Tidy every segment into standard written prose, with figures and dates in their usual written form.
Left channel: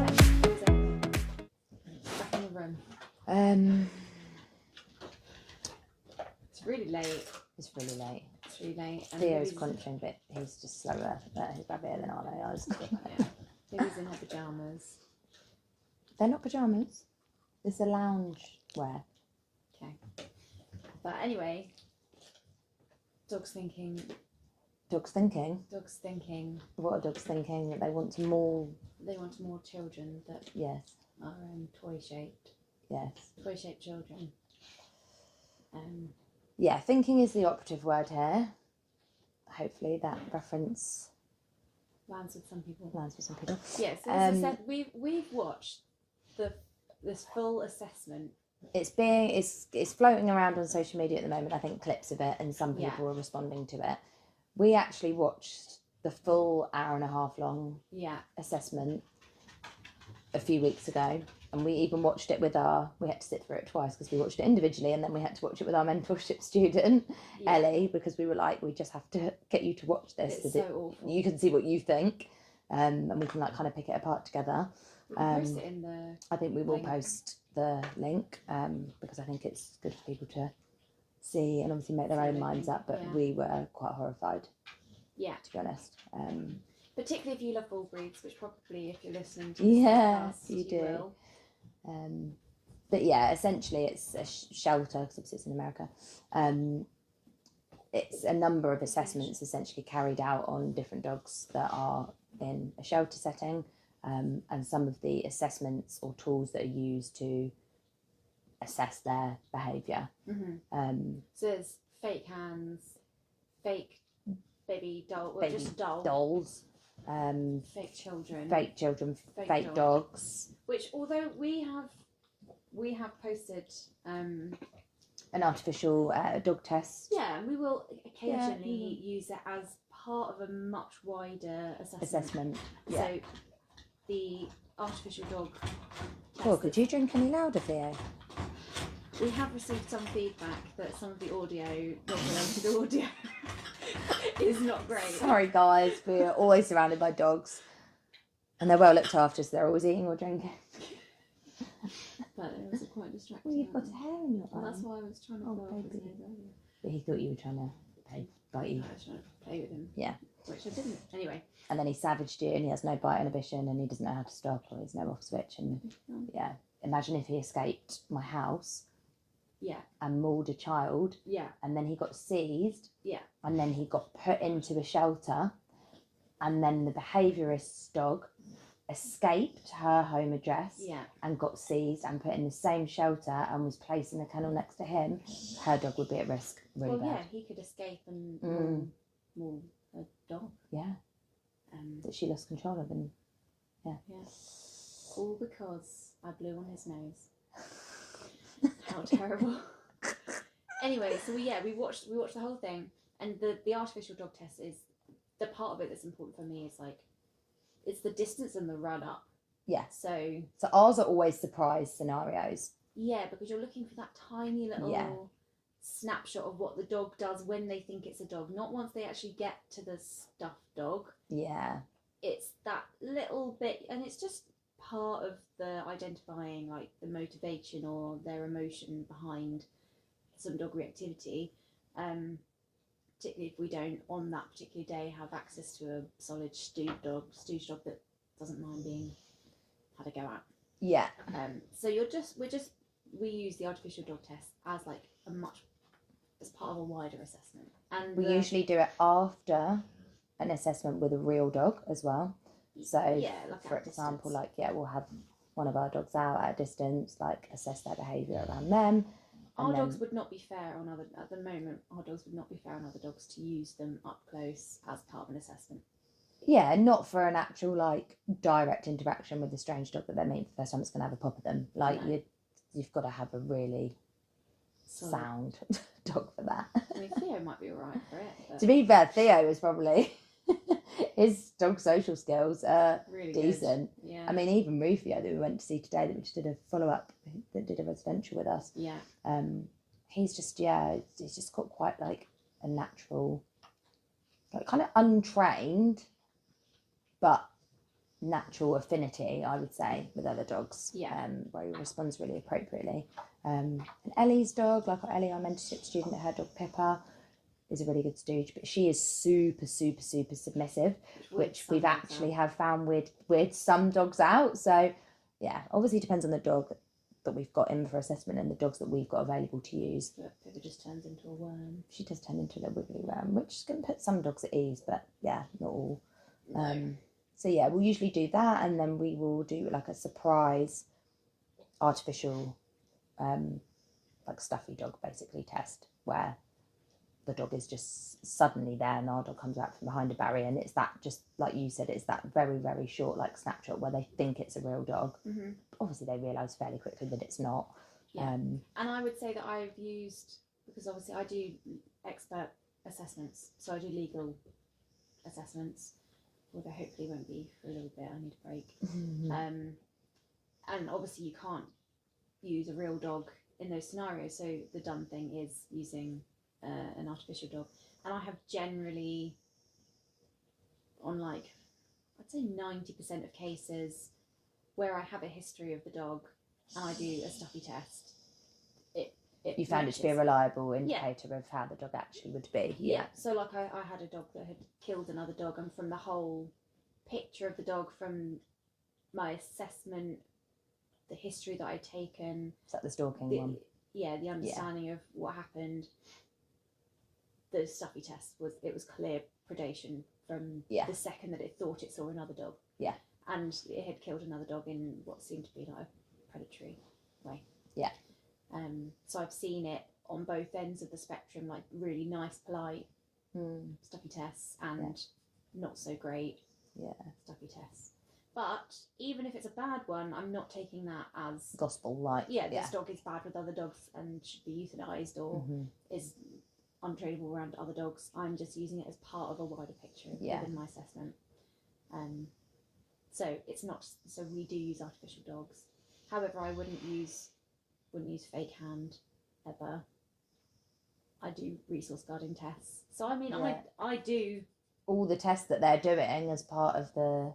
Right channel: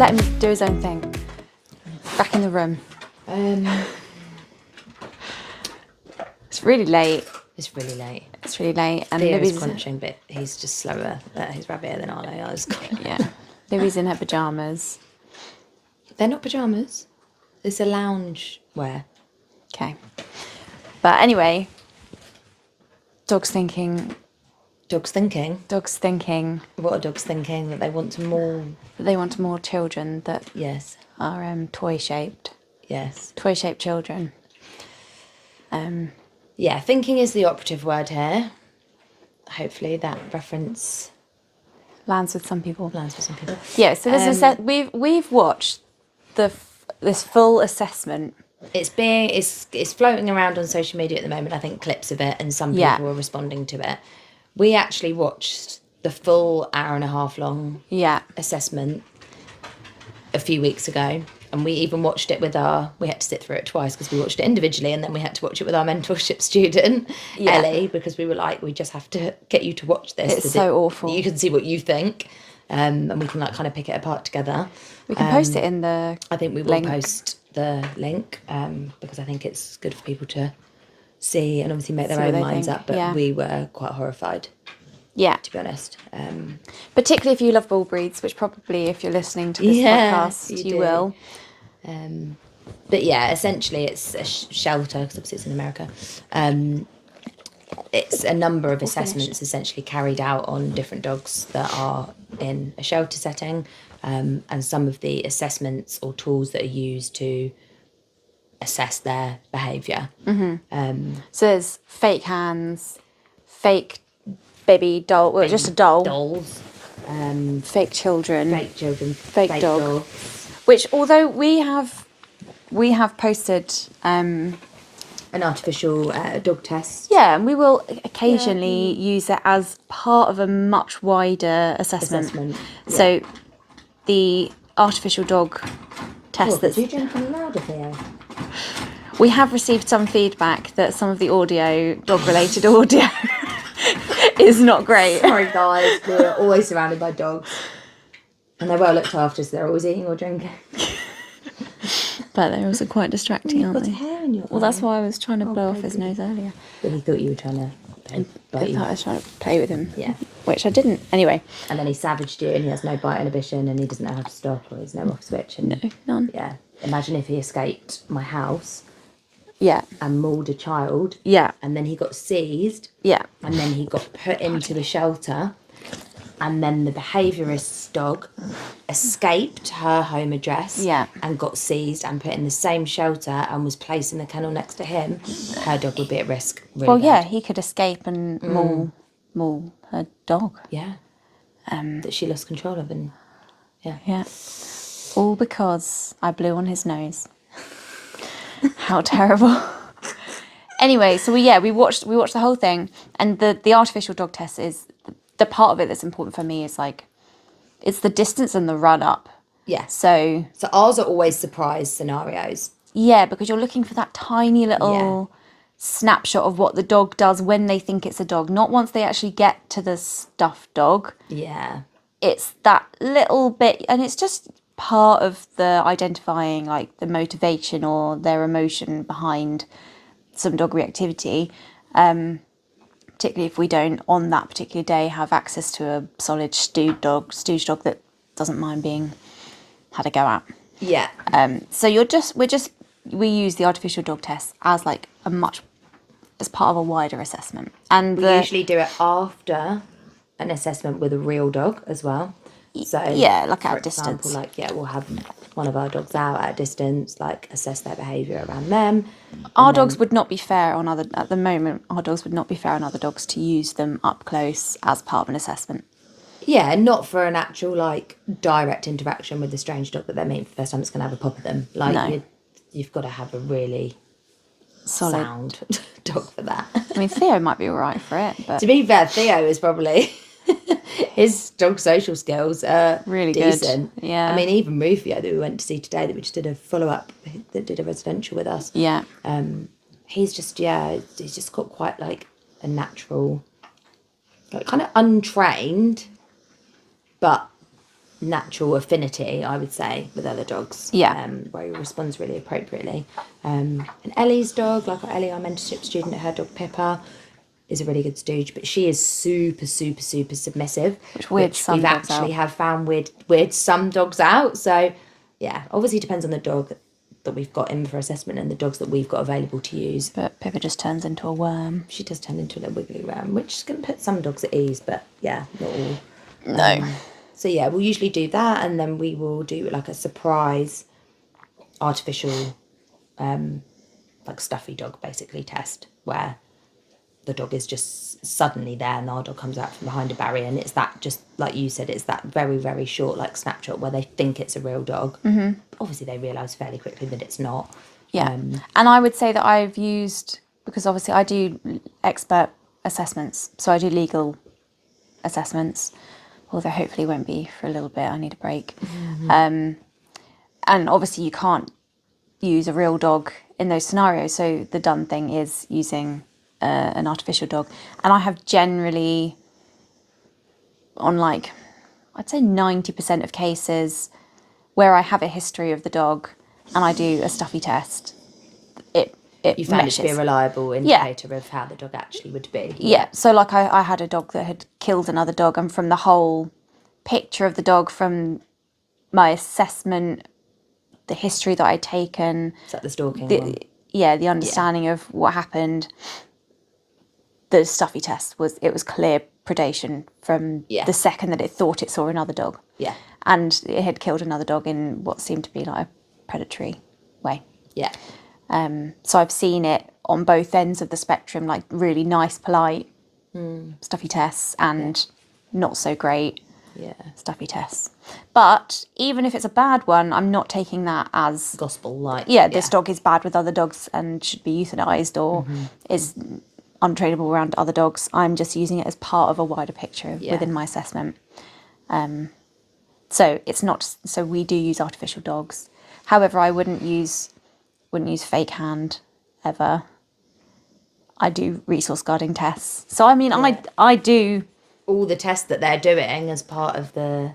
let him do his own thing. Back in the room. It's really late. It's really late. And Theo is Libby's crunching, but he's just slower. He's rabbier than Arlo is. yeah. Libby's in her pajamas. They're not pajamas. It's a lounge wear. Okay. But anyway, Dog's thinking. What are dogs thinking? That they want to maul. They want more children that Yes. are toy shaped. Yes. Toy shaped children. Yeah, thinking is the operative word here. Hopefully that reference Lands with some people. Yeah, so we've watched this full assessment. It's floating around on social media at the moment, I think, clips of it, and some people are responding to it. We actually watched the full hour and a half long assessment a few weeks ago, and we even watched it we had to sit through it twice because we watched it individually, and then we had to watch it with our mentorship student, Ellie, because we were like, we just have to get you to watch this. It's so awful. You can see what you think, and we can kind of pick it apart together. We can post it in the I think we will post the link because I think it's good for people to see and obviously make their own minds up, but we were quite horrified, to be honest. Particularly if you love bull breeds, which probably if you're listening to this podcast you will. But yeah, essentially it's a shelter, because obviously it's in America. It's a number of assessments essentially carried out on different dogs that are in a shelter setting, and some of the assessments or tools that are used to assess their behaviour. So there's fake hands, fake baby doll, well, just a doll. Dolls. Fake children. Fake dogs. Which, although we have posted an artificial dog test. Yeah, and we will occasionally use it as part of a much wider assessment. Yeah. So the artificial dog test Did you drink any louder, Theo? We have received some feedback that some of the audio, dog-related audio, is not great. Sorry, guys. We're always surrounded by dogs. And they're well looked after, so they're always eating or drinking. But they're also quite distracting, aren't they? Hair in your well, that's why I was trying to blow off his nose earlier. But he thought you were trying to I thought I was trying to play with him. Yeah. Which I didn't. Anyway. And then he savaged you, and he has no bite inhibition, and he doesn't know how to stop, or he's no off switch. And no, none. Yeah. Imagine if he escaped my house. Yeah. And mauled a child. Yeah. And then he got seized. Yeah. And then he got put into a shelter. And then the behaviourist's dog escaped her home address. Yeah. And got seized and put in the same shelter and was placed in the kennel next to him. Her dog would be at risk. Really bad. He could escape and maul her dog. Yeah. That she lost control of, and Yeah. All because I blew on his nose. How terrible. Anyway, so we watched the whole thing, and the artificial dog test is the part of it that's important for me is like it's the distance and the run up. Yeah. So ours are always surprise scenarios. Yeah, because you're looking for that tiny little snapshot of what the dog does when they think it's a dog, not once they actually get to the stuffed dog. Yeah. It's that little bit, and it's just part of the identifying, like the motivation or their emotion behind some dog reactivity, particularly if we don't on that particular day have access to a solid stooge dog that doesn't mind being had a go at. Yeah. So we use the artificial dog test as like as part of a wider assessment, and we usually do it after an assessment with a real dog as well. So like at a distance. distance. We'll have one of our dogs out at a distance, like assess their behaviour around them. Our dogs would not be fair on at the moment. Our dogs would not be fair on other dogs to use them up close as part of an assessment. Yeah, not for an actual like direct interaction with the strange dog that they're meeting for the first time. It's going to have a pop at them. Like no. You've got to have a really solid sound dog for that. I mean, Theo might be all right for it, but to be fair, Theo is probably his dog social skills are really decent. Good. Yeah. I mean, even Rufio that we went to see today, that we just did a follow-up, that did a residential with us. Yeah. He's just got quite like a natural, like kind of untrained, but natural affinity, I would say, with other dogs. Yeah. Where he responds really appropriately. And Ellie's dog, like Ellie, our mentorship student, her dog Pippa, is a really good stooge, but she is super, super, super submissive, which we've actually have found weird some dogs out. So, yeah, obviously depends on the dog that we've got in for assessment and the dogs that we've got available to use. But Pippa just turns into a worm. She does turn into a little wiggly worm, which can put some dogs at ease, but yeah, not all. No. So yeah, we'll usually do that, and then we will do like a surprise artificial, like stuffy dog basically test where the dog is just suddenly there and our dog comes out from behind a barrier, and it's that, just like you said, it's that very, very short like snapshot where they think it's a real dog. Mm-hmm. Obviously they realise fairly quickly that it's not. Yeah. And I would say that I've used, because obviously I do expert assessments, so I do legal assessments, although hopefully won't be for a little bit. I need a break. Mm-hmm. And obviously you can't use a real dog in those scenarios, so the done thing is using an artificial dog. And I have generally, on like, I'd say 90% of cases where I have a history of the dog and I do a stuffy test, you found it to be a reliable indicator of how the dog actually would be. Yeah. So like I had a dog that had killed another dog, and from the whole picture of the dog, from my assessment, the history that I'd taken, is that the stalking one? Yeah, the understanding of what happened, the stuffy test was clear predation from the second that it thought it saw another dog. Yeah. And it had killed another dog in what seemed to be like a predatory way. Yeah. So I've seen it on both ends of the spectrum, like really nice, polite, stuffy tests, and not so great stuffy tests. But even if it's a bad one, I'm not taking that as gospel, like this dog is bad with other dogs and should be euthanized or is untrainable around other dogs. I'm just using it as part of a wider picture within my assessment. So it's not. So we do use artificial dogs. However, I wouldn't use fake hand ever. I do resource guarding tests. So I mean, I do all the tests that they're doing as part of the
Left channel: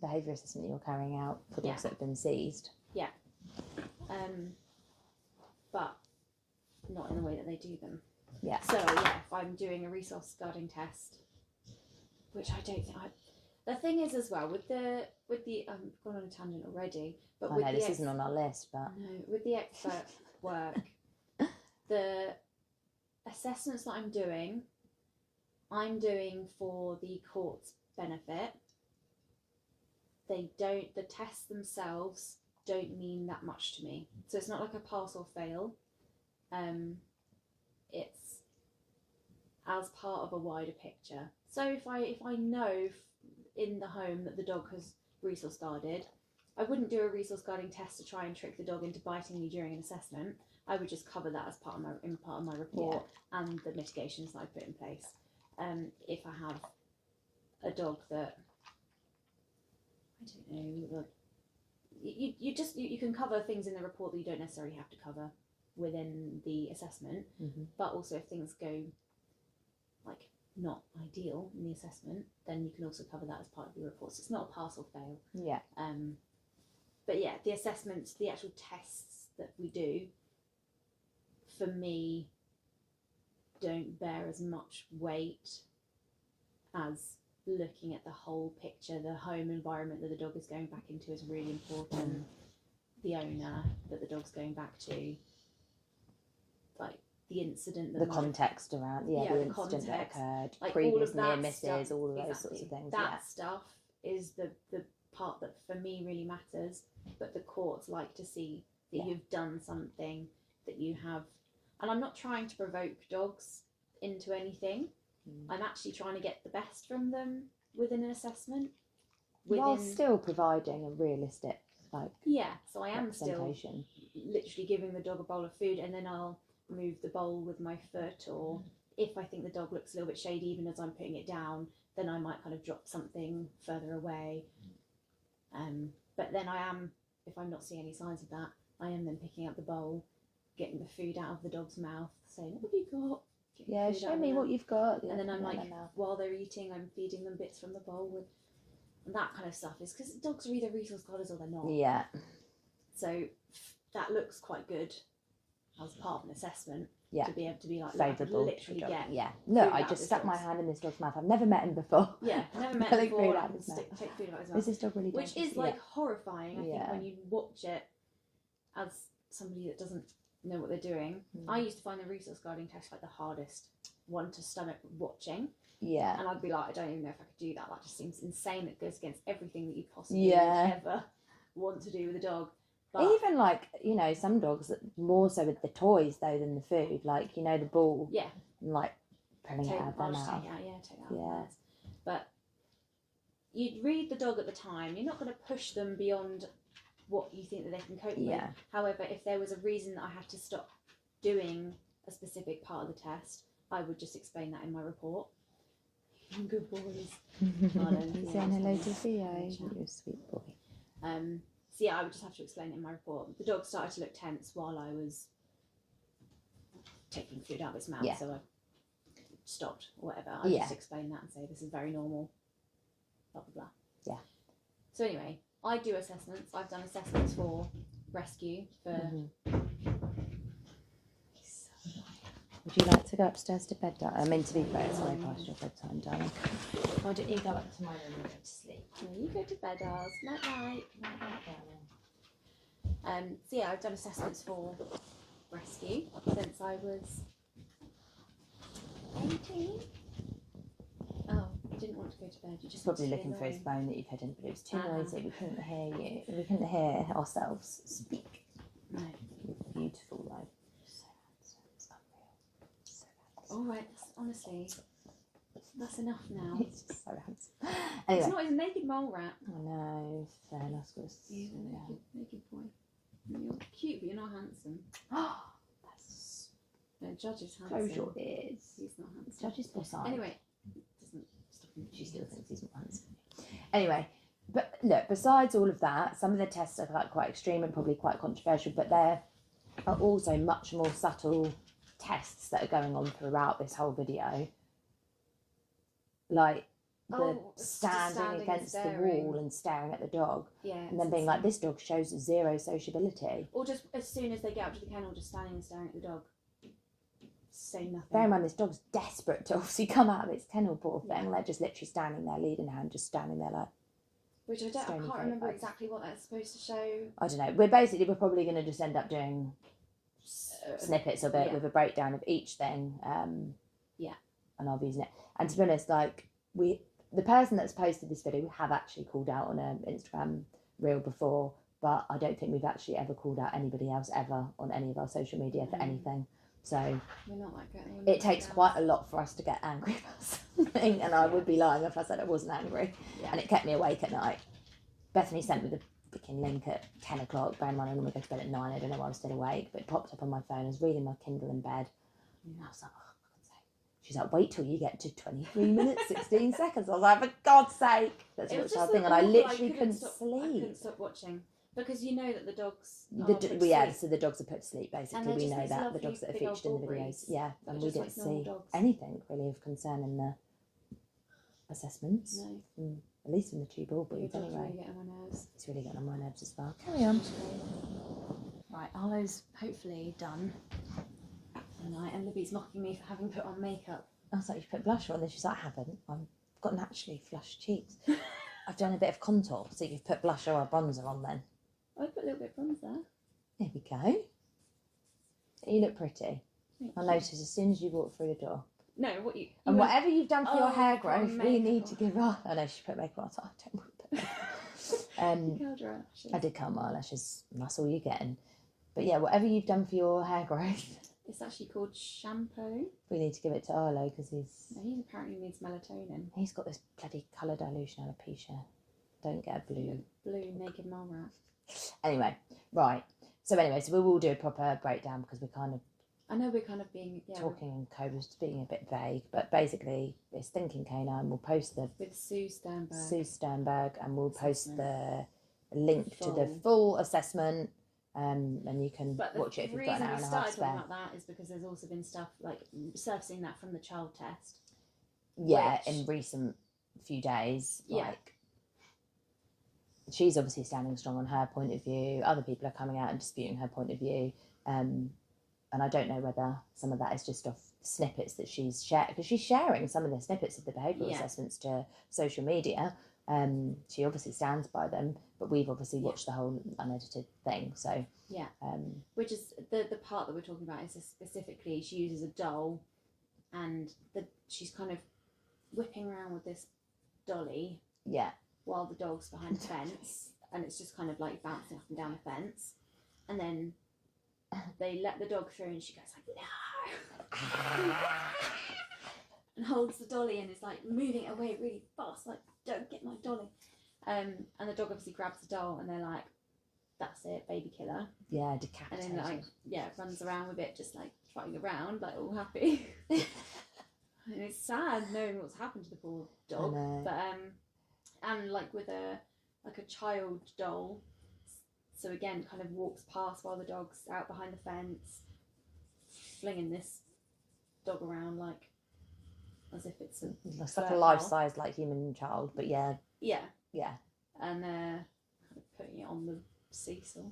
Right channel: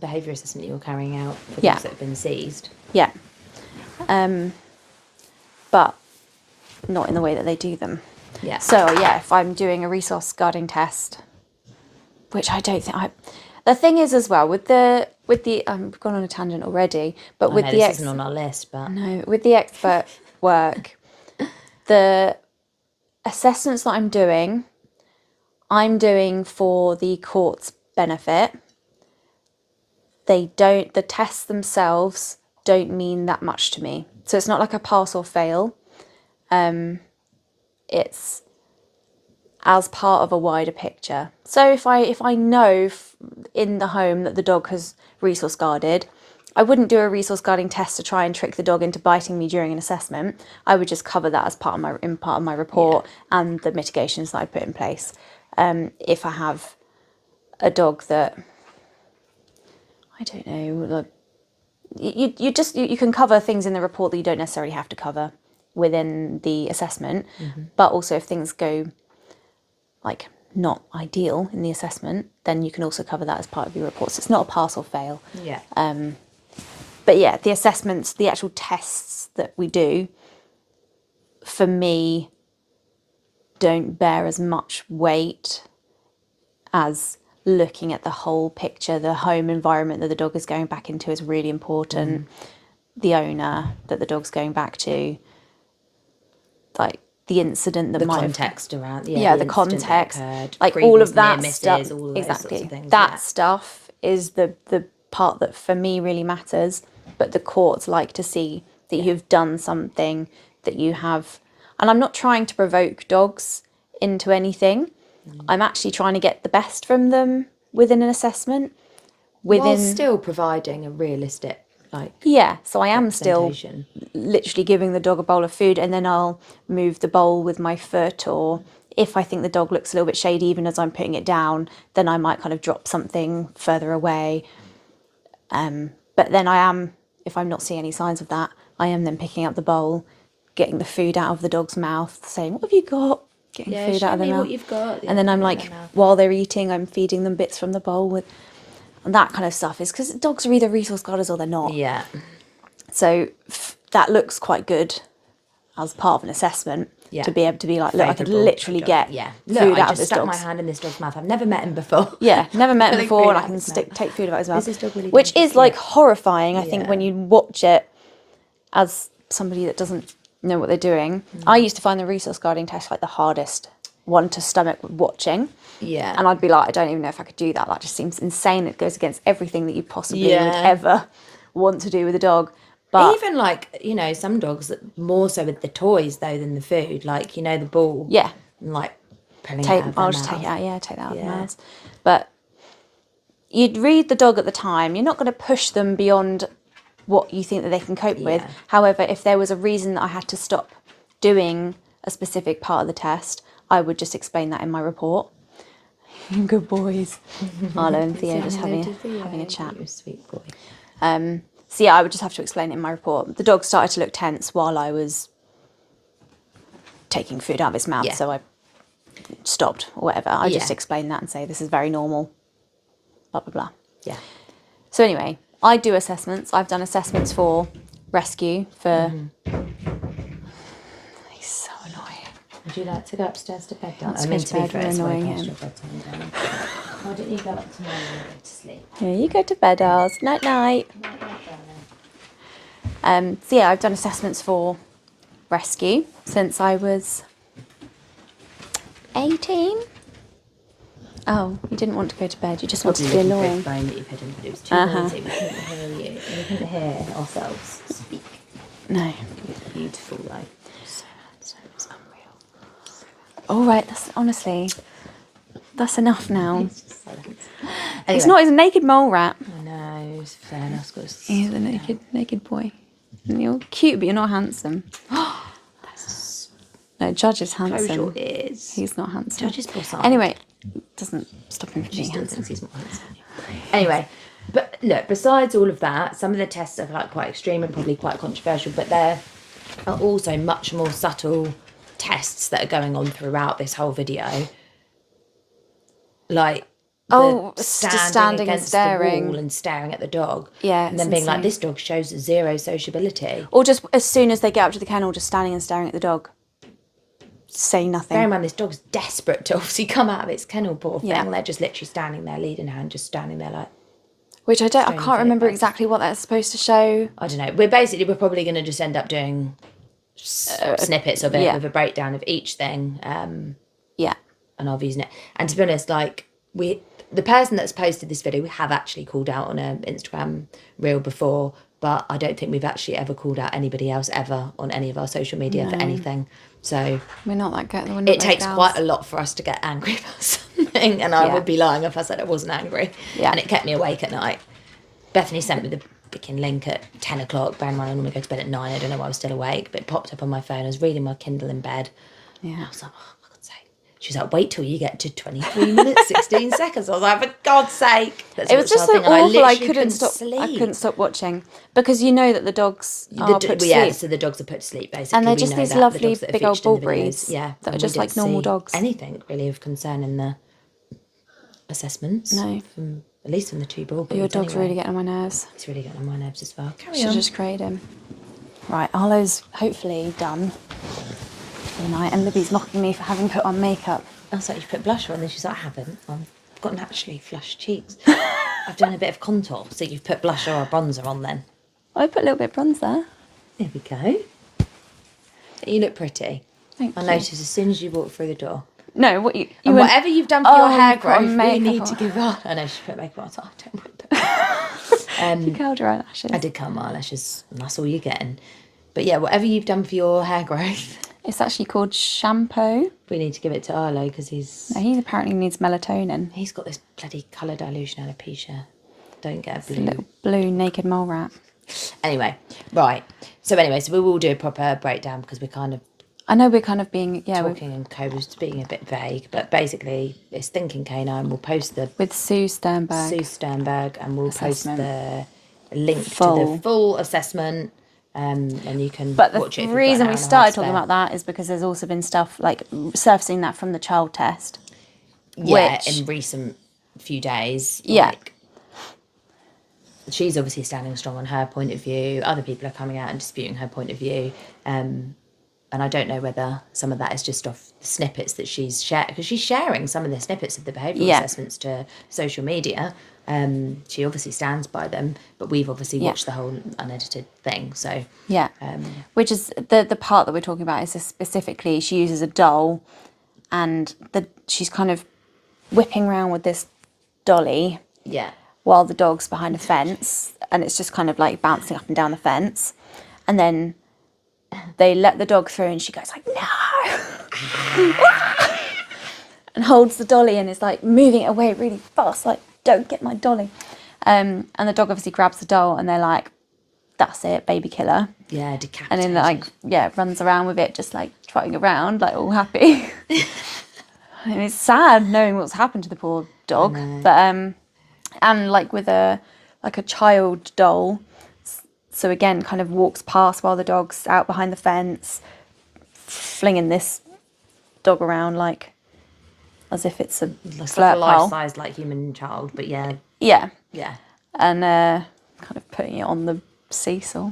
behaviour assessment you're carrying out for dogs that have been seized. Yeah. But not in the way that they do them. Yeah. So if I'm doing a resource guarding test, which I don't think the thing is as well with the I've gone on a tangent already, but with this isn't on our list, but no, with the expert work, the assessments that I'm doing for the court's benefit. The tests themselves don't mean that much to me. So it's not like a pass or fail. It's as part of a wider picture. So if I know in the home that the dog has resource guarded, I wouldn't do a resource guarding test to try and trick the dog into biting me during an assessment. I would just cover that as part of my report and the mitigations that I put in place. If I have a dog that, I don't know, you can cover things in the report that you don't necessarily have to cover within the assessment, but also if things go like not ideal in the assessment, then you can also cover that as part of your report. So it's not a pass or fail. Yeah. But yeah, the assessments, the actual tests that we do, for me, don't bear as much weight as looking at the whole picture. The home environment that the dog is going back into is really important. The owner that the dog's going back to, like the incident that the might context around the context, like all of that stuff, all exactly. Sorts of things, that stuff is the part that for me really matters. But the courts like to see that you've done something, that you have, and I'm not trying to provoke dogs into anything. I'm actually trying to get the best from them within an assessment. While still providing a realistic, so I am still literally giving the dog a bowl of food, and then I'll move the bowl with my foot, or if I think the dog looks a little bit shady even as I'm putting it down, then I might kind of drop something further away. But then if I'm not seeing any signs of that, I am then picking up the bowl, getting the food out of the dog's mouth, saying, "What have you got?" Getting food out of their mouth. What you've got. And then I'm like, while they're eating, I'm feeding them bits from the bowl with. and that kind of stuff is because dogs are either resource guarders or they're not. Yeah. So that looks quite good as part of an assessment. Yeah. To be able to be like, look, I could literally get food I out of just this stuck dog's. my hand in this dog's mouth. I've never met him before. Yeah, never met him Really before, and I out can his mouth. take food out of his mouth. Is this dog really which dangerous? is like horrifying, I think, Yeah. when you watch it as somebody that doesn't know what they're doing. I used to find the resource guarding test like the hardest one to stomach watching. Yeah. And I'd be like, I don't even know if I could do that. That just seems insane. It goes against everything that you possibly would ever want to do with a dog. But even like, you know, some dogs more so with the toys though than the food, like, you know, the ball. Yeah. And like pulling it out of I'll their just mouth. take it out. Yeah, take that out of their mouths. But you'd read the dog at the time. You're not going to push them beyond what you think that they can cope with. However, if there was a reason that I had to stop doing a specific part of the test, I would just explain that in my report. Good boys. Arlo and Theo just having a chat. You're a sweet boy. So yeah, I would just have to explain it in my report. The dog started to look tense while I was taking food out of his mouth, so I stopped or whatever. I just explain that and say, this is very normal, blah, blah, blah. Yeah. So anyway, I do assessments. I've done assessments for rescue, for... He's so annoying. Would you like to go upstairs to bed, darling? I mean, to be fair, it's way past your bedtime, darling. Why don't you go up tomorrow and go to sleep? Yeah, you go to bed, Oz. Night, night. So yeah, I've done assessments for rescue since I was 18. Oh, you didn't want to go to bed. You just wanted to be annoying. That you've hidden, but it was too noisy. We couldn't hear you. We couldn't hear ourselves speak. No. You're beautiful, though. So handsome. It's unreal. All right, honestly, that's enough now. It's just so handsome. It's not. He's a naked mole rat. I know. It's fair enough. He's a naked boy. And you're cute, but you're not handsome. No, Judge is handsome. Close your ears. He's not handsome. Judge is boss. Anyway, doesn't stop him from being Still handsome. thinks he's more handsome. Anyway, but look, besides all of that, some of the tests are like quite extreme and probably quite controversial, but there are also much more subtle tests that are going on throughout this whole video. Like standing against staring. the wall and staring at the dog. Yeah, and then being like, this dog shows zero sociability. Or just as soon as they get up to the kennel, just standing and staring at the dog. Say nothing. Bear in mind, this dog's desperate to obviously come out of its kennel, poor thing. Yeah. They're just literally standing there, lead in hand, just standing there like... Which I can't remember exactly what that's supposed to show. I don't know. We're probably going to just end up doing snippets of it with a breakdown of each thing. Yeah. And I'll be using it. And to be honest, like, the person that's posted this video, we have actually called out on an Instagram reel before, but I don't think we've actually ever called out anybody else ever on any of our social media for anything. So we're not that good. It takes quite a lot for us to get angry about something, and I would be lying if I said I wasn't angry. Yeah. And it kept me awake at night. Bethany sent me the freaking link at 10 o'clock. Bear in mind, I normally go to bed at 9. I don't know why I was still awake, but it popped up on my phone. I was reading my Kindle in bed. Yeah. I was like, oh, for God's sake. She was like, wait till you get to 23 minutes, 16 seconds. I was like, for God's sake. It was just so awful. I couldn't stop watching because you know that the dogs are put to sleep. So the dogs are put to sleep, basically. And they're just these lovely big old bull breeds. Yeah. That are just like normal dogs. Anything really of concern in the assessments. No. At least from the two bull breeds. Your dog's really getting on my nerves. It's really getting on my nerves as well. Should just create him. Right, Arlo's hopefully done for the night, and Libby's mocking me for having put on makeup. I was like, you put blusher on, and she's like, I haven't. I've got naturally flushed cheeks. I've done a bit of contour, so you've put blusher or bronzer on then. I put a little bit of bronzer. There we go. You look pretty. Thank you. I noticed as soon as you walked through the door. No, what you and went, whatever you've done for your hair growth, we need on. to give up. I know she put makeup on, so I don't want to put you curled her eyelashes. I did curl my eyelashes, and that's all you're getting. But yeah, whatever you've done for your hair growth. It's actually called shampoo. We need to give it to Arlo because he apparently needs melatonin. He's got this bloody colour dilution alopecia. Don't get a blue. A little blue naked mole rat. Anyway, right. So we will do a proper breakdown because we're kind of... I know we're kind of being... talking and co-was being a bit vague, but basically it's Thinking Canine. We'll post the... With Sue Sternberg. And we'll post the link to the full assessment. And you can watch it. But the reason we started talking about that is because there's also been stuff like surfacing that from the child test. Yeah, in recent few days. Yeah. she's obviously standing strong on her point of view. Other people are coming out and disputing her point of view. And I don't know whether some of that is just off the snippets that she's shared, because she's sharing some of the snippets of the behavioural assessments to social media. She obviously stands by them, but we've obviously watched the whole unedited thing. So which is the part that we're talking about is specifically she uses a doll, and she's kind of whipping around with this dolly. Yeah. While the dog's behind a fence, and it's just kind of like bouncing up and down the fence, and then they let the dog through, and she goes like, no, and holds the dolly and is like moving it away really fast, like, don't get my dolly. And the dog obviously grabs the doll, and they're like, that's it, baby killer. Yeah, decapitated. And then like runs around with it, just like trotting around, like all happy. And it's sad knowing what's happened to the poor dog, but and like with a child doll, so again kind of walks past while the dog's out behind the fence, flinging this dog around like as if it's a flirt life-size like human child, but yeah, and kind of putting it on the seesaw,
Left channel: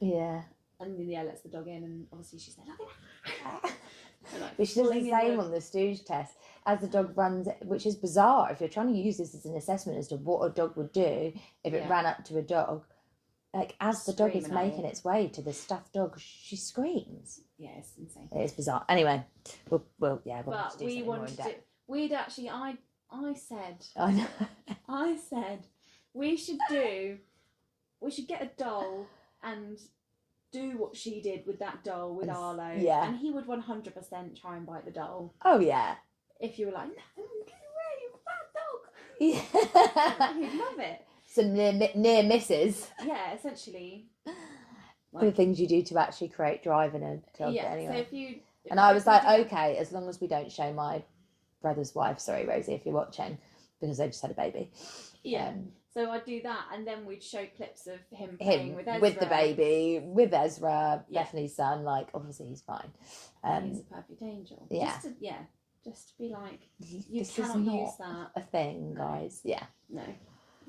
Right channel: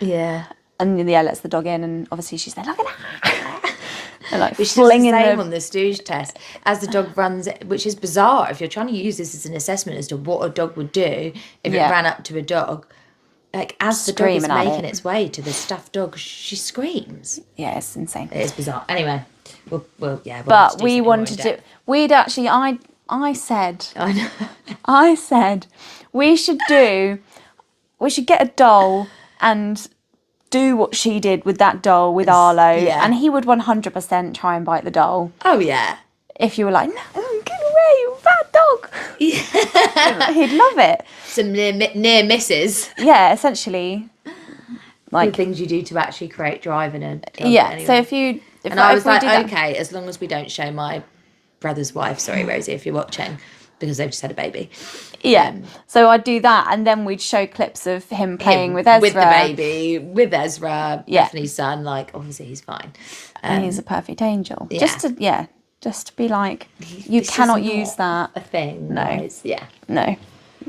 and lets the dog in, and obviously she's there, look at that. And like flinging the same on the stooge test as the dog runs, which is bizarre if you're trying to use this as an assessment as to what a dog would do if it ran up to a dog. Like, as the dog is making its way to the stuffed dog, she screams. Yeah, it's insane. It is bizarre. Anyway, we'll but we wanted to. We'd actually, I said, I said, we should get a doll and do what she did with that doll with Arlo, and he would 100% try and bite the doll. Oh yeah. If you were like, no, get away, you bad dog. Yeah. He'd love it. Some near misses. Yeah, essentially. Like the things you do to actually create drive in a dog. Yeah. Anyway. So if I was like, okay, as long as we don't show my brother's wife, sorry Rosie, if you're watching, because they've just had a baby. Yeah. So I'd do that, and then we'd show clips of him playing with Ezra. With the baby, with Ezra, Bethany's son, like, obviously he's fine. And he's a perfect angel. Yeah. Just to be like, you cannot use that. A thing. No. Guys. Yeah. No.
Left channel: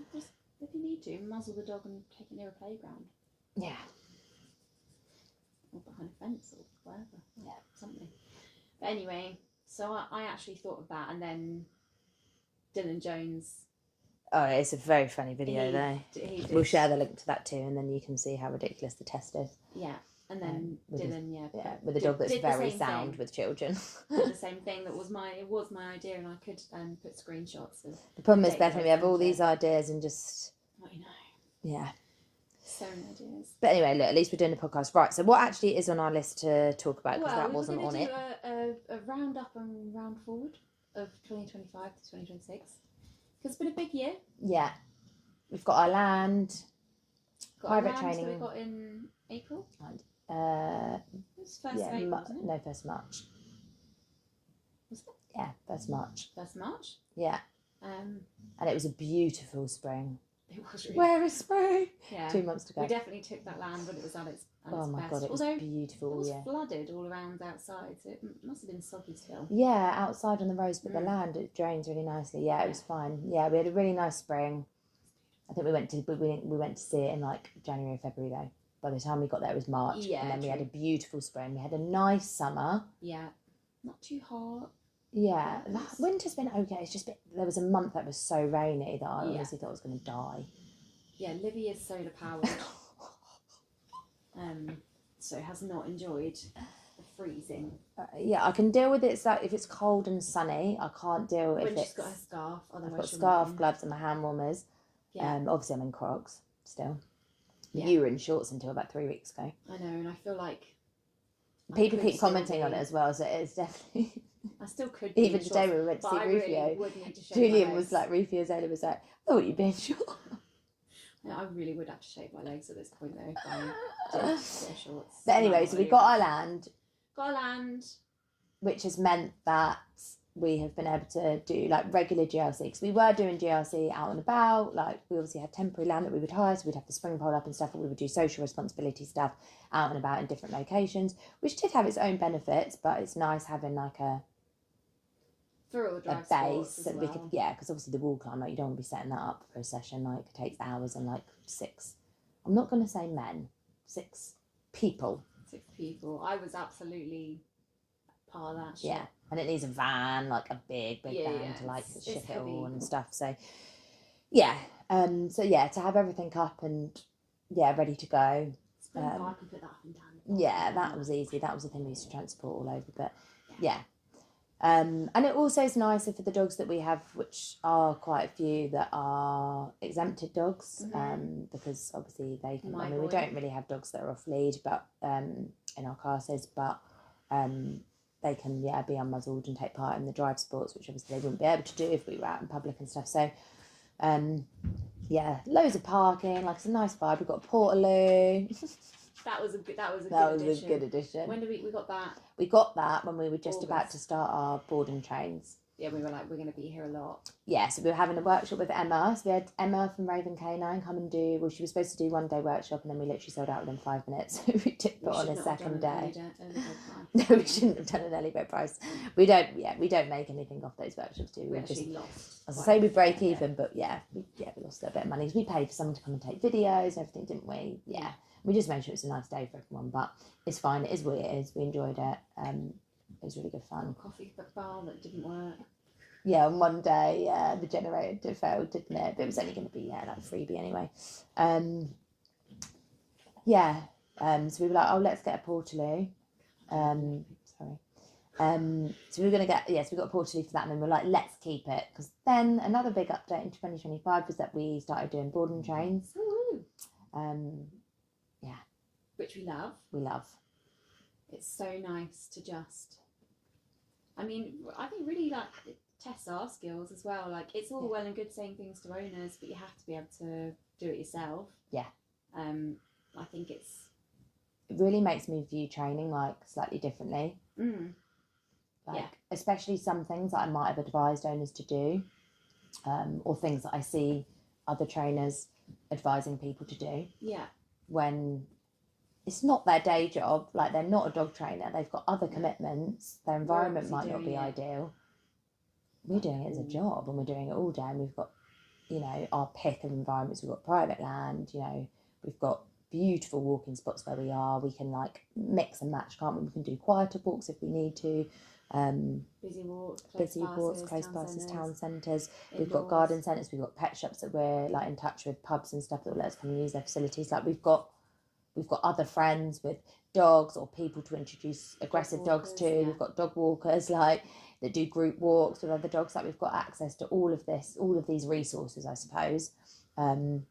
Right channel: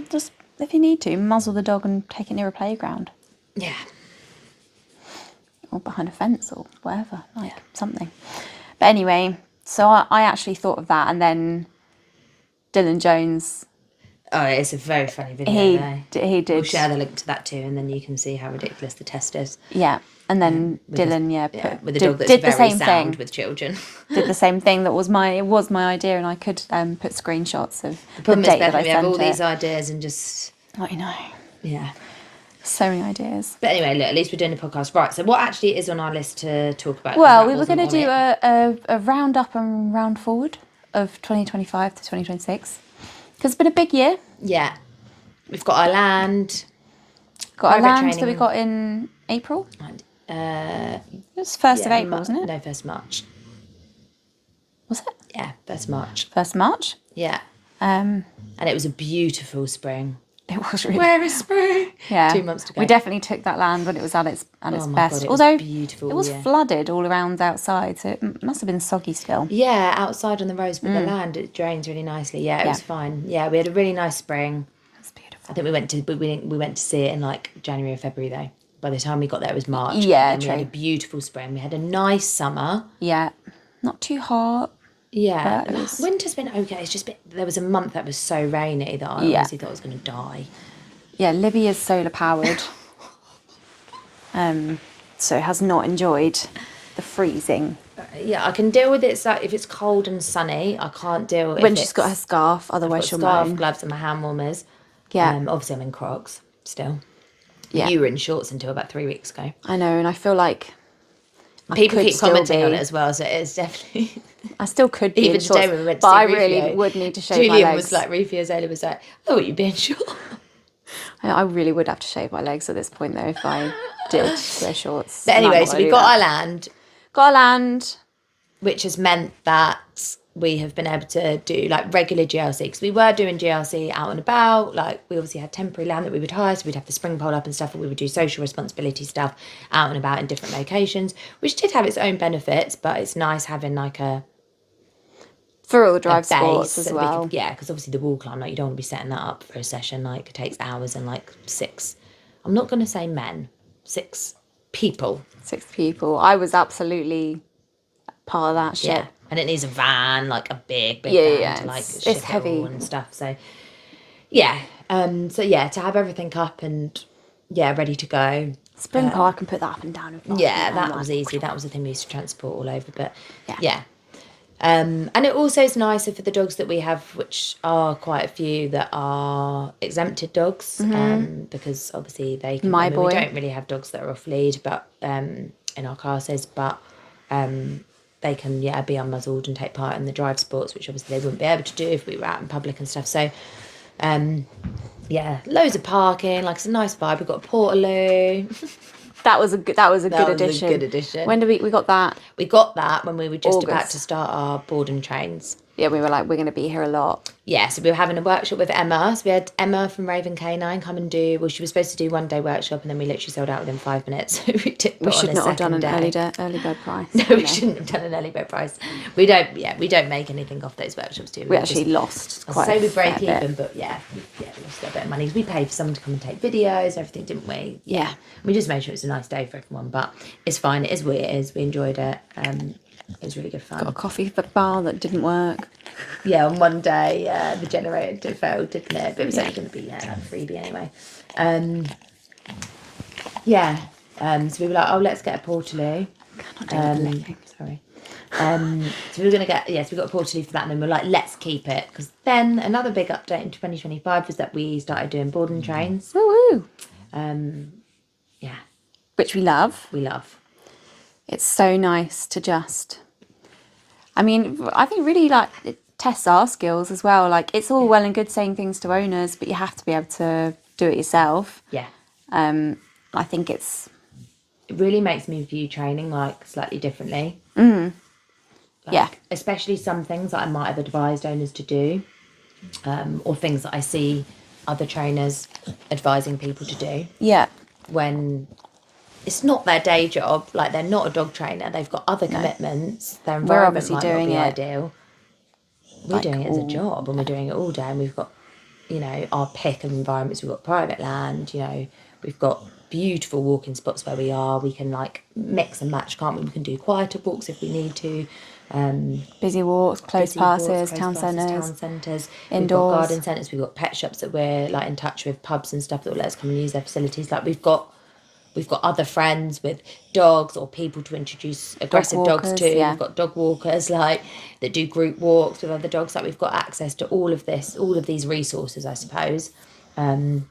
Just, if you need to, muzzle the dog and take it near a playground. Yeah. Or behind a fence or whatever, something. But anyway, so I actually thought of that, and then Dylan Jones... Oh, it's a very funny video. He did. We'll share the link to that too, and then you can see how ridiculous the test is. Yeah, and then Dylan, with a dog that's very sound with children. Did the same thing. It was my idea, and I could put screenshots of the problem the date is, Bethany, we have all these ideas and just... I know. Yeah. So many ideas. But anyway, look, at least we're doing a podcast. Right, so what actually is on our list to talk about? Well, we were going to do a round up and round forward of 2025 to 2026. Because it's been a big year. Yeah. We've got our land. Got our land that we got in April. It was 1st of April, wasn't it? No, 1st March. Was it? Yeah, 1st March. 1st March? Yeah. And it was a beautiful spring. It was really. Where is spring? Yeah. 2 months to go. We definitely took that land when it was at its best. God, Although was beautiful, it was flooded all around outside, so it must have been soggy still. Yeah, outside on the roads, but the land, it drains really nicely. Yeah, it was fine. Yeah, we had a really nice spring. That's beautiful. I think we went to see it in like January or February though. By the time we got there, it was March. Yeah, and we had a beautiful spring. We had a nice summer. Yeah, not too hot. Yeah, winter's been okay. It's just there was a month that was so rainy that I honestly thought I was going to die. Yeah, Libby is solar powered, so has not enjoyed the freezing. Yeah, I can deal with it. So if it's cold and sunny, I can't deal with when she's got her scarf. Otherwise, she'll scarf, moan. gloves, and my hand warmers. Yeah, obviously I'm in Crocs still. Yeah, you were in shorts until about 3 weeks ago. I know, and I feel like people keep commenting on it as well. So it's definitely. I still could be even in today shorts, when we went to but see I Rufio, really would need to shave Julian my legs. was like, Rufio's Ayla was like, oh, you'd be in shorts. I really would have to shave my legs at this point though if I did wear shorts. But anyway, so we got our land. Got our land. Which has meant that we have been able to do like regular GLC, because we were doing GLC out and about. Like, we obviously had temporary land that we would hire, so we'd have the spring pole up and stuff, and we would do social responsibility stuff out and about in different locations, which did have its own benefits, but it's nice having like a For all the drive sports as well. Because obviously the wall climb, like you don't want to be setting that up for a session. Like it takes hours and like 6. I'm not going to say men. 6 people. 6 people. I was absolutely part of that shit. Yeah, and it needs a van, like a big van to like ship it heavy all and stuff. So yeah, to have everything up and ready to go. Spring car, I can put that up and down. That was easy. That was the thing we used to transport all over. But yeah. And it also is nicer for the dogs that we have, which are quite a few that are exempted dogs, because obviously they can. We don't really have dogs that are off lead, but in our classes, but they can be unmuzzled and take part in the drive sports, which obviously they wouldn't be able to do if we were out in public and stuff. So, loads of parking. Like it's a nice vibe. We've got a portaloo. That was a good addition. When did we got that? We got that when we were just about to start our board and trains. Yeah, we were like, we're going to be here a lot. Yeah, so we were having a workshop with Emma. So we had Emma from Raven Canine come and do, she was supposed to do 1 day workshop and then we literally sold out within 5 minutes. So we did we should not have done an early bird price. No, we shouldn't have done an early bird price. We don't make anything off those workshops, do we? We actually lost quite we break even, but we lost a bit of money. We paid for someone to come and take videos and everything, didn't we? Yeah. We just made sure it was a nice day for everyone, but it's fine. It is what it is. We enjoyed it. It was really good fun. Got a coffee bar that didn't work. Yeah, on one day the generator failed, didn't it? But it was only going to be like a freebie anyway. So we were like, let's get a portaloo. Sorry. So we were going to get, so we got a portaloo for that, and then we were like, let's keep it. Because then another big update in 2025 was that we started doing board and trains. Woo-hoo. Which we love. It's so nice to just, I think really like it tests our skills as well. Like it's all well and good saying things to owners, but you have to be able to do it yourself. Yeah. I think it really makes me view training like slightly differently. Especially some things that I might have advised owners to do, or things that I see other trainers advising people to do. Yeah. When it's not their day job, like they're not a dog trainer, they've got other commitments, their environment might not be ideal. We're doing it as a job and we're doing it all day, and we've got, our pick of environments. We've got private land, we've got beautiful walking spots where we are. We can like mix and match, can't we? We can do quieter walks if we need to. Busy walks, close passes, town centres, indoors. We've got garden centres, we've got pet shops that we're like in touch with, pubs and stuff that will let us come and use their facilities. Like we've got other friends with dogs or people to introduce aggressive dogs to. Yeah. We've got dog walkers like that do group walks with other dogs. Like we've got access to all of these resources, I suppose. Like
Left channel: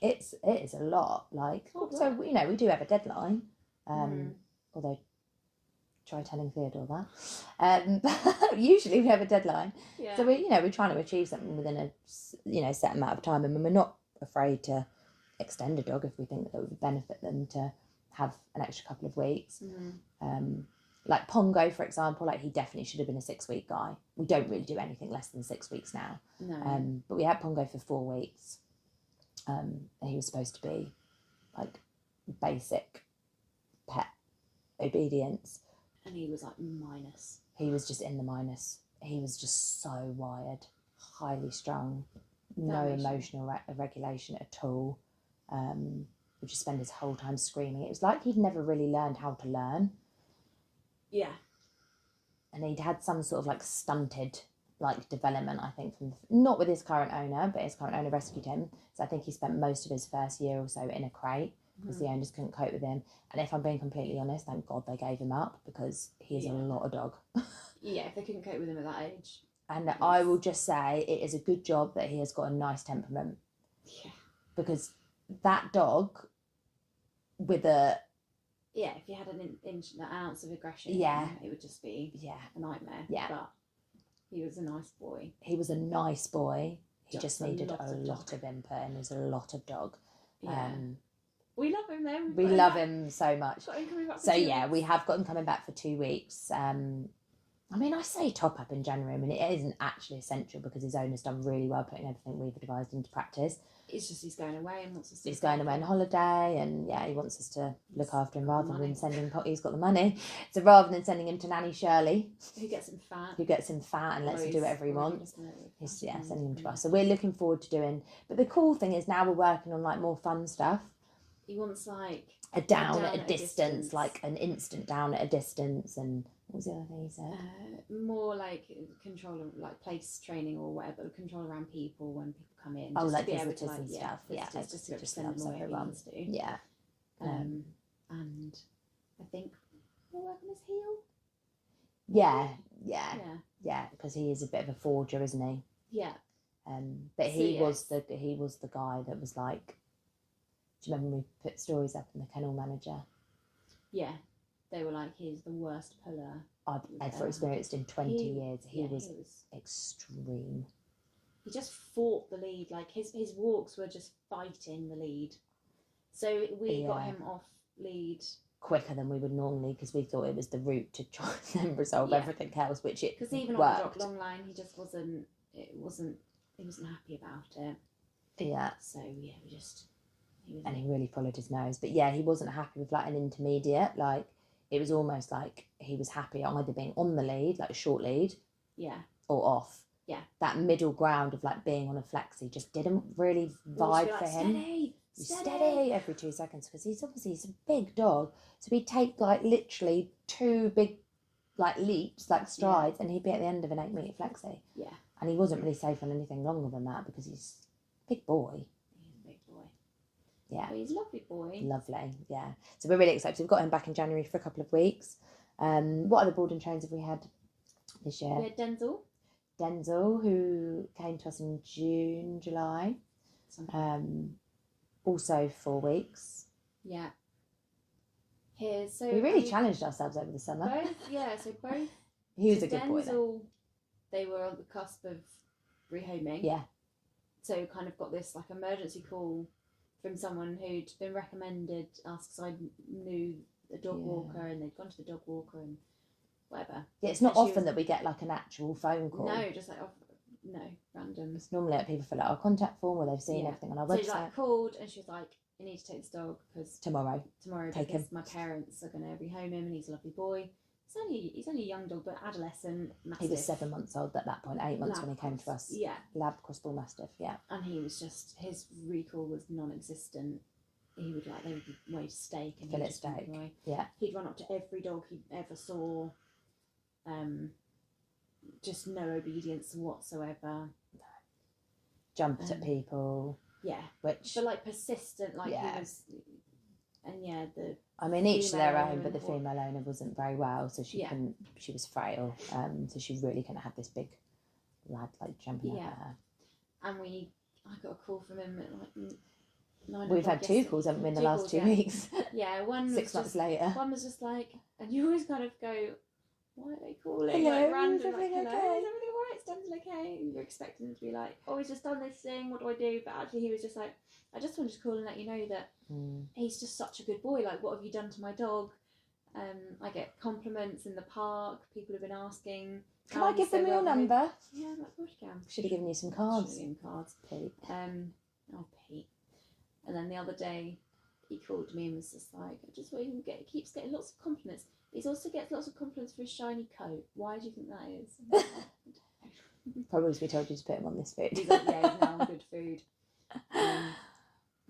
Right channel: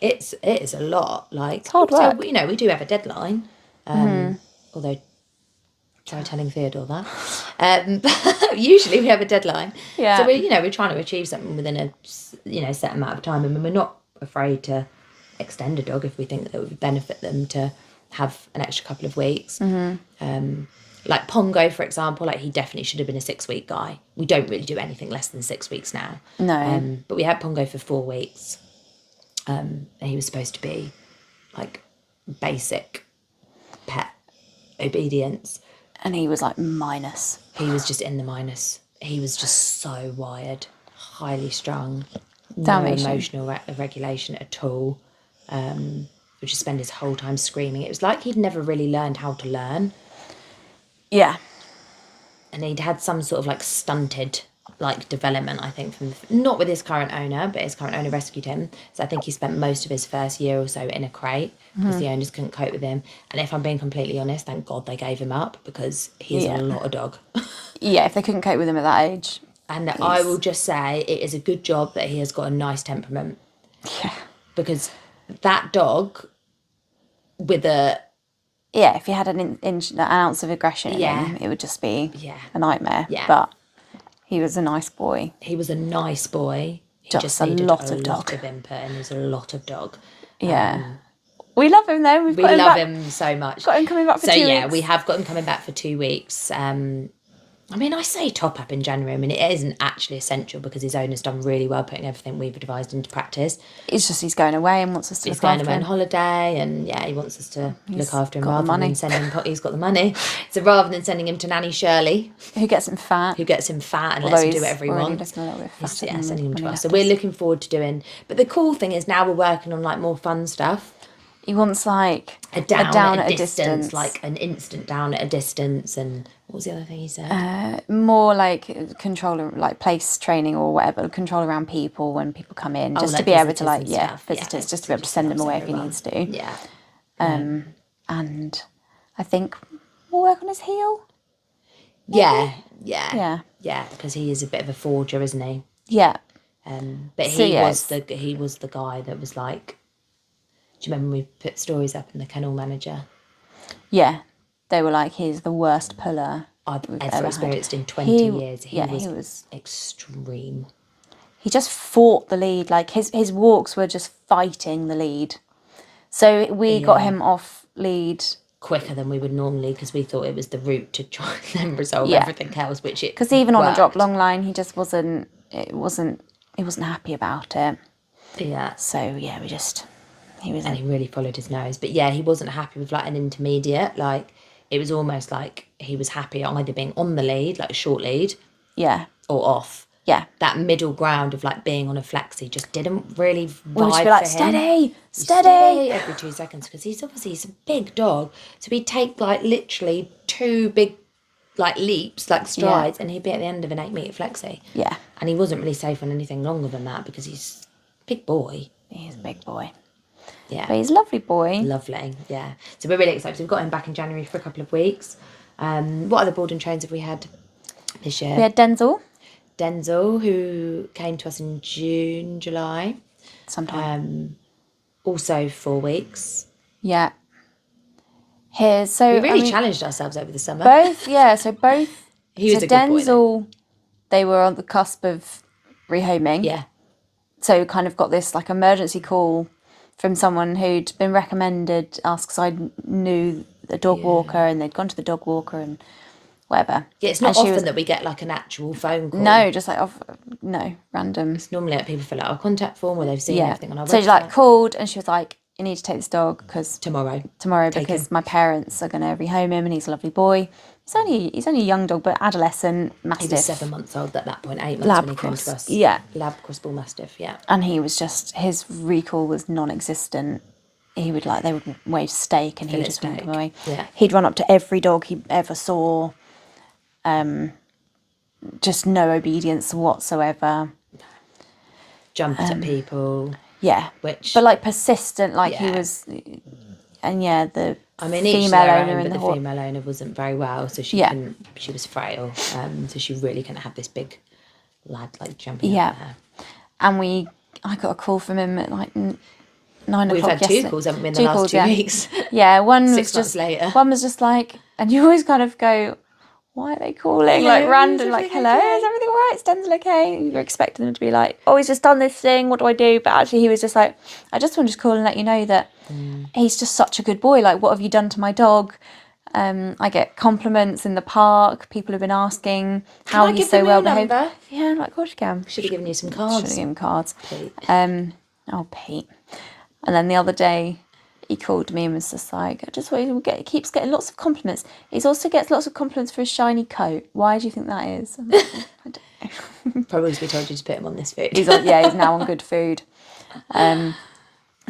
it is a lot. Like it's hard work. So, we do have a deadline. Although try telling Theodore that. Usually we have a deadline. Yeah. So we're trying to achieve something within a set amount of time, and we're not afraid to extend a dog if we think that it would benefit them to have an extra couple of weeks. Like Pongo, for example, like he definitely should have been a 6-week guy. We don't really do anything less than 6 weeks now. No. But we had Pongo for 4 weeks, and he was supposed to be like basic pet obedience, and he was like minus. He was just in the minus. He was just so wired, highly strung, Dalmatian. No emotional regulation at all. Would just spend his whole time screaming. It was like he'd never really learned how to learn. Yeah. And he'd had some sort of like stunted like development, I think, from not with his current owner, but his current owner rescued him. So I think he spent most of his first year or so in a crate because the owners couldn't cope with him. And if I'm being completely honest, thank God they gave him up, because he's a lot of dog. Yeah, if they couldn't cope with him at that age. And I will just say it is a good job that he has got a nice temperament. Yeah. Because that dog with a... Yeah, if he had an ounce of aggression in him, it would just be a nightmare. Yeah. But he was a nice boy. He was a nice boy. He just needed a lot of input, and he was a lot of dog. Yeah. We love him though. We love him so much. Got him coming back for 2 weeks. So yeah, we have got him coming back for 2 weeks. I mean, I say top up in January. I mean, it isn't actually essential because his owner's done really well putting everything we've advised into practice. It's just he's going away and wants us to He's look going after away on him. holiday, and he wants us to look after him got the rather money. than sending him. He's got the money, so rather than sending him to Nanny Shirley, Who gets him fat. and lets him do whatever he wants, sending him to us. So we're looking forward to doing. But the cool thing is now we're working on like more fun stuff. He wants like a down at a distance, like an instant down at a distance. And what was the other thing he said? More like control, like place training or whatever, control around people when people come in, just like to be able to visitors, just to be able to send them away if he needs to. Yeah. And I think we'll work on his heel. Yeah, because he is a bit of a forger, isn't he? Yeah. But he was the guy that was like. Do you remember when we put stories up in the kennel manager? Yeah, they were like, he's the worst puller I've ever experienced in 20 years. He was extreme. He just fought the lead. Like his walks were just fighting the lead. So we got him off lead quicker than we would normally because we thought it was the route to try and then resolve everything else, which it because even on the drop long line, he just wasn't happy about it. Yeah. So yeah, he really followed his nose. But yeah, he wasn't happy with like an intermediate. Like it was almost like he was happy either being on the lead, like a short lead, or off. Yeah, that middle ground of like being on a flexi just didn't really vibe be like, for him. Steady every 2 seconds because he's a big dog. So he'd take like literally 2 big like leaps, like strides, and he'd be at the end of an 8-meter flexi. Yeah, and he wasn't really safe on anything longer than that because he's a big boy. He's a big boy. Yeah, but he's a lovely boy. Lovely, yeah. So we're really excited. We've got him back in January for a couple of weeks. What other board and trains have we had this year? We had Denzel, who came to us in June, July. Sometime. Also 4 weeks. Yeah. We really challenged ourselves over the summer. Both. He was a good boy. Denzel, they were on the cusp of rehoming. Yeah. So kind of got this like emergency call from someone who'd been recommended us because I knew a dog walker and they'd gone to the dog walker and whatever. Yeah, it's not often that we get like an actual phone call. No, just like random. It's normally like people fill out our contact form or they've seen everything on our website. So she like called and she was like, "You need to take this dog because tomorrow because my parents are going to rehome him and he's a lovely boy. He's only a young dog, but adolescent, mastiff. He was 7 months old at that point, 8 months when he came to us. Yeah, lab cross bull mastiff. Yeah, and he was just his recall was non-existent. He would they would wave steak and he would just walk him away. Yeah, he'd run up to every dog he ever saw. Just no obedience whatsoever. Jumped at people. Yeah, but like persistent, he was. And the female owner but the female owner wasn't very well, so she couldn't. She was frail, so she really couldn't have this big lad like jumping at her. And I got a call from him at like 9 o'clock. We've had 2 calls, haven't we, in the last 2 weeks? Yeah, one was 6 months later. One was just like, and you always kind of go, why are they calling? Hello, like random, like, hello, okay? Is everything all right? Is Denzel okay? You're expecting them to be like, oh, he's just done this thing, what do I do? But actually he was just like, I just want to call and let you know that he's just such a good boy. Like, what have you done to my dog? I get compliments in the park. People have been asking how he's so well behaved. Yeah, I'm like, of course you can. Should have given you some cards. Should have given cards. Pete. Pete. And then the other day, he called me and was just like, I just want you to he keeps getting lots of compliments. He also gets lots of compliments for his shiny coat. Why do you think that is? I'm like, I don't know. Probably because we told you to put him on this food. He's now on good food.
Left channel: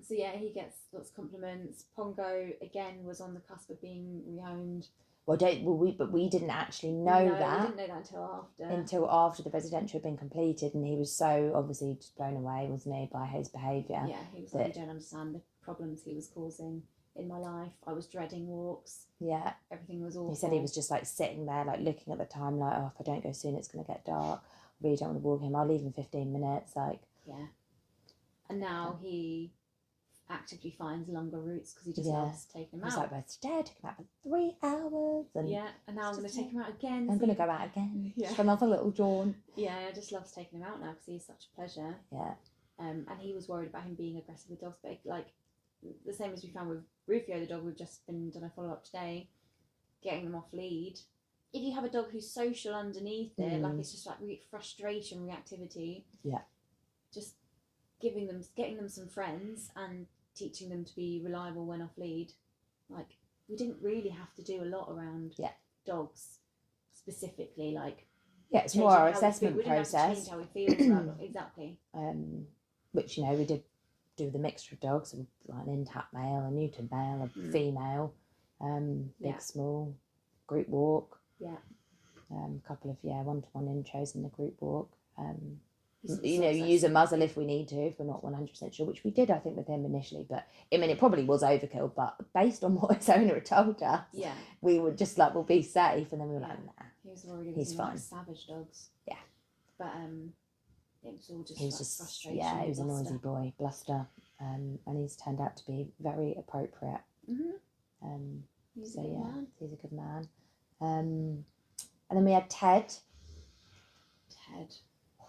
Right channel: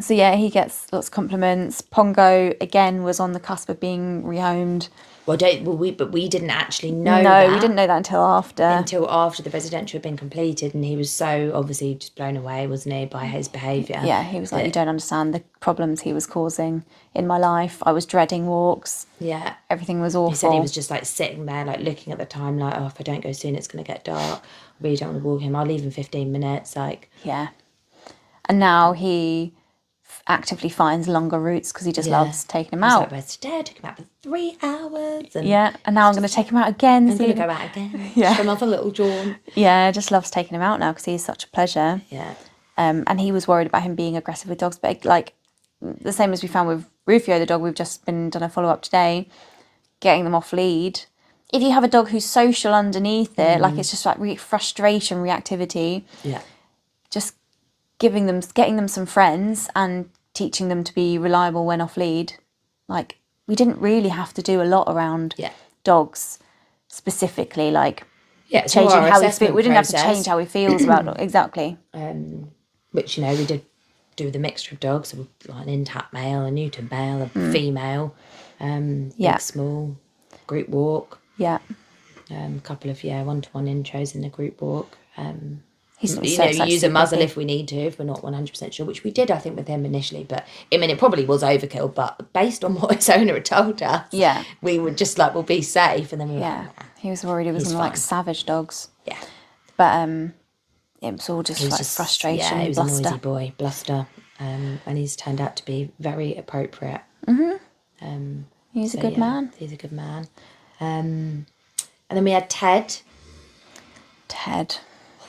So yeah, he gets lots of compliments. Pongo again was on the cusp of being rehomed. But we didn't actually know that. No, we didn't know that until after the residential had been completed, and he was so obviously just blown away, wasn't he, by his behaviour. Yeah, he was like, you don't understand the problems he was causing in my life. I was dreading walks. Yeah. Everything was awful. He said he was just like sitting there, like looking at the time, like, oh, if I don't go soon, it's going to get dark. I really don't want to walk him. I'll leave in 15 minutes. Like. Yeah. And now he actively finds longer routes because he just loves taking him out. Like, where's today? I took him out for 3 hours. And now I'm going to take him out again. I'm going to go out again. Yeah. For another little jaunt. Yeah, just loves taking him out now because he's such a pleasure. Yeah. And he was worried about him being aggressive with dogs, but like the same as we found with Rufio, the dog we've just been done a follow-up today, getting them off lead, if you have a dog who's social underneath it, like it's just like frustration, reactivity. Yeah. Just getting them some friends and teaching them to be reliable when off lead. Like, we didn't really have to do a lot around dogs specifically, like changing how we feel. We didn't have to change how we feels about dogs. Exactly. Which, we did do the mixture of dogs, so like an intact male, a neutered male, a female, big, small, group walk. Yeah. A couple of one-to-one intros in the group walk. He's use a muzzle if we need to, if we're not 100% sure, which we did, I think, with him initially. But I mean, it probably was overkill. But based on what his owner had told us, we were just like, we'll be safe. And then we were like, nah, he was worried he was going to like savage dogs. Yeah. But it was all just frustration. Yeah, he was bluster. a noisy boy, bluster, and he's turned out to be very appropriate. He's a good man. He's a good man. And then we had Ted.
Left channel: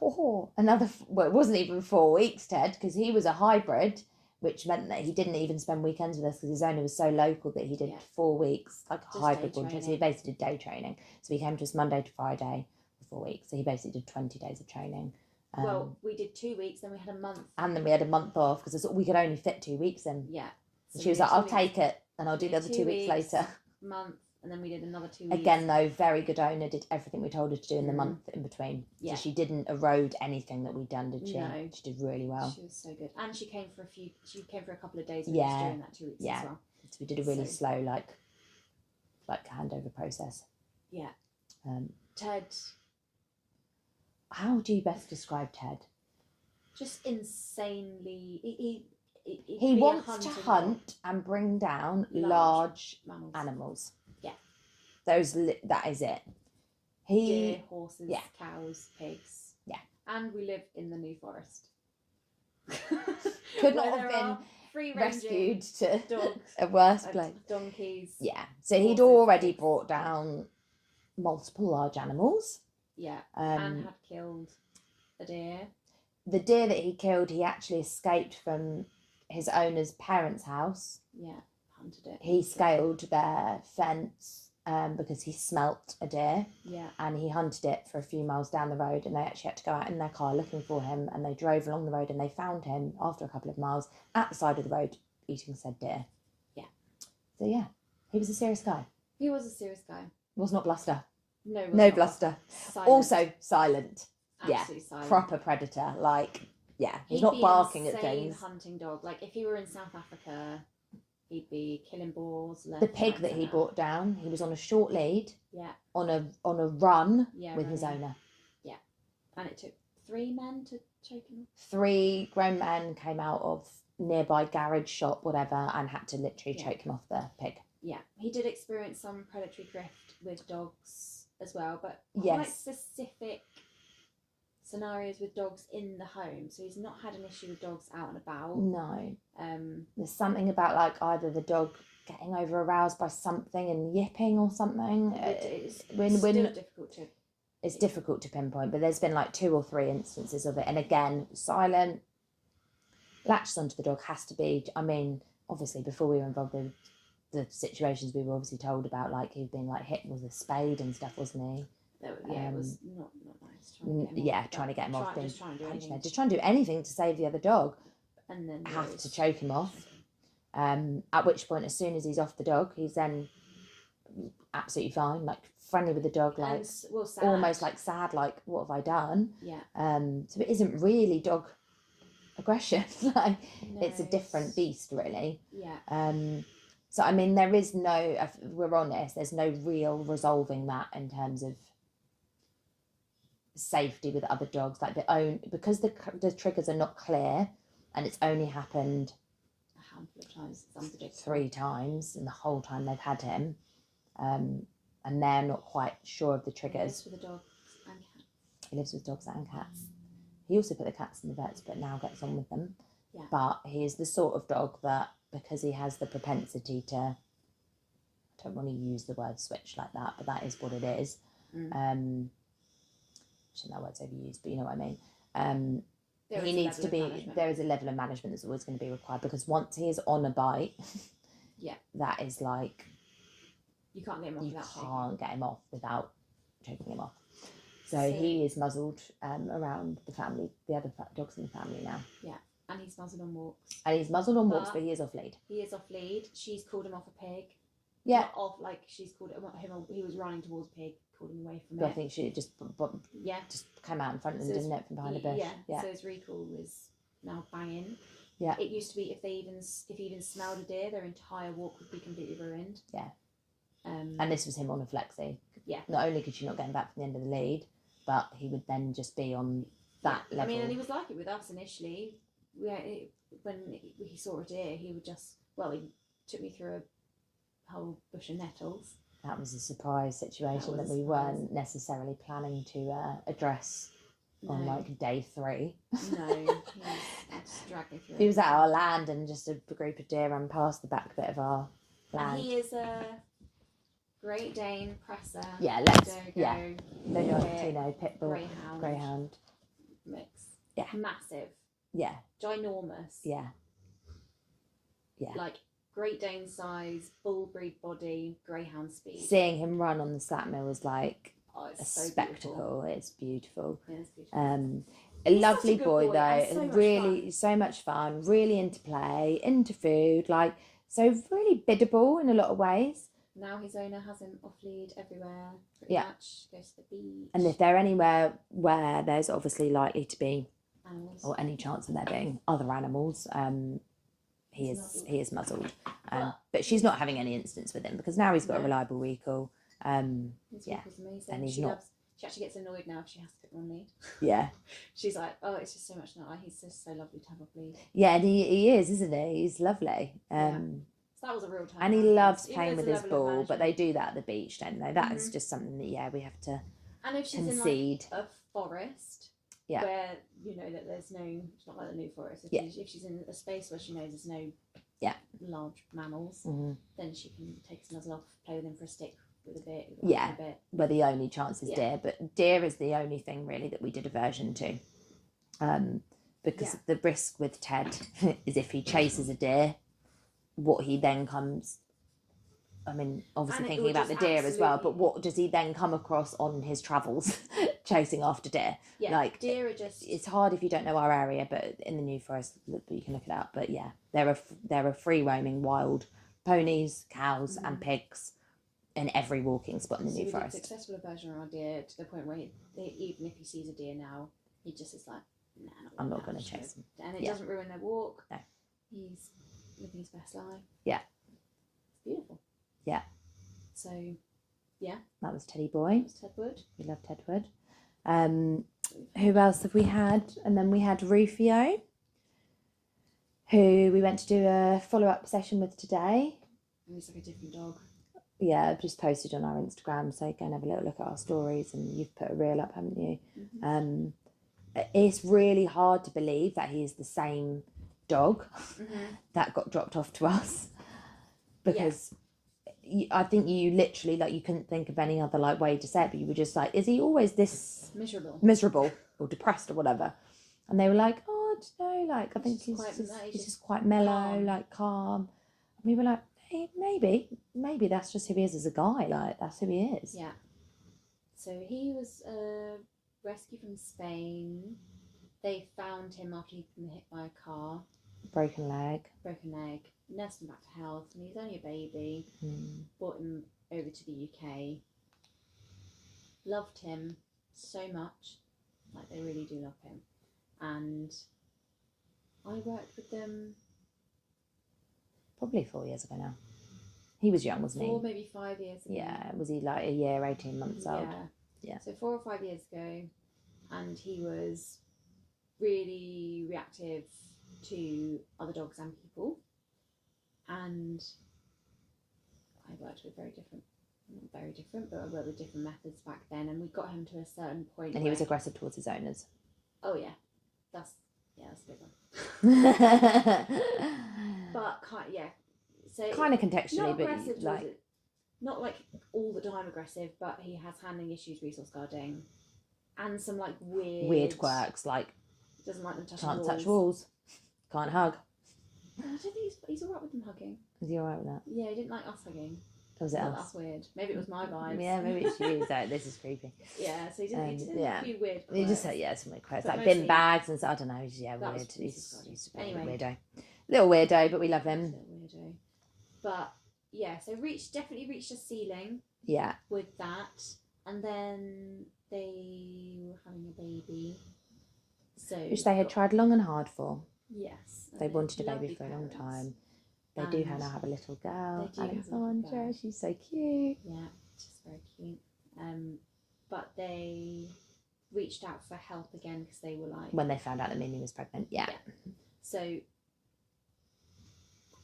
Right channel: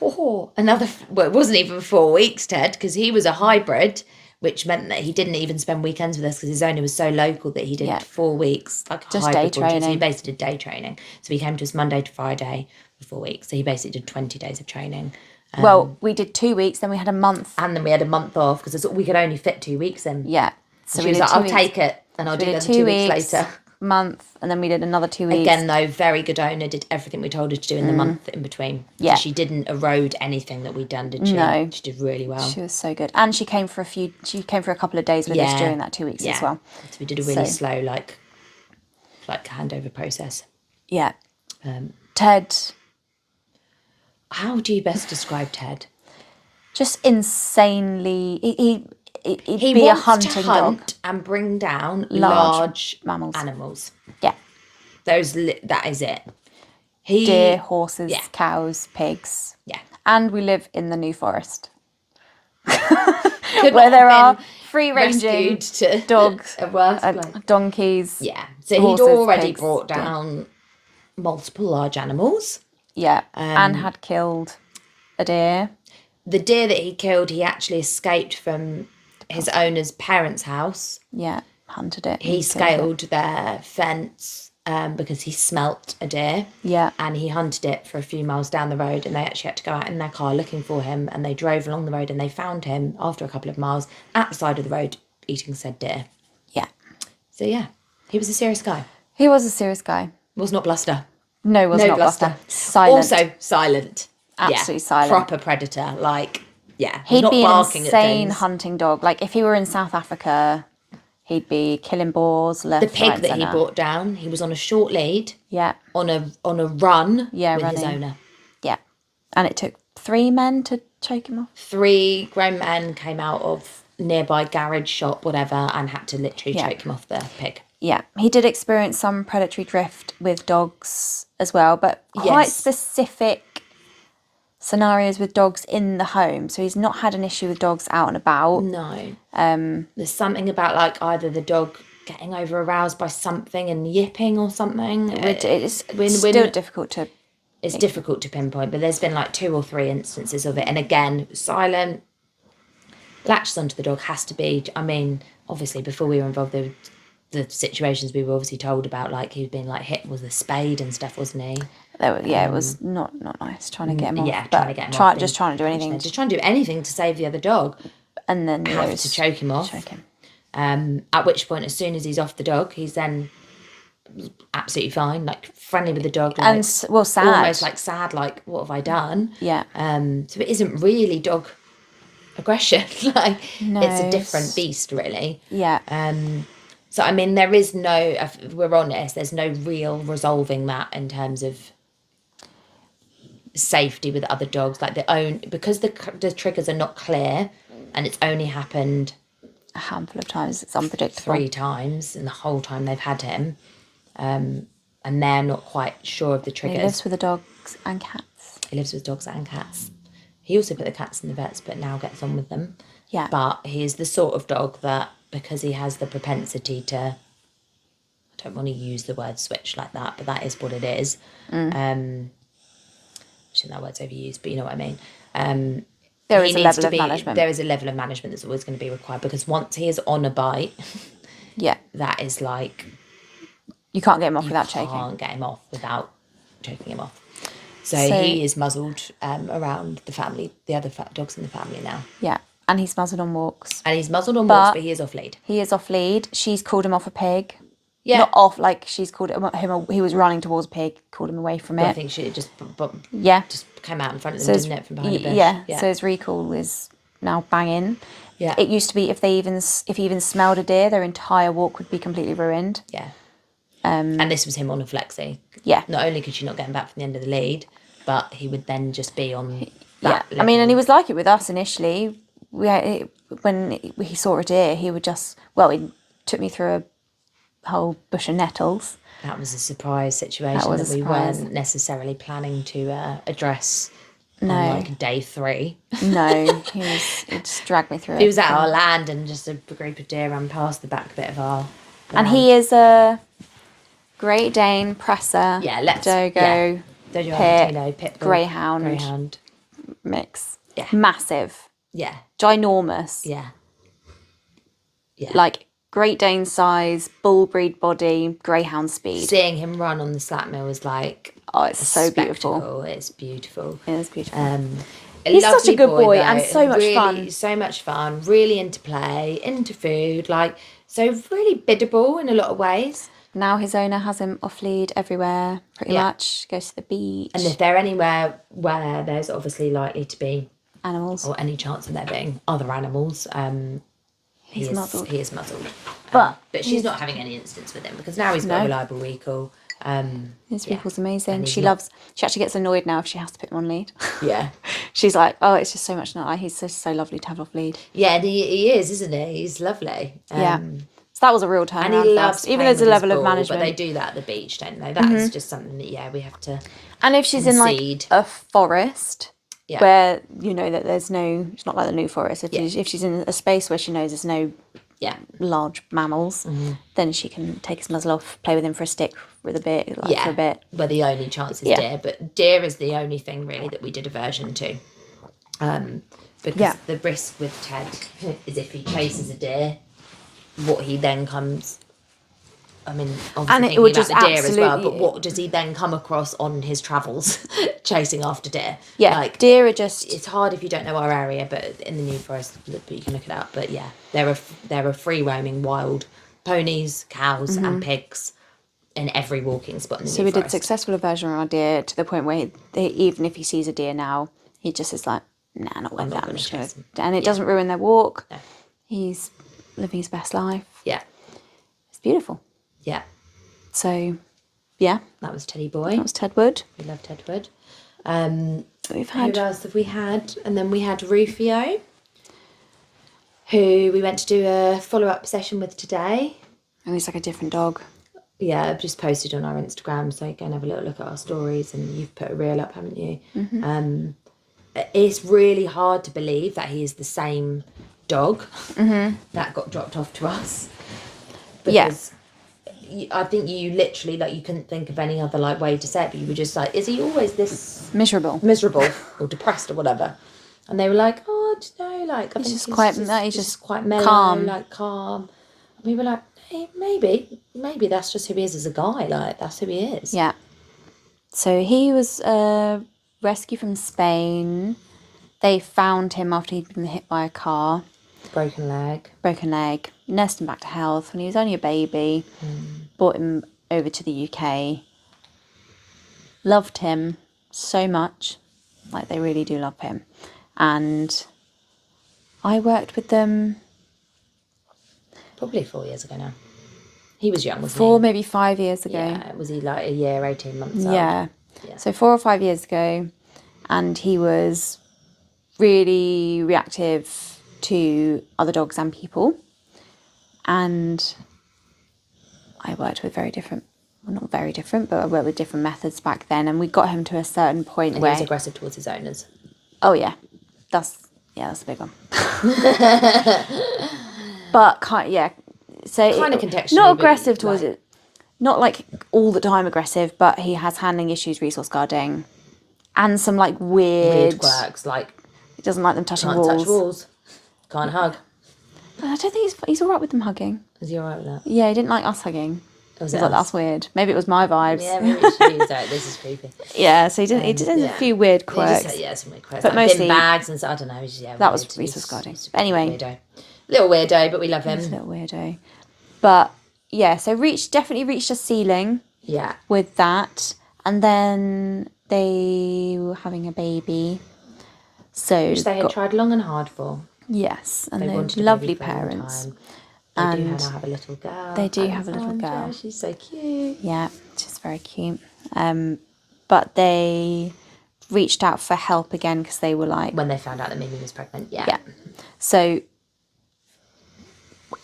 Oh, another. Well, it wasn't even 4 weeks, Ted, because he was a hybrid, which meant that he didn't even spend weekends with us because his owner was so local that he did 4 weeks, like just hybrid day training. So he basically did day training. So he came to us Monday to Friday for 4 weeks. So he basically did 20 days of training. Well, we did 2 weeks, then we had a month. And then we had a month off because we could only fit 2 weeks in. Yeah. So she was like, I'll take it and I'll do the 2 weeks later. Month, and then we did another 2 weeks. Again, though, very good owner, did everything we told her to do in the month in between. Yeah. So she didn't erode anything that we'd done, did she? No. She did really well. She was so good. And she came for a couple of days with us during that 2 weeks as well. So we did a really slow, like handover process. Yeah. Ted. How do you best describe Ted? Just insanely. He be wants a hunting to hunt dog and bring down large animals. Yeah. That is it. Deer, horses, cows, pigs. Yeah. And we live in the New Forest. Where there are free-ranging dogs, donkeys. Yeah. So he'd already brought down multiple large animals. Yeah. And had killed a deer. The deer that he killed, he actually escaped from his owner's parents' house. Yeah, hunted it. He scaled their fence because he smelt a deer. Yeah. And he hunted it for a few miles down the road, and they actually had to go out in their car looking for him, and they drove along the road and they found him after a couple of miles at the side of the road eating said deer. Yeah. So yeah, he was a serious guy. He was a serious guy. Was not bluster. No, was not bluster. Silent. Also silent. Absolutely silent. Proper predator. He'd not be barking an at insane things. hunting dog. Like, if he were in South Africa, he'd be killing boars left, the pig right, that centre. he brought down, he was on a short lead. Yeah. On a run with his owner. Yeah. And it took 3 men to choke him off. 3 grown men came out of nearby garage shop, whatever, and had to literally choke him off the pig. Yeah. He did experience some predatory drift with dogs as well, but quite specific scenarios with dogs in the home. So he's not had an issue with dogs out and about. No. There's something about either the dog getting over aroused by something and yipping or something. It's still difficult to... It's difficult to pinpoint, but there's been 2 or 3 instances of it. And again, silent, latches onto the dog, has to be... I mean, obviously, before we were involved, the situations we were obviously told about, he'd been hit with a spade and stuff, wasn't he? It was not nice trying to get him off. Yeah, trying to get him off. Just trying to do anything. Just trying to do anything to save the other dog. And then have to choke him off. At which point, as soon as he's off the dog, he's then absolutely fine, friendly with the dog. And, sad. Almost sad, what have I done? Yeah. So it isn't really dog aggression. No, it's a different beast, really. Yeah. So, I mean, there is no, if we're honest, there's no real resolving that in terms of safety with other dogs. Because the triggers are not clear and it's only happened a handful of times, it's unpredictable. 3 times in the whole time they've had him. And they're not quite sure of the triggers. He lives with the dogs and cats. He lives with dogs and cats. He also put the cats in the vets, but now gets on with them. Yeah. But he is the sort of dog that, because he has the propensity to, I don't want to use the word switch like that, but that is what it is. I think that word's overused, but you know what I mean. There is a level of management. There is a level of management that's always going to be required, because once he is on a bite, that is You can't get him off without choking. You can't get him off without choking him off. So he is muzzled around the family, the other dogs in the family now. Yeah, and he's muzzled on walks. And he's muzzled on walks, but he is off lead. He is off lead. She's called him off a pig. Yeah. Not off, like she's called him. He was running towards a pig, called him away from it. I think she just came out in front of them, didn't it, from behind a bush? Yeah. So his recall is now banging. Yeah. It used to be if he even smelled a deer, their entire walk would be completely ruined. Yeah. And this was him on a flexi. Yeah. Not only could she not get him back from the end of the lead, but he would then just be on that level. I mean, and he was like it with us initially. When he saw a deer, he would just, he took me through a whole bush of nettles. That was a surprise situation that we weren't necessarily planning to address on like day 3. No, he just dragged me through it. He was at our land and just a group of deer ran past the back bit of our land. And he is a Great Dane, Presser, Dogo, Pit Bull, Greyhound mix. Yeah. Massive. Yeah. Ginormous. Yeah. Yeah. Like Great Dane size, bull breed body, Greyhound speed. Seeing him run on the slat mill was like, it's so beautiful. It's beautiful. It is beautiful. He's such a good boy though. and so much fun. So much fun. Really into play, into food. So really biddable in a lot of ways. Now his owner has him off lead everywhere, pretty much. Goes to the beach. And if they're anywhere where there's obviously likely to be animals or any chance of there being other animals, he is muzzled. But she's not having any incidents with him because now he's got a reliable recall. His recall's amazing. She actually gets annoyed now if she has to put him on lead. Yeah. She's like, oh, it's just so much not. He's so lovely to have off lead. Yeah, and he is, isn't he? He's lovely. So that was a real turnaround. And he loves even there's a level of management. But they do that at the beach, don't they? That's just something that we have to. And if she's in like a forest, where you know that there's no, it's not like the New Forest. If she's in a space where she knows there's no large mammals, then she can take his muzzle off, play with him for a stick with a bit, for a bit. Where the only chance is deer, but deer is the only thing really that we did aversion to, because the risk with Ted is if he chases a deer, what he then comes. I mean, obviously thinking about the deer as well, but what does he then come across on his travels chasing after deer? Yeah, like deer are just... It's hard if you don't know our area, but in the New Forest, but you can look it up. But yeah, there are free roaming wild ponies, cows and pigs in every walking spot in the New Forest. So we did successful aversion on our deer to the point where even if he sees a deer now, he just is like, nah, not with that. I'm just gonna... And it doesn't ruin their walk. No. He's living his best life. Yeah. It's beautiful. Yeah. So, yeah. That was Teddy Boy. That was Tedwood. We love Tedwood. We've had... Who else have we had? And then we had Rufio, who we went to do a follow-up session with today. Oh, he's like a different dog. Yeah, I've just posted on our Instagram, so go and have a little look at our stories, and you've put a reel up, haven't you? Mm-hmm. It's really hard to believe that he is the same dog that got dropped off to us. Because I think you literally, you couldn't think of any other, way to say it, but you were just like, is he always this... Miserable or depressed or whatever? And they were like, oh, I don't know, I think he's just quite mellow, calm. Calm. And we were like, hey, maybe that's just who he is as a guy, that's who he is. Yeah. So he was rescued from Spain. They found him after he'd been hit by a car. Broken leg. Nursed him back to health when he was only a baby. Brought him over to the UK. Loved him so much. They really do love him. And I worked with them... Probably 4 years ago now. He was young, wasn't he? 4, maybe 5 years ago. Yeah, was he a year, 18 months old? Yeah. So 4 or 5 years ago. And he was really reactive to other dogs and people, and I worked with not very different, but I worked with different methods back then, and we got him to a certain point where he was aggressive towards his owners. Oh yeah, that's a big one. But so kind of contextually, not aggressive towards it, not all the time aggressive, but he has handling issues, resource guarding, and some weird quirks, he doesn't like them touching walls. Can't touch walls. Can't hug. I don't think he's all right with them hugging. Is he all right with that? Yeah, he didn't like us hugging. Was I it was like, us? that's weird. Maybe it was my vibes. Yeah, maybe it should be. Sorry, this is creepy. Yeah, so he did a few weird quirks. Some weird quirks. But Like mostly, bin bags and so, I don't know. Yeah, that weird. was Reese was guarding. He's Anyway. Weirdo. Little weirdo, but we love him. He's a little weirdo. But, yeah, so definitely reached a ceiling. Yeah. With that. And then they were having a baby. So which they had tried long and hard for. Yes, and they wanted lovely parents. They do now have a little girl. They do have a little girl. She's so cute. Yeah, she's very cute. But they reached out for help again because they were like... When they found out that Mimi was pregnant, yeah. So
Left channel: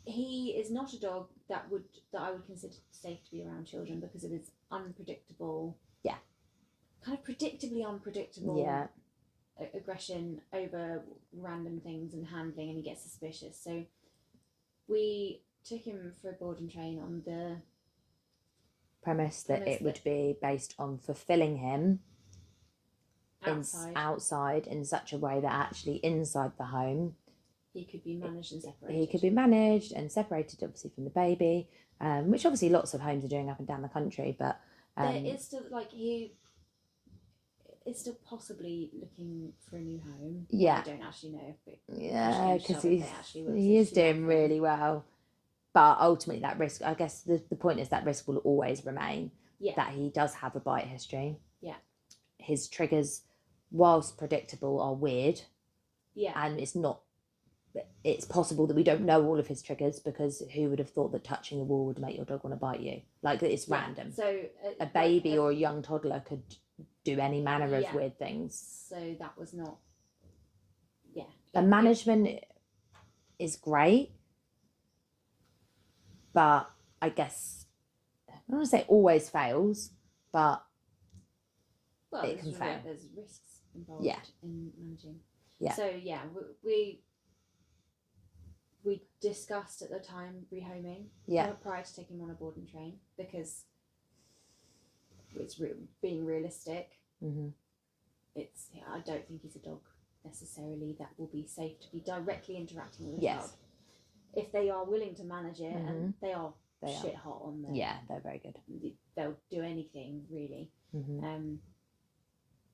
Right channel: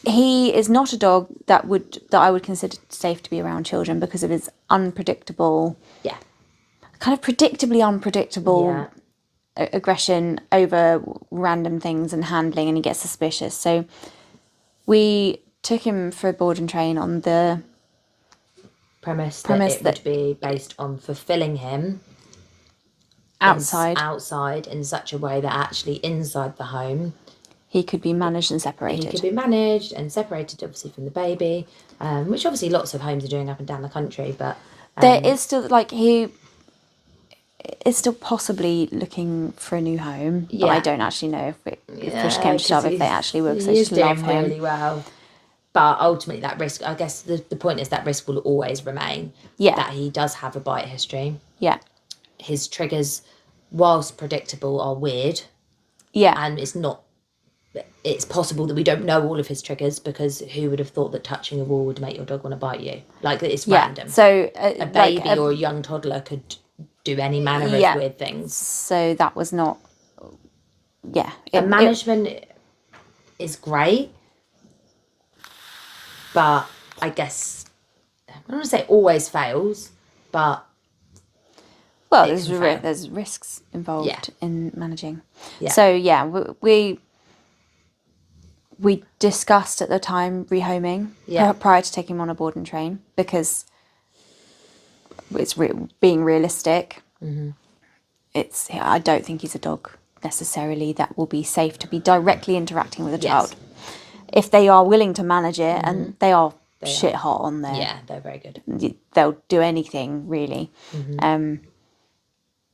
he is not a dog that I would consider safe to be around children because of his unpredictable... Yeah. Kind of predictably unpredictable aggression over random things and handling, and he gets suspicious. So we took him for a board and train on the premise that it would be based on fulfilling him outside in such a way that actually inside the home he could be managed and separated. He could be managed and separated, obviously, from the baby, which obviously lots of homes are doing up and down the country. But there is still he is still possibly looking for a new home. But I don't actually know if push came to shove if they actually will, because they just love him really well. But ultimately, that risk, I guess the point is that risk will always remain. Yeah. That he does have a bite history. Yeah. His triggers, whilst predictable, are weird. Yeah. And it's possible that we don't know all of his triggers, because who would have thought that touching a wall would make your dog want to bite you? Like, it's random. So a baby or a young toddler could do any manner of weird things. So that was not... Yeah. Management is great. But I guess, I don't want to say always fails, but... Well, there's risks involved in managing. Yeah. So, we discussed at the time rehoming prior to taking him on a board and train, because it's being realistic. Mm-hmm. I don't think he's a dog necessarily that will be safe to be directly interacting with a child. If they are willing to manage it, and they are shit hot on there. Yeah, they're very good. They'll do anything, really. Mm-hmm.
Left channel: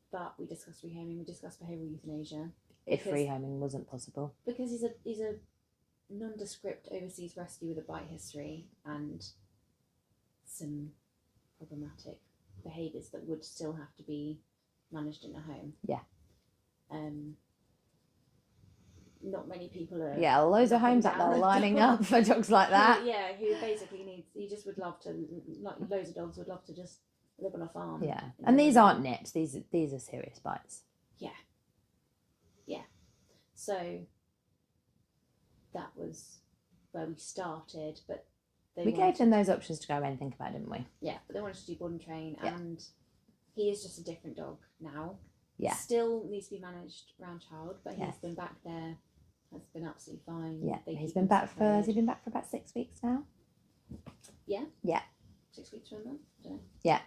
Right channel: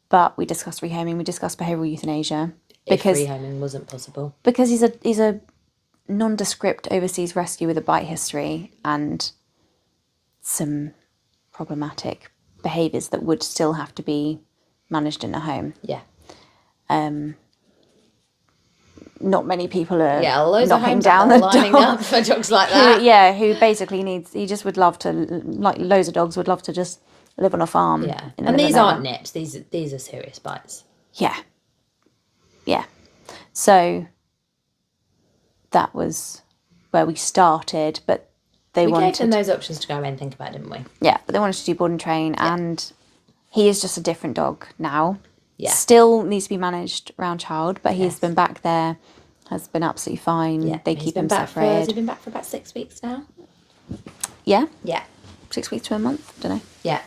But we discussed rehoming, we discussed behavioural euthanasia. Because rehoming wasn't possible. Because he's a nondescript overseas rescue with a bite history and some problematic behaviours that would still have to be managed in a home. Yeah. Not many people are knocking down the lining up for dogs like that. Who basically he just would love to, like loads of dogs would love to just live on a farm. Yeah, and these aren't nips. These are serious bites. Yeah. Yeah. So that was where we started, but we gave them those options to go away and think about, didn't we? Yeah, but they wanted to do board and train, and he is just a different dog now. Yeah. Still needs to be managed around child, but he's been back there, has been absolutely fine. Yeah. They keep him separated. Has he been back for about 6 weeks now? Yeah? Yeah. 6 weeks to a month, don't know. Yeah.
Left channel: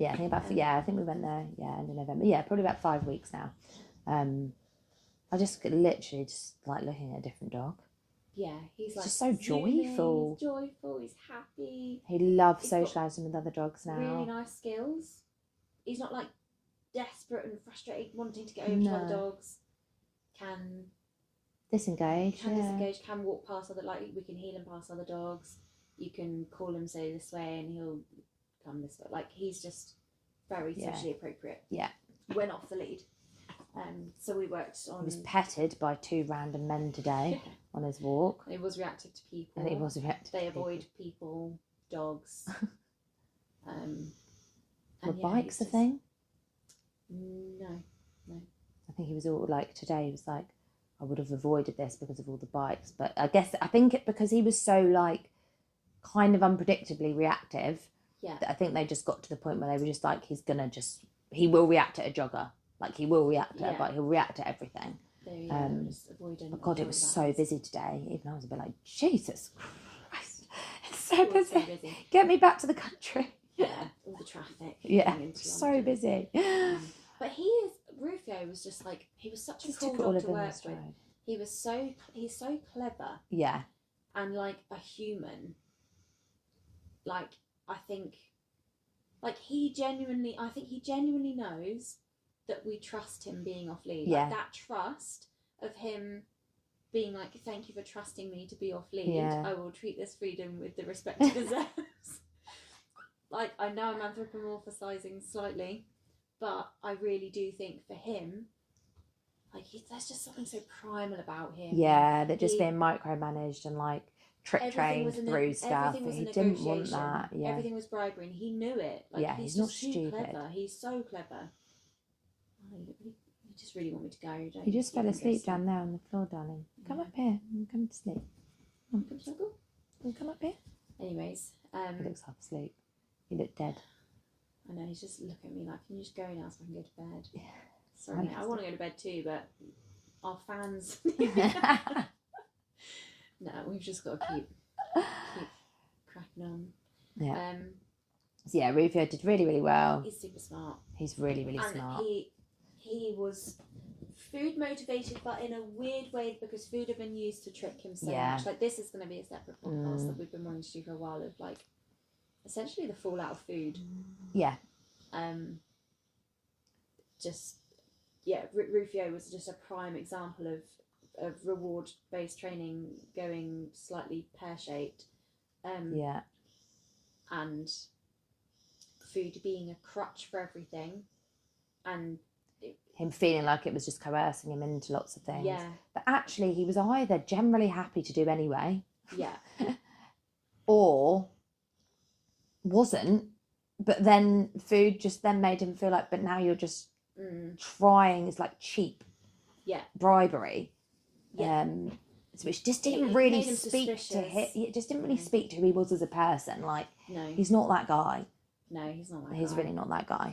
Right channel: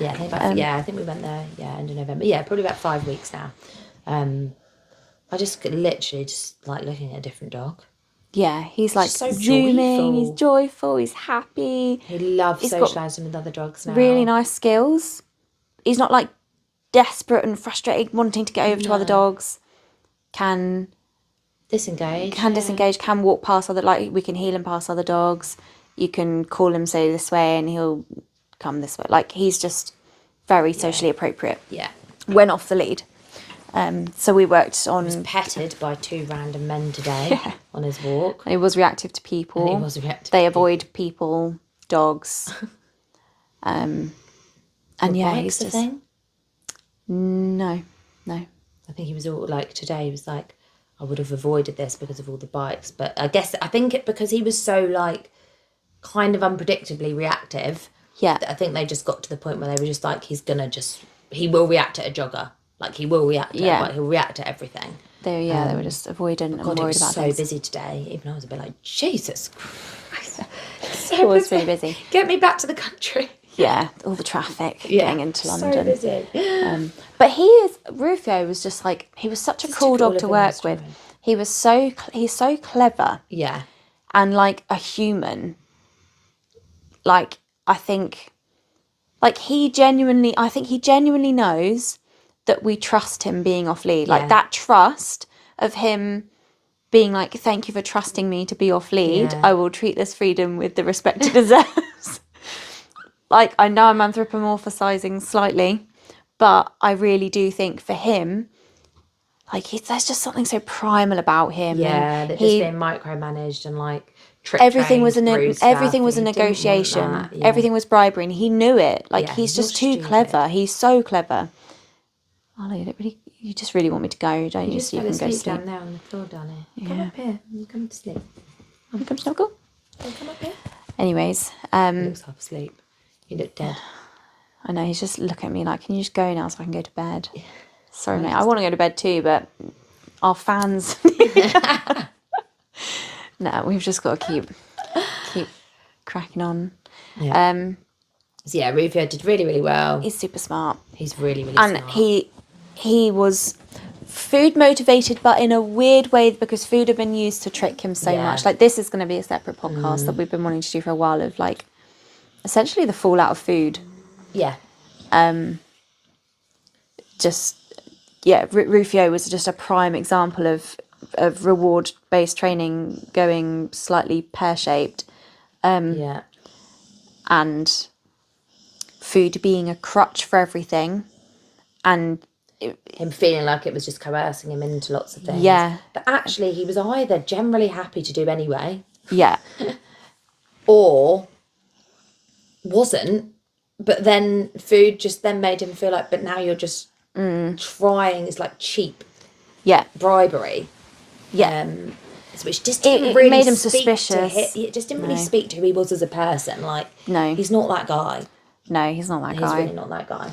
Yeah, I think we went there, end of November. Yeah, probably about 5 weeks now. I just literally just like looking at a different dog. Yeah, he's like so zooming, joyful. He's joyful, he's happy. He loves socialising with other dogs now. Really nice skills. He's not like desperate and frustrated, wanting to get over to other dogs. Can disengage, can walk past other, like we can heel him past other dogs. You can call him, say this way, and he'll come this way. Like, he's just very socially appropriate. Yeah. When off the lead. So we worked on... He was petted by 2 random men today on his walk. He was reactive to people. They avoid people, dogs. And he's just... thing? No. I think he was all like, today he was like, I would have avoided this because of all the bites. But I think because he was so like kind of unpredictably reactive. Yeah. I think they just got to the point where they were just like, he will react at a jogger. Like, he will react to it, he'll react to everything. They were just avoidant and worried about it was so busy today. Even I was a bit like, Jesus Christ. It was really busy. Get me back to the country. Yeah, all the traffic getting into London. So busy. But Rufio was just like, he was such a cool dog to work with. He's so clever. Yeah. And like a human. Like, I think, like, I think he genuinely knows that we trust him being off lead. Like, that trust of him being like, thank you for trusting me to be off lead. I will treat this freedom with the respect it deserves. Like, I know I'm anthropomorphizing slightly, but I really do think for him, like, there's just something so primal about him. Yeah, that just being micromanaged and like everything was a everything negotiation. Everything was bribery, and he knew it. Like, he's just too stupid. clever. He's so clever. Ollie, you just really want me to go, don't you? You just so you fell can go asleep sleep down there on the floor, Danny. Yeah. Come up here. You come to sleep. You come snuggle. Come up here. Anyways, he looks half asleep. You look dead. I know, he's just looking at me like, can you just go now so I can go to bed? Yeah. Sorry, mate. I want to go to bed too, but our fans. No, we've just got to keep cracking on. Yeah. So yeah, Rufio did really, really well. He's super smart. He's really, really smart. And he was food motivated, but in a weird way, because food had been used to trick him so much. Like, this is going to be a separate podcast that we've been wanting to do for a while, of like essentially the fallout of food. Yeah. Rufio was just a prime example of reward based training going slightly pear shaped. And food being a crutch for everything, and him feeling like it was just coercing him into lots of things. Yeah. But actually, he was either generally happy to do anyway. Yeah. Or wasn't. But then food just then made him feel like, but now you're just trying. It's like cheap. Yeah. Bribery. Yeah. Which just didn't really made him speak suspicious. It just didn't really speak to who he was as a person. Like, no, he's not that guy. No, he's not that guy. He's really not that guy.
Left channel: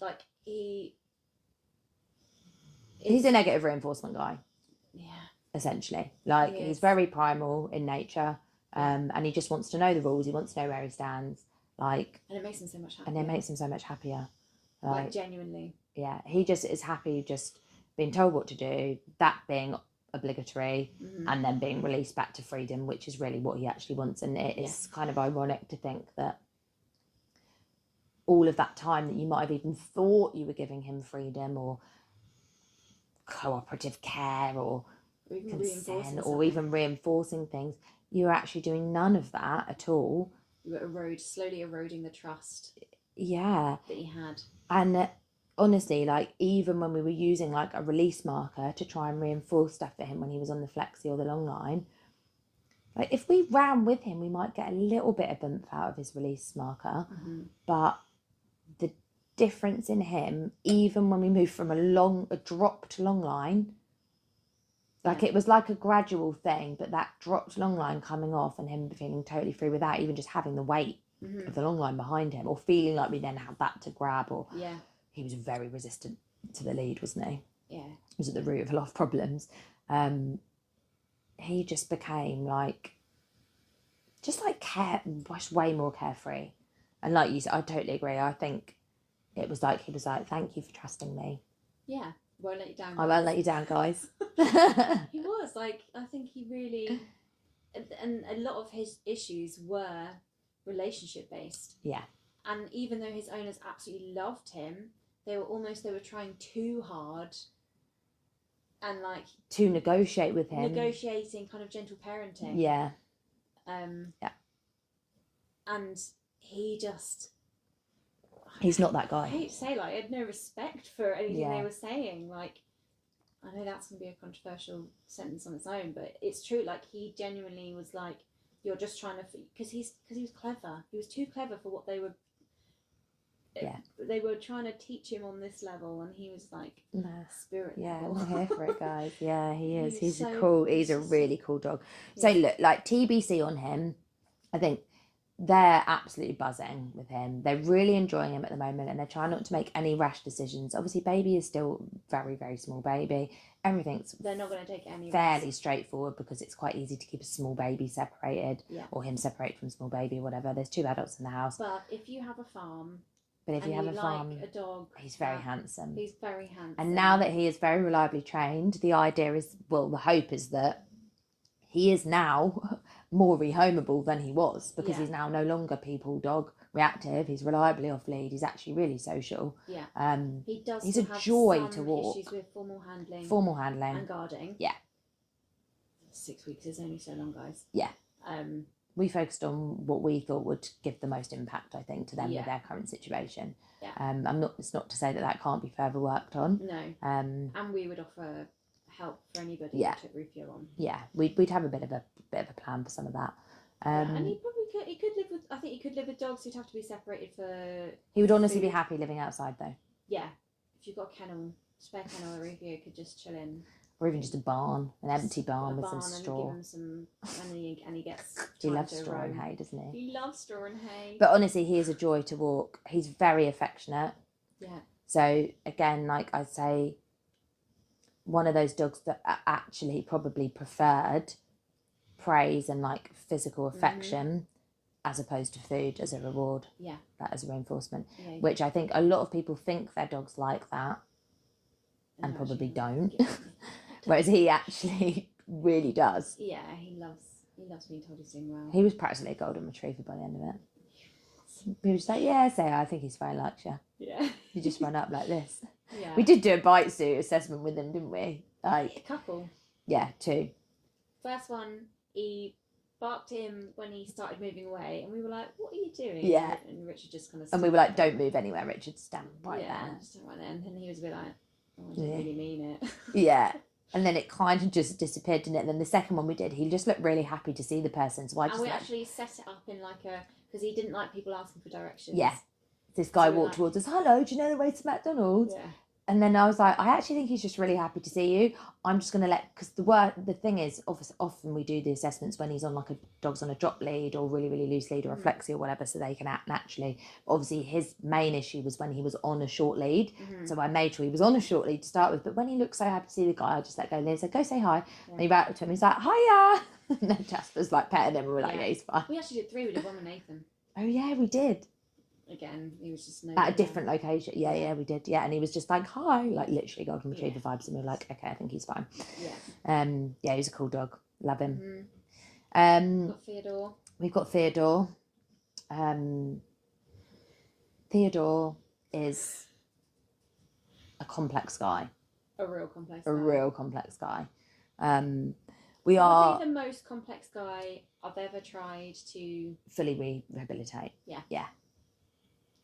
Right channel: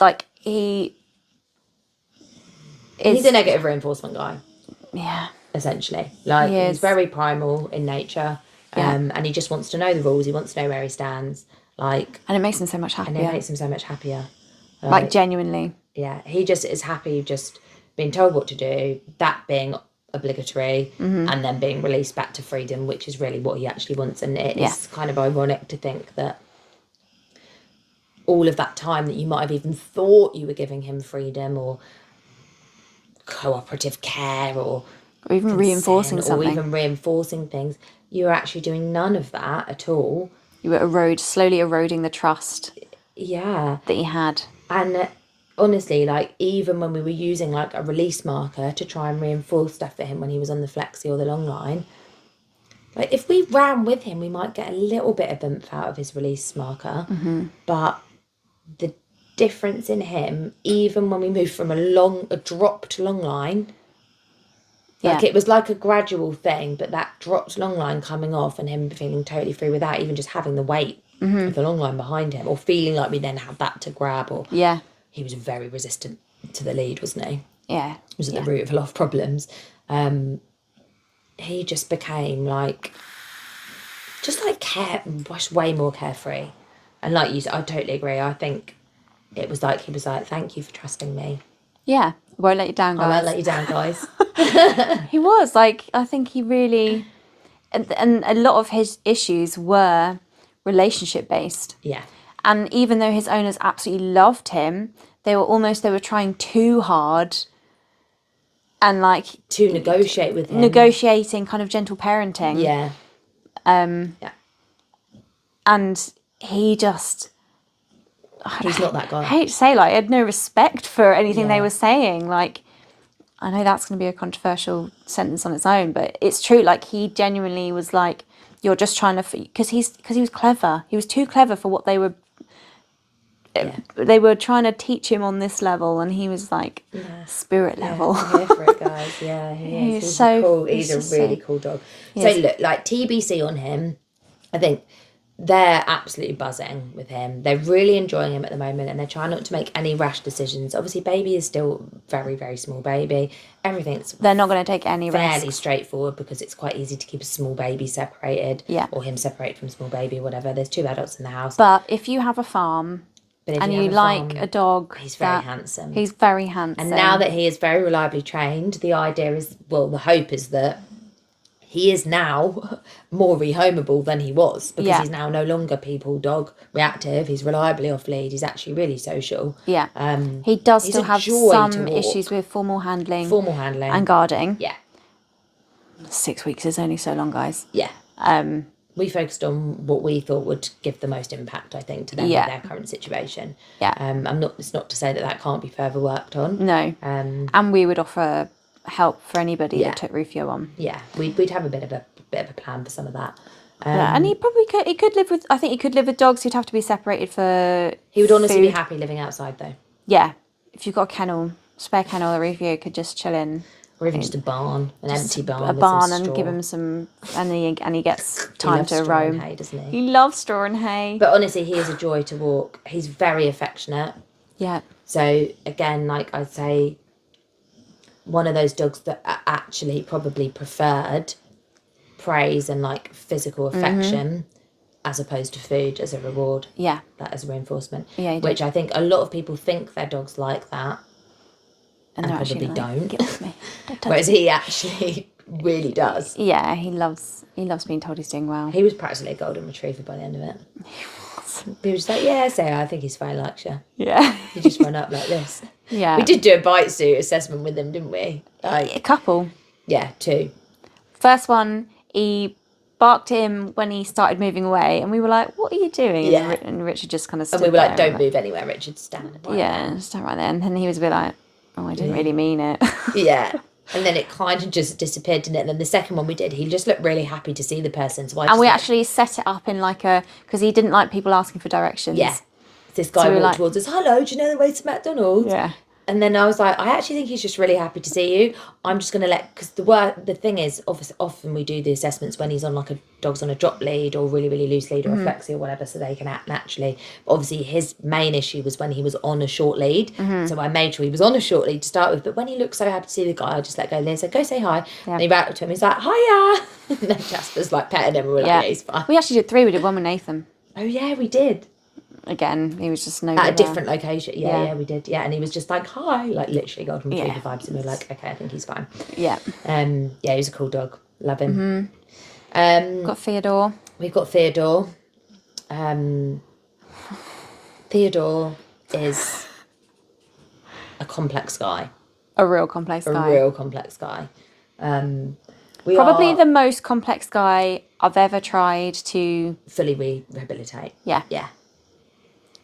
Like, he's a negative reinforcement guy. Yeah. Essentially. Like, he's very primal in nature. And he just wants to know the rules. He wants to know where he stands. Like, and it makes him so much happier. Like, genuinely. Yeah. He just is happy just being told what to do, that being obligatory, and then being released back to freedom, which is really what he actually wants. And it is kind of ironic to think that all of that time that you might have even thought you were giving him freedom or cooperative care or even reinforcing something, or even reinforcing things, you were actually doing none of that at all. You were slowly eroding the trust that he had. And honestly, like, even when we were using like a release marker to try and reinforce stuff for him when he was on the flexi or the long line, like, if we ran with him, we might get a little bit of oomph out of his release marker. But the difference in him, even when we moved from a dropped long line, like, it was like a gradual thing, but that dropped long line coming off and him feeling totally free without even just having the weight of the long line behind him, or feeling like we then had that to grab, or he was very resistant to the lead, wasn't he? Yeah. He was at the root of a lot of problems. He just became like, just like way more carefree. And like you said, I totally agree. I think it was like, he was like, thank you for trusting me. Yeah. Won't let you down, guys. I won't let you down, guys. He was like, I think he really, and a lot of his issues were relationship based. Yeah. And even though his owners absolutely loved him, they were trying too hard, and like to negotiate with him, negotiating kind of gentle parenting. Yeah. And he just, he's not that guy. I hate to say, like, I had no respect for anything they were saying. Like, I know that's going to be a controversial sentence on its own, but it's true. Like, he genuinely was like, you're just trying to, because he was clever. He was too clever for what they were. They were trying to teach him on this level, and he was like spirit level. I'm here for it, guys. Yeah, he is. He's so cool. He's a really cool dog. So look, like, TBC on him, I think they're absolutely buzzing with him. They're really enjoying him at the moment, and they're trying not to make any rash decisions. Obviously, baby is still very, very small baby. They're not going to take any risks. Fairly straightforward, because it's quite easy to keep a small baby separated. Yeah. Or him separate from small baby, whatever. There's 2 adults in the house. But if you have a farm, and you like a dog, he's very handsome. He's very handsome. And now that he is very reliably trained, the idea is, well, the hope is that he is now more rehomeable than he was, because he's now no longer people dog reactive. He's reliably off lead. He's actually really social. Yeah. He does still have some walk. issues with formal handling and guarding. Yeah. 6 weeks is only so long, guys. Yeah. We focused on what we thought would give the most impact, I think, to them with their current situation. Yeah. It's not to say that can't be further worked on. No. And we would offer help for anybody that took Rufio on. Yeah. We'd have a bit of a plan for some of that. And he probably could. He could live with. I think he could live with dogs. He'd have to be separated for. He would honestly be happy living outside, though. Yeah, if you've got a kennel, spare kennel, the Rufio could just chill in. Or even just a barn, empty barn. A barn, and give him some, and he gets time to roam. Hay, doesn't he? He loves straw and hay. But honestly, he is a joy to walk. He's very affectionate. Yeah. So again, like I'd say, one of those dogs that are actually probably preferred praise and like physical affection as opposed to food as a reward. Yeah. That as a reinforcement. Yeah. Which I think a lot of people think their dogs like that. And probably like, don't. Get off me. Whereas he actually really does. Yeah, he loves being told he's doing well. He was practically a golden retriever by the end of it. He was like, yeah, I think he's fine, like you. Yeah. He just run up like this. Yeah. We did do a bite suit assessment with him, didn't we? Like a couple. Yeah, 2. First one, he barked at him when he started moving away, and we were like, "What are you doing?" Yeah. And Richard just kind of stood and we were there like, "Don't move anywhere, Richard. Stand right there." Stand right there. And then he was a bit like, "Oh, I didn't really mean it." Yeah. And then it kind of just disappeared, didn't it? And then the second one we did, he just looked really happy to see the person. So we actually set it up in like because he didn't like people asking for directions. Yeah. This guy walked towards us. Hello, do you know the way to McDonald's? Yeah. And then I was like, I actually think he's just really happy to see you. I'm just going to because the thing is, often we do the assessments when he's on like dog's on a drop lead or really, really loose lead or a flexi or whatever, so they can act naturally. But obviously his main issue was when he was on a short lead. So I made sure he was on a short lead to start with. But when he looked so happy to see the guy, I just let go and said, go say hi. Yeah. And he ran up to him. He's like, hiya. And then Jasper's like petting him and we're like, yeah, he's fine. We actually did 3. We did one with Nathan. Oh yeah, we did. Again, he was just at a different location. Yeah, we did. Yeah, and he was just like, hi, like literally golden retriever vibes, and we were like, okay, I think he's fine. Yeah. Yeah, he's a cool dog. Love him. Got Theodore. We've got Theodore. Theodore is a complex guy. A real complex guy. Probably the most complex guy I've ever tried to fully rehabilitate. Yeah. Yeah.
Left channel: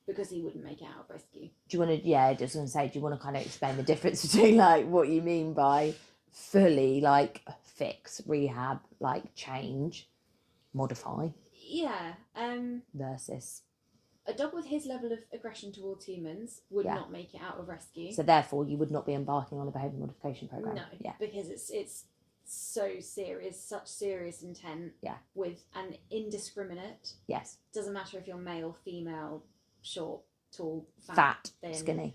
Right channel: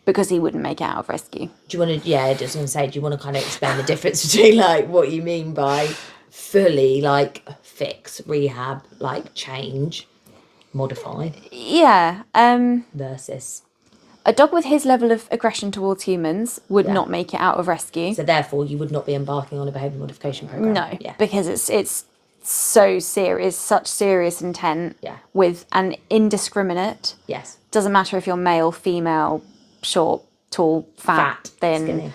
Because he wouldn't make it out of rescue. Do you want to, I was going to say, do you want to kind of explain the difference between like what you mean by fully like fix, rehab, like change, modify? Yeah. Versus a dog with his level of aggression towards humans would not make it out of rescue. So therefore you would not be embarking on a behaviour modification programme. No, because it's so serious, such serious intent with an indiscriminate. Yes. Doesn't matter if you're male, female, short, tall, fat, thin,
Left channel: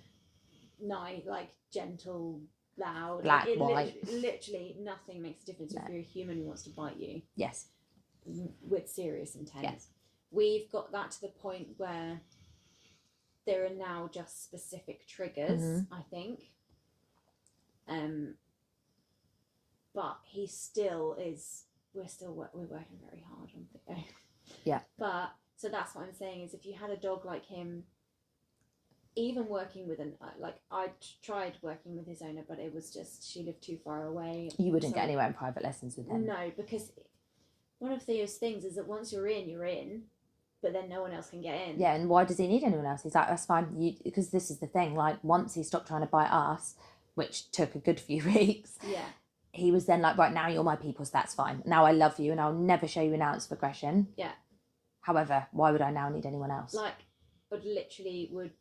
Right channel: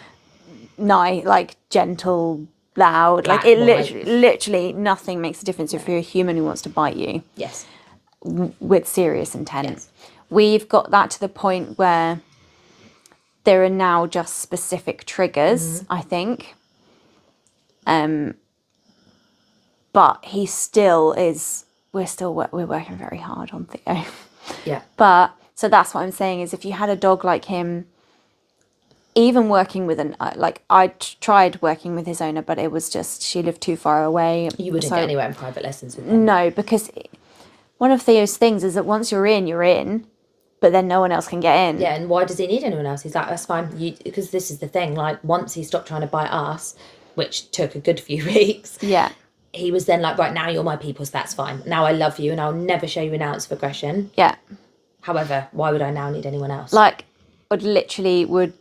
skinny, like gentle, loud. Black, like it literally nothing makes a difference if you're a human who wants to bite you. Yes. With serious intent. Yes. We've got that to the point where there are now just specific triggers, I think. But he still is. We're working very hard on Theo. Yeah. But so that's what I'm saying is if you had a dog like him, even working with I tried working with his owner, but it was just she lived too far away. You wouldn't get anywhere in private lessons with him. No, because one of Theo's things is that once you're in, but then no one else can get in. Yeah, and why does he need anyone else? He's like, that's fine. Because this is the thing. Like once he stopped trying to bite us, which took a good few weeks. Yeah. He was then like, right, now you're my people, so that's fine. Now I love you and I'll never show you an ounce of aggression. Yeah. However, why would I now need anyone else? Like, would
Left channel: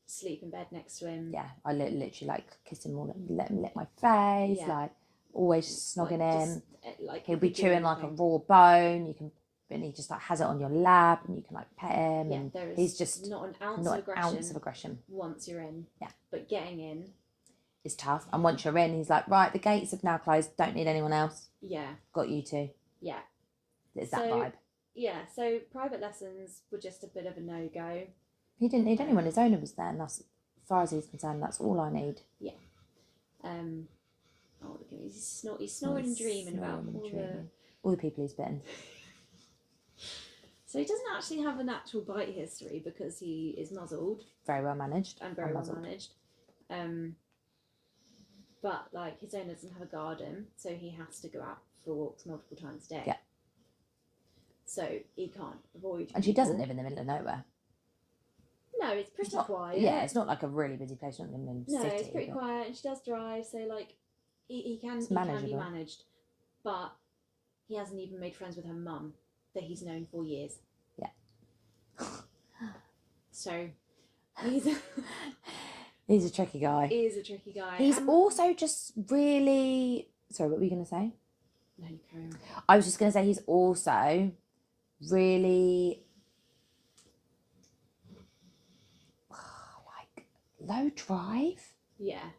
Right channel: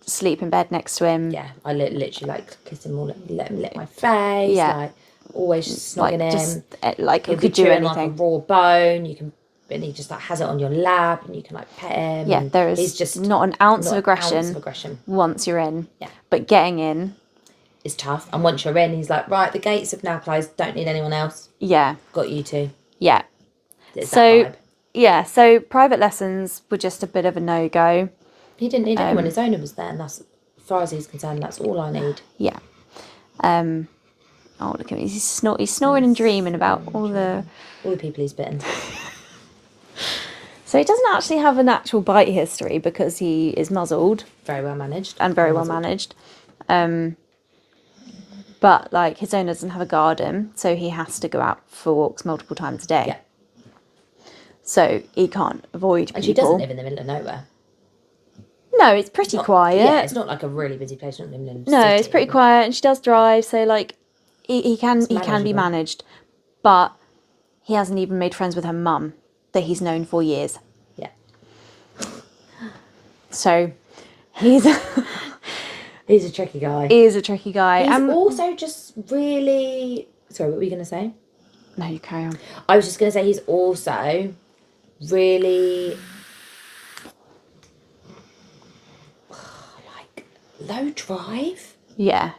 sleep in bed next to him. Yeah, I literally like kiss him, let him lick my face. Yeah. Like always just snogging him. Just, like he'll you be could do chewing anything. like a raw bone. And he just like has it on your lap and you can like pet him. Yeah, there is he's just not an ounce of aggression once you're in. Yeah. But getting in is tough. And once you're in, he's like, right, the gates have now closed. Don't need anyone else. Yeah. Got you two. Yeah. It's so, that vibe. Yeah. So private lessons were just a bit of a no-go. He didn't need anyone. His owner was there. And that's, as far as he's concerned, that's all I need. Yeah. Oh, look at him. He's snoring and dreaming about all the people he's bitten. So he doesn't actually have an actual bite history because he is muzzled. Very well managed. And very well managed. But, like, his owner doesn't have a garden, so he has to go out for walks multiple times a day. Yeah. So he can't avoid people. And she doesn't live in the middle of nowhere. No, it's pretty quiet. Yeah, it's not like a really busy place. Not in No, city, it's pretty quiet, and she does drive, so, like, he can be managed. But he hasn't even made friends with her mum that he's known for years. Yeah. So he's he's a tricky guy. He is a tricky guy. He's also just really... Sorry, what were you going to say? No, you carry on. I was just going to say he's also really... like, low drive. Yeah.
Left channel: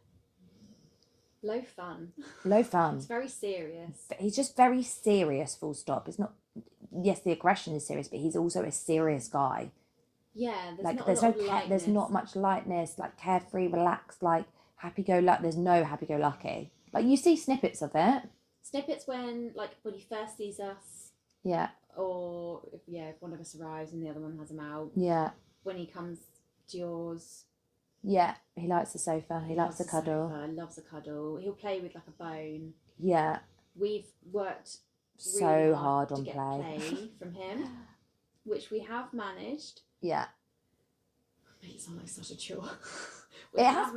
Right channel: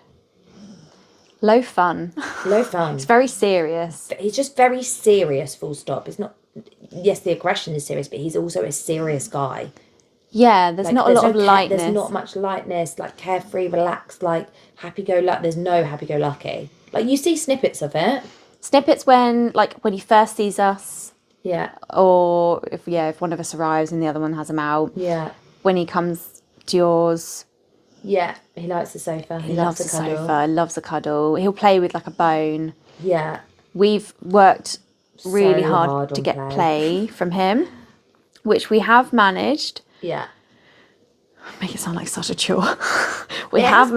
Low fun. Low fun. It's very serious. He's just very serious, full stop. It's not... Yes, the aggression is serious, but he's also a serious guy. Yeah, there's not a lot of lightness. There's not much lightness, like carefree, relaxed, like happy-go-lucky. There's no happy-go-lucky. Like, you see snippets of it. Snippets when he first sees us. Yeah. Or if one of us arrives and the other one has him out. Yeah. When he comes to yours. Yeah, he likes the sofa. He loves the sofa, loves a cuddle. He'll play with, like, a bone. Yeah. We've worked really hard to get play from him, which we have managed. Yeah. Make it sound like such a chore. It has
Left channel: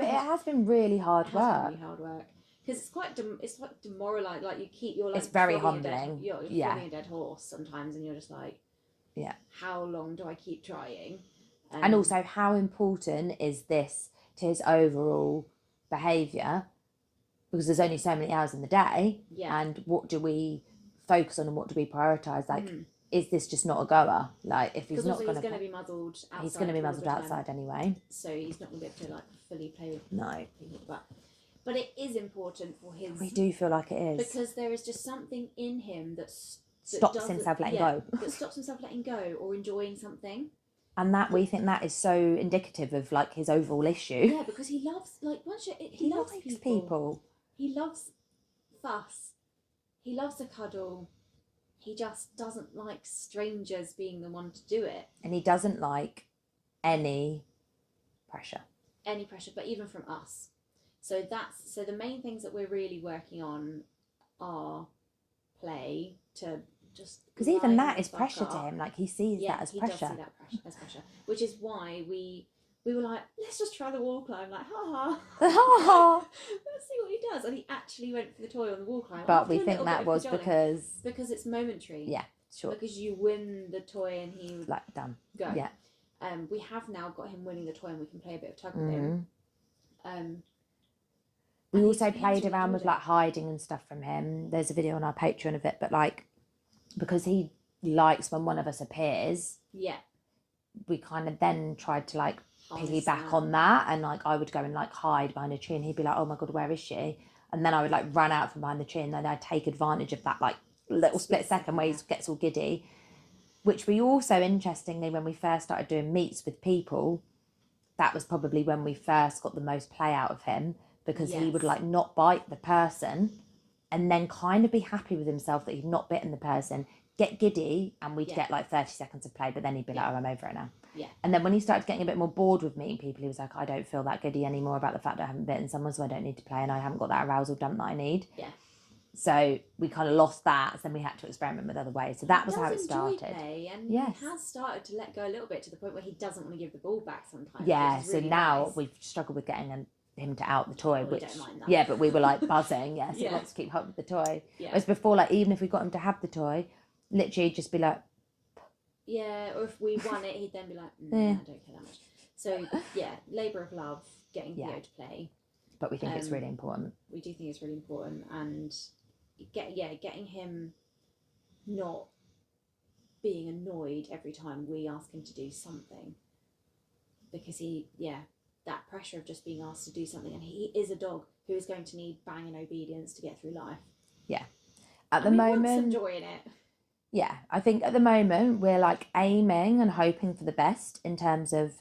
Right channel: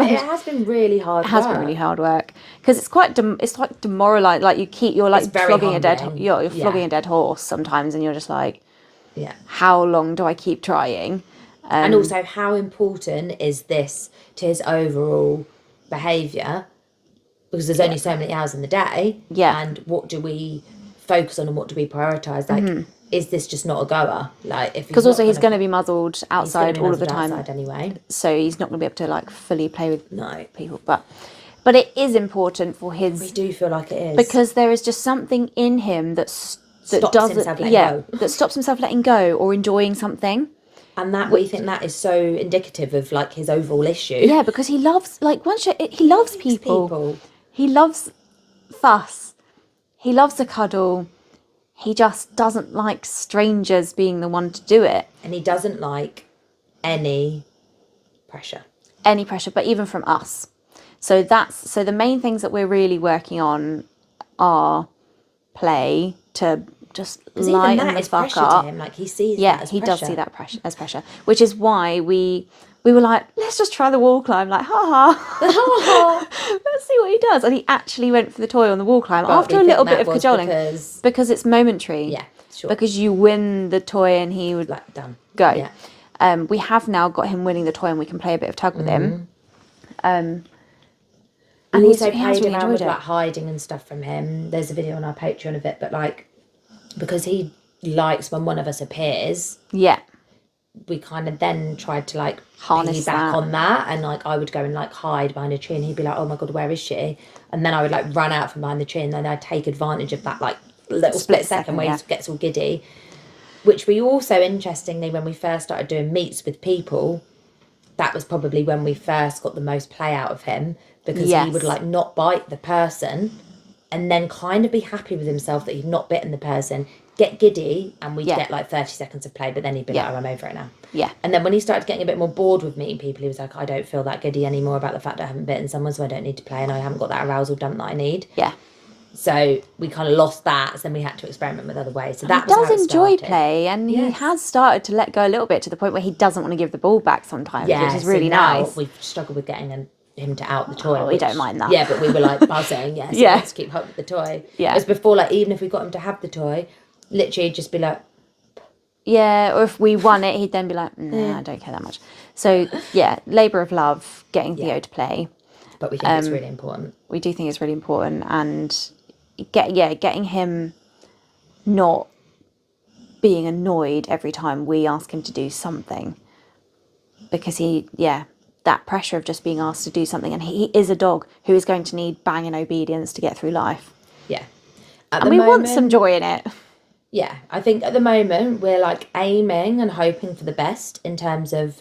been really hard work. It has been really hard work because it's quite it's like demoralising. Like you're like flogging a dead flogging a dead horse sometimes, and you're just like, yeah, how long do I keep trying? And also, how important is this to his overall behaviour? Because there's only so many hours in the day. Yeah. And what do we focus on and what do we prioritise? Like, is this just not a goer? Like, if because also he's going to be muzzled outside all of the time anyway, so he's not going to be able to like fully play with people. But it is important for his. We do feel like it is because there is just something in him that stops himself letting go or enjoying something. And we think that is so indicative of like his overall issue. Yeah, because he loves he loves people. He loves fuss. He loves a cuddle. He just doesn't like strangers being the one to do it. And he doesn't like any pressure. But even from us. So the main things that we're really working on are play to just lighten the fuck up. To him. Like he sees that as he pressure. does see that as pressure. Which is why we were like, let's just try the wall climb. Like, let's see what he does. And he actually went for the toy on the wall climb after a little bit of cajoling. Because it's momentary. Yeah, sure. Because you win the toy and he would like done. Go. Yeah. We have now got him winning the toy and we can play a bit of tug with him. And we also played around with like hiding and stuff from him. There's a video on our Patreon of it, but like because he likes when one of us appears. Yeah. We kind of then tried to like harness back on that, and like I would go and like hide behind a tree and he'd be like, oh my god, where is she? And then I would like run out from behind the tree and then I'd take advantage of that like little split second where he gets all giddy, which we also interestingly when we first started doing meets with people, that was probably when we first got the most play out of him because he would like not bite the person and then kind of be happy with himself that he'd not bitten the person, get giddy, and we'd get like 30 seconds of play, but then he'd be like, oh, I'm over it now. Yeah. And then when he started getting a bit more bored with meeting people, he was like, I don't feel that giddy anymore about the fact that I haven't bitten someone, so I don't need to play and I haven't got that arousal dump that I need. Yeah. So we kind of lost that, so then we had to experiment with other ways. So that he does enjoy play, and he has started to let go a little bit to the point where he doesn't want to give the ball back sometimes, which is really nice. We've struggled with getting him to out the toy. We don't mind that. Yeah, but we were like buzzing, let's keep hold of the toy. Yeah. As before, like even if we got him to have the toy, literally just be like, yeah, or if we won it, he'd then be like, nah, I don't care that much. So yeah, labour of love, getting Theo to play. But we think it's really important. We do think it's really important, and getting him not being annoyed every time we ask him to do something, because that pressure of just being asked to do something, and he is a dog who is going to need banging obedience to get through life. Yeah. And we want some joy in it. Yeah, I think at the moment we're like aiming and hoping for the best in terms of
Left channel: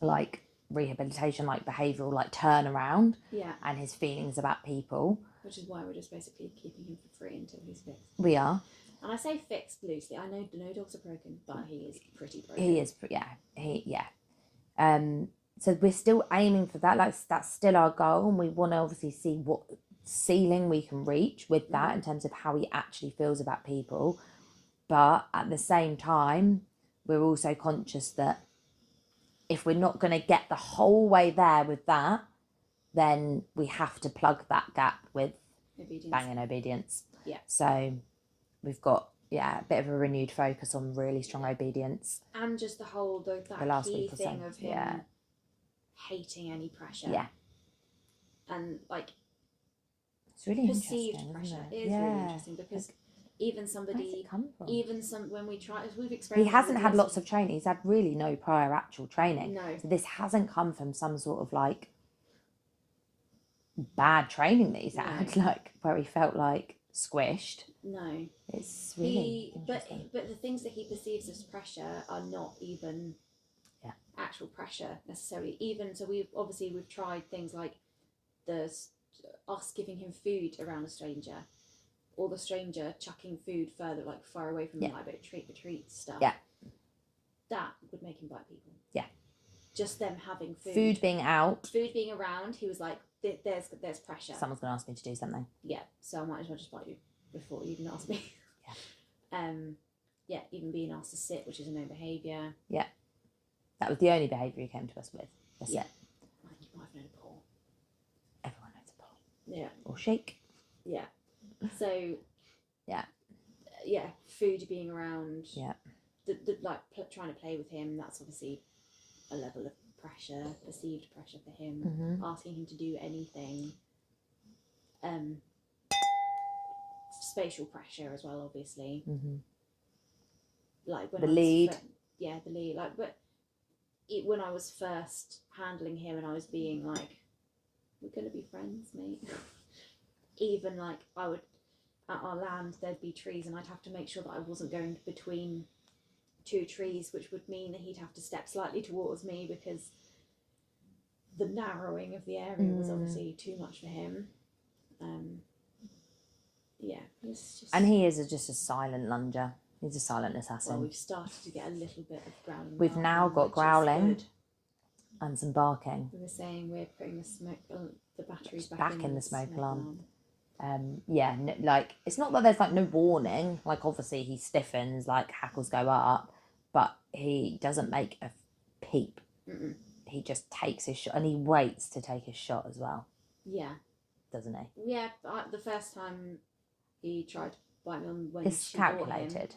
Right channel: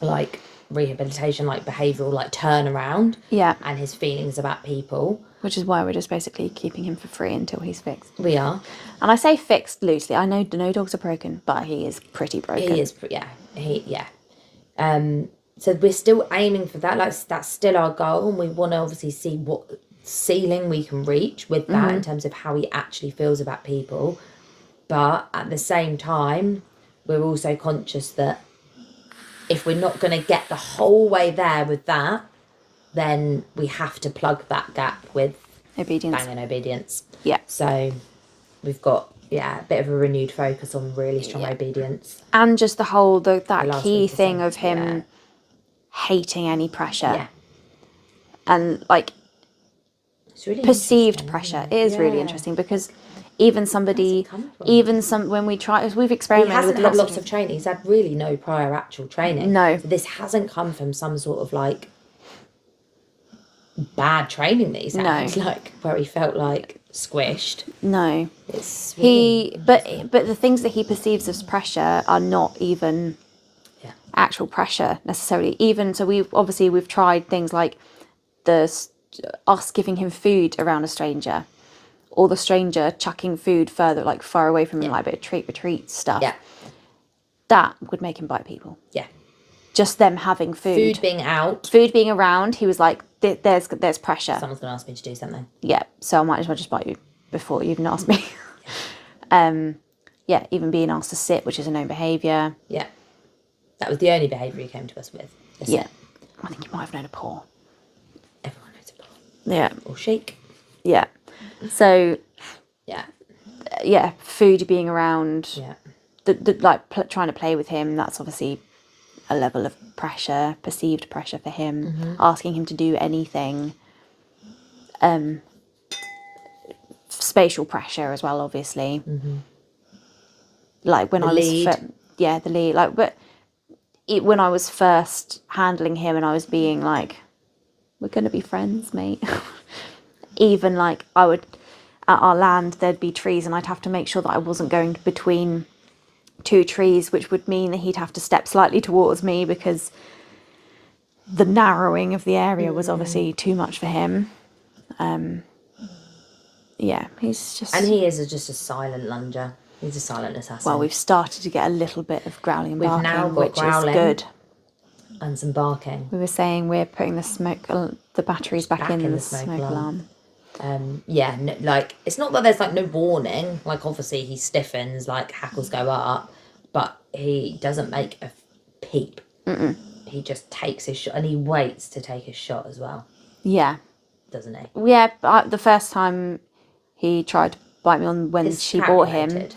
like rehabilitation, like behavioural, like turnaround. Yeah. And his feelings about people. Which is why we're just basically keeping him for free until he's fixed. We are. And I say fixed loosely. I know no dogs are broken, but he is pretty broken. He is, yeah. So we're still aiming for that. Like, that's still our goal, and we want to obviously see what ceiling we can reach with that in terms of how he actually feels about people. But at the same time, we're also conscious that if we're not going to get the whole way there with that, then we have to plug that gap with obedience. Banging obedience. Yeah. So we've got a bit of a renewed focus on really strong obedience. And just the whole that key thing of him hating any pressure. Yeah. And like Really perceived pressure. It is really interesting because even when we try, we've experimented. He hasn't had lots of training. He's had really no prior actual training. No. So this hasn't come from some sort of like bad training that he's had, like where he felt like squished. No. It's really but the things that he perceives as pressure are not even actual pressure necessarily. Even so, we've tried things like us giving him food around a stranger, or the stranger chucking food far away from him, like a bit of treat or treat stuff. Yeah. That would make him bite people. Yeah. Just them having food. Food being around, he was like, there's pressure. Someone's going to ask me to do something. Yeah, so I might as well just bite you before you even ask me. Even being asked to sit, which is a known behaviour. Yeah. That was the only behaviour he came to us with. I think you might have known a paw. Everyone knows a paw. Yeah. Or shake. Yeah. So. Yeah. Food being around. Yeah. Trying to play with him, that's obviously a level of pressure, perceived pressure for him. Mm-hmm. Asking him to do anything. Spatial pressure as well, obviously. Mm-hmm. Like when the lead. Like, but when I was first handling him and I was being like, we're going to be friends, mate. Even like I would, at our land, there'd be trees and I'd have to make sure that I wasn't going between two trees, which would mean that he'd have to step slightly towards me because the narrowing of the area was obviously too much for him. He's just... And he is just a silent lunger. He's a silent assassin. Well, we've started to get a little bit of growling and barking, we've now got which growling is good. And some barking. We were saying we're putting the batteries back in the smoke alarm. It's not that there's like no warning. Like obviously he stiffens, like hackles go up, but he doesn't make a peep. Mm-mm. He just takes his shot, and he waits to take his shot as well. Yeah. Doesn't he? Yeah, but the first time he tried to bite me on when she bought him,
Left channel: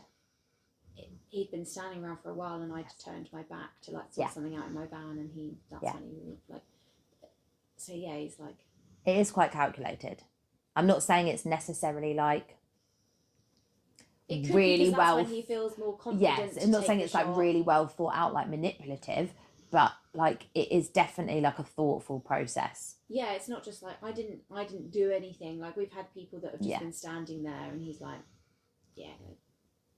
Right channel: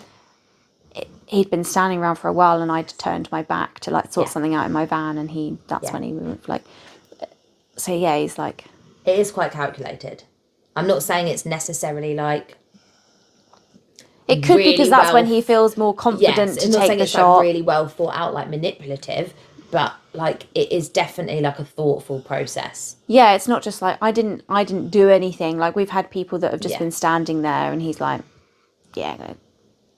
he'd been standing around for a while, and I'd turned my back to like sort something out in my van, and when he was like, so yeah, he's like, it is quite calculated. I'm not saying it's necessarily like. It could really because that's when he feels more confident to take the shot. Like really well thought out, like manipulative, but like it is definitely like a thoughtful process. Yeah, it's not just like I didn't do anything. Like we've had people that have just been standing there, and he's like, "Yeah,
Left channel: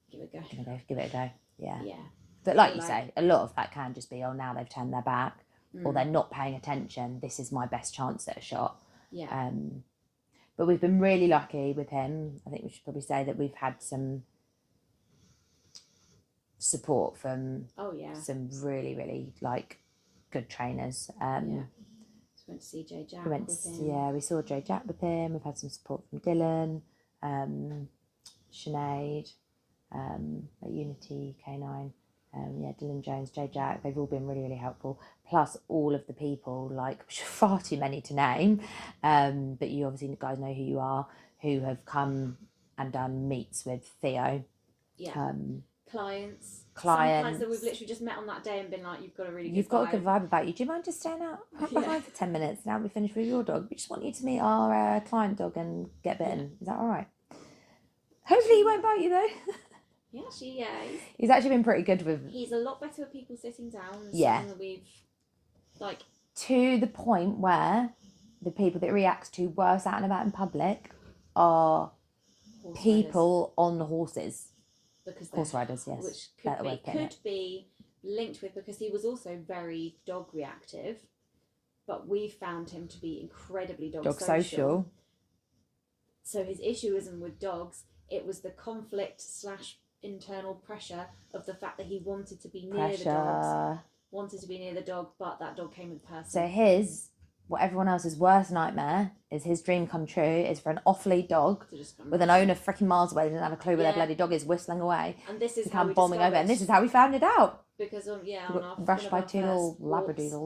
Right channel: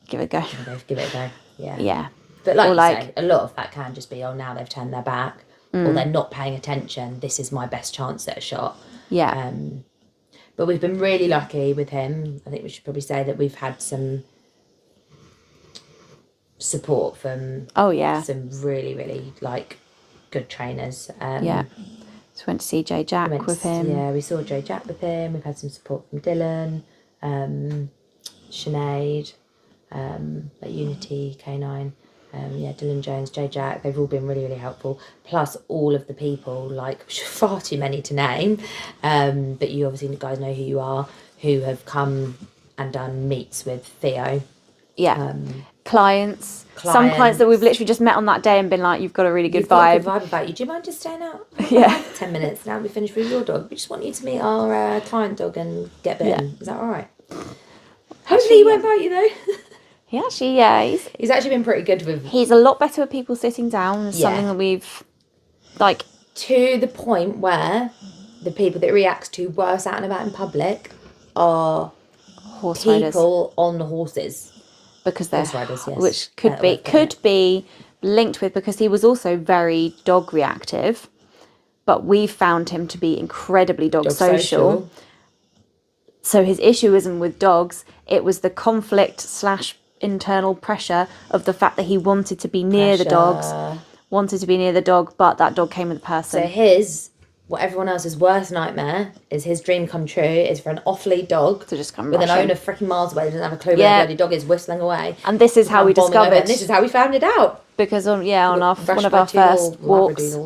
give it a go." Give it a go. Yeah. Yeah. But like you say, a lot of that can just be, now they've turned their back, or they're not paying attention. This is my best chance at a shot. Yeah. But we've been really lucky with him. I think we should probably say that we've had some support from some really, really like good trainers. So went to see Jay Jack with him. Yeah, we saw Jay Jack with him. We've had some support from Dylan, Sinead, at Unity K9. Dylan Jones, Jay Jack, they've all been really, really helpful. Plus all of the people, like far too many to name, but you obviously guys know who you are, who have come and done meets with Theo. Yeah. Clients. Some clients that we've literally just met on that day and been like, you've got a really good vibe. Got a good vibe about you. Do you mind just staying out? Yeah. 10 minutes now we finish with your dog. We just want you to meet our client dog and get bitten. Yeah. Is that all right? Hopefully he won't bite you though. He actually, he's actually been pretty good with... He's a lot better with people sitting down. It's something that we've, like... To the point where the people that reacts to worse out and about in public are people on the horses. Because they're... Horse riders, yes. Which could be linked with, because he was also very dog reactive, but we found him to be incredibly dog social. So his issue isn't with dogs. It was the conflict / internal pressure of the fact that he wanted to be near the dogs, wanted to be near the dog, but that dog came with a person. So what everyone else's worst nightmare is his dream come true is for an off-lead dog to just come with an owner freaking miles away, doesn't have a clue where the bloody dog is, whistling away. And this is how we discovered. And this is how we found it out. Because on one of our first walks,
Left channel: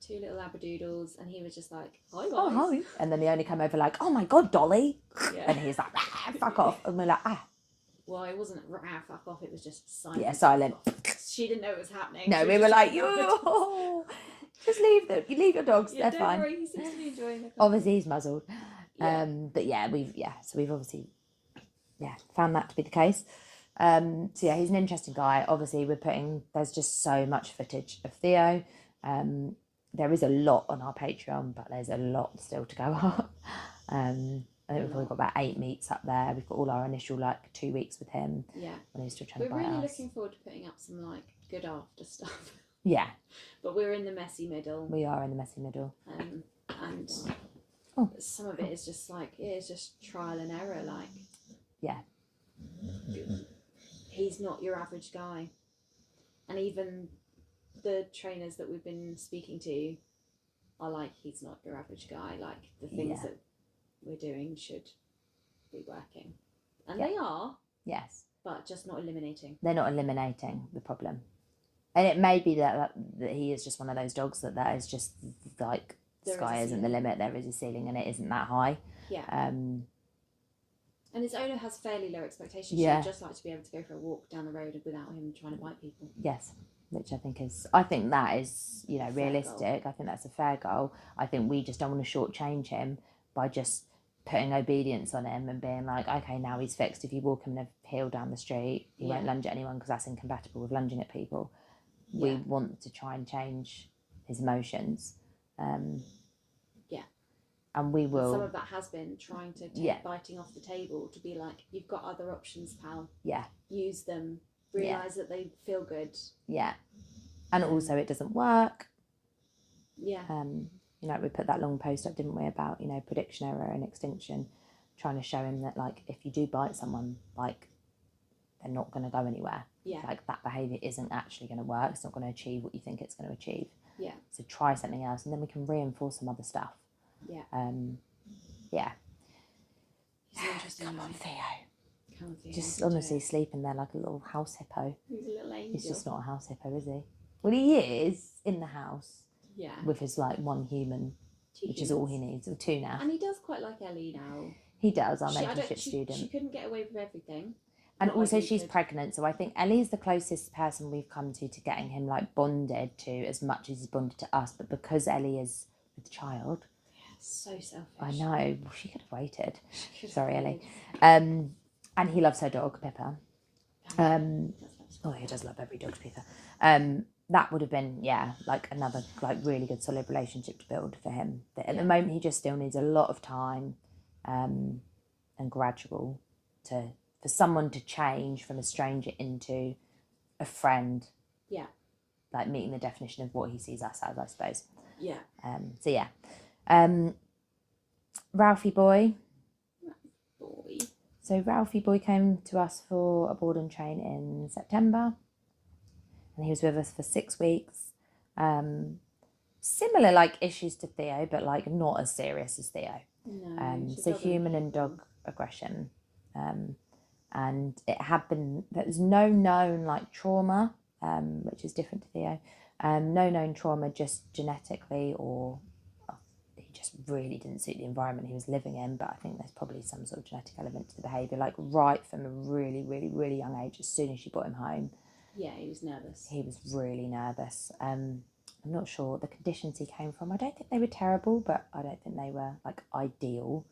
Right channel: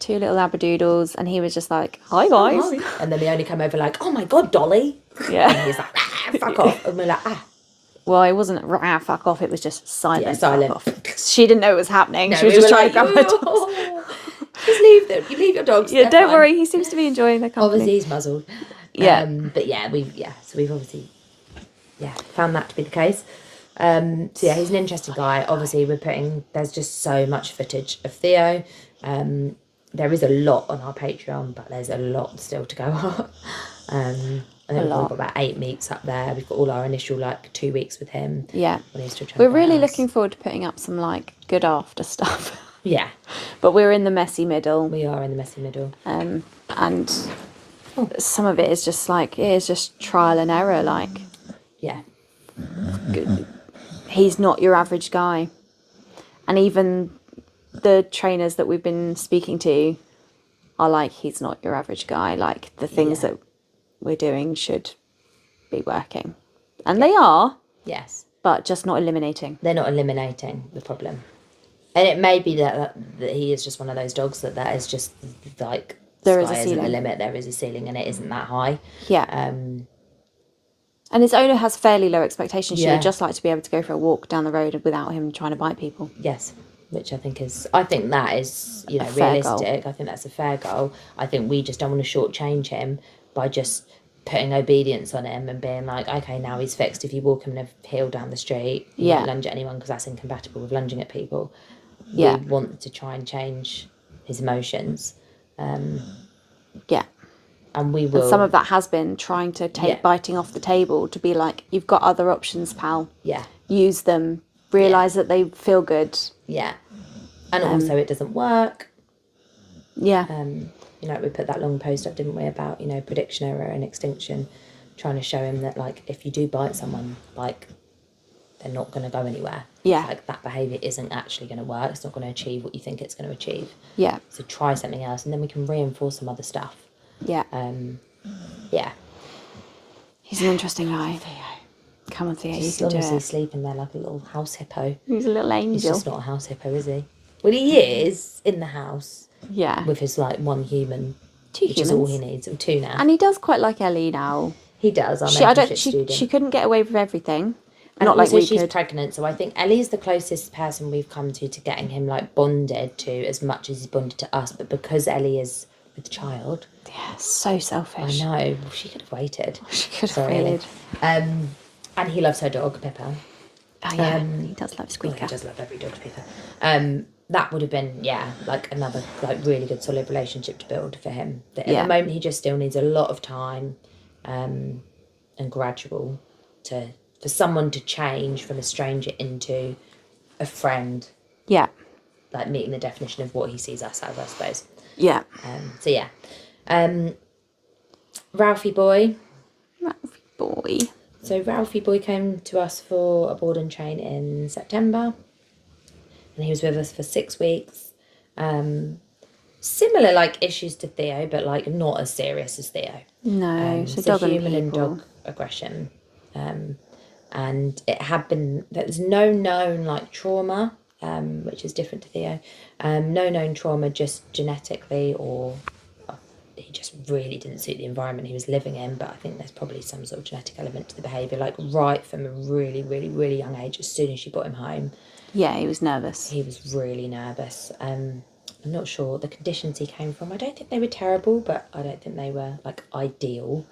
2 little labradoodles, and he was just like, "Hi guys," and then they only come over like, "Oh my god, Dolly!" Yeah, and he's like, "Fuck off," and we're like, "Ah." Well, it wasn't fuck off. It was just silent. Yeah, silent. Fuck off. She didn't know it was happening. No, she was just trying to grab her dogs. Just leave them. You leave your dogs. Yeah, don't worry. He seems to be enjoying the company. Obviously, he's muzzled. Yeah, but so we've obviously found that to be the case. So yeah, he's an interesting guy. Obviously, there's just so much footage of Theo. There is a lot on our Patreon, but there's a lot still to go up. I think we've got about 8 meets up there. We've got all our initial 2 weeks with him. Yeah, when he's still we're really looking forward to putting up some good after stuff. Yeah, but we're in the messy middle. We are in the messy middle. And some of it is just it is just trial and error. Yeah, he's not your average guy, and even the trainers that we've been speaking to are he's not your average guy. The things that we're doing should be working, and they are. Yes, but just not eliminating. They're not eliminating the problem, and it may be that he is just one of those dogs that is just there is a ceiling. Isn't the limit. There is a ceiling, and it isn't that high. Yeah. And his owner has fairly low expectations. She would just like to be able to go for a walk down the road without him trying to bite people. Yes, which I think that is realistic. I think that's a fair goal. I think we just don't want to shortchange him by just putting obedience on him and being like, okay, now he's fixed. If you walk him in a hill down the street, you don't lunge at anyone because that's incompatible with lunging at people. We want to try and change his emotions. And we will. And some of that has been trying to take biting off the table to be you've got other options, pal. Yeah. Use them. Realise that they feel good. Yeah. And also it doesn't work. Yeah. We put that long post up, didn't we, about, prediction error and extinction, trying to show him that, if you do bite someone, they're not going to go anywhere. Yeah. That behaviour isn't actually going to work. It's not going to achieve what you think it's going to achieve. Yeah. So try something else, and then we can reinforce some other stuff. Yeah. Yeah. He's an interesting guy. Theo. Come on, Theo, you can do it. He's sleeping there like a little house hippo. He's a little angel. He's just not a house hippo, is he? Well, he is in the house. Yeah. With his one human. 2 which humans. is all he needs. Or 2 now. And he does quite like Ellie now. He does. She couldn't get away with everything. And not also we she's could. Pregnant, so I think Ellie's the closest person we've come to getting him bonded to as much as he's bonded to us. But because Ellie is with child, so selfish. I know. Well, she could have waited. She could have waited. And he loves her dog, Pippa. Oh yeah, he does love Squeaker. He does love every dog, Pippa. That would have been another really good solid relationship to build for him. At the moment he just still needs a lot of time, and gradual for someone to change from a stranger into a friend. Yeah. Meeting the definition of what he sees us as, I suppose. Yeah. Ralphie boy. So Ralphie boy came to us for a board and train in September, and he was with us for 6 weeks. Similar issues to Theo, but not as serious as Theo. No, so human and dog aggression, and there was no known trauma, which is different to Theo. No known trauma, just genetically, or he just really didn't suit the environment he was living in. But I think there's probably some sort of genetic element to the behaviour, right from a really, really, really young age. As soon as she brought him home, he was nervous. He was really nervous. I'm not sure the conditions he came from. I don't think they were terrible, but I don't think they were ideal.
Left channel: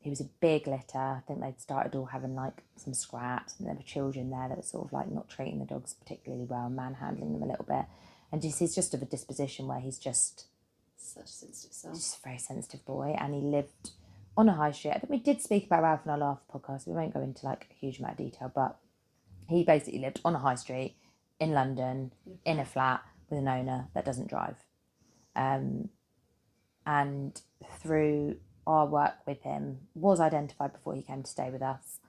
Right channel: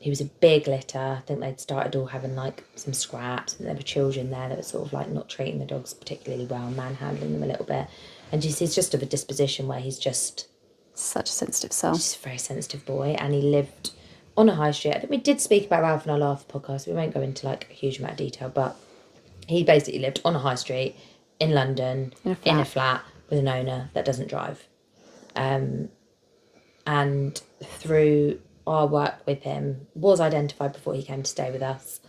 He was a big litter. I think they'd started all having some scraps, and there were children there that were sort of not treating the dogs particularly well, manhandling them a little bit. And he's just of a disposition where he's just such a sensitive soul. Just a very sensitive boy, and he lived on a high street. I think we did speak about Ralph in our last podcast. We won't go into a huge amount of detail, but he basically lived on a high street in London in a flat with an owner that doesn't drive. And through our work with him was identified before he came to stay with us.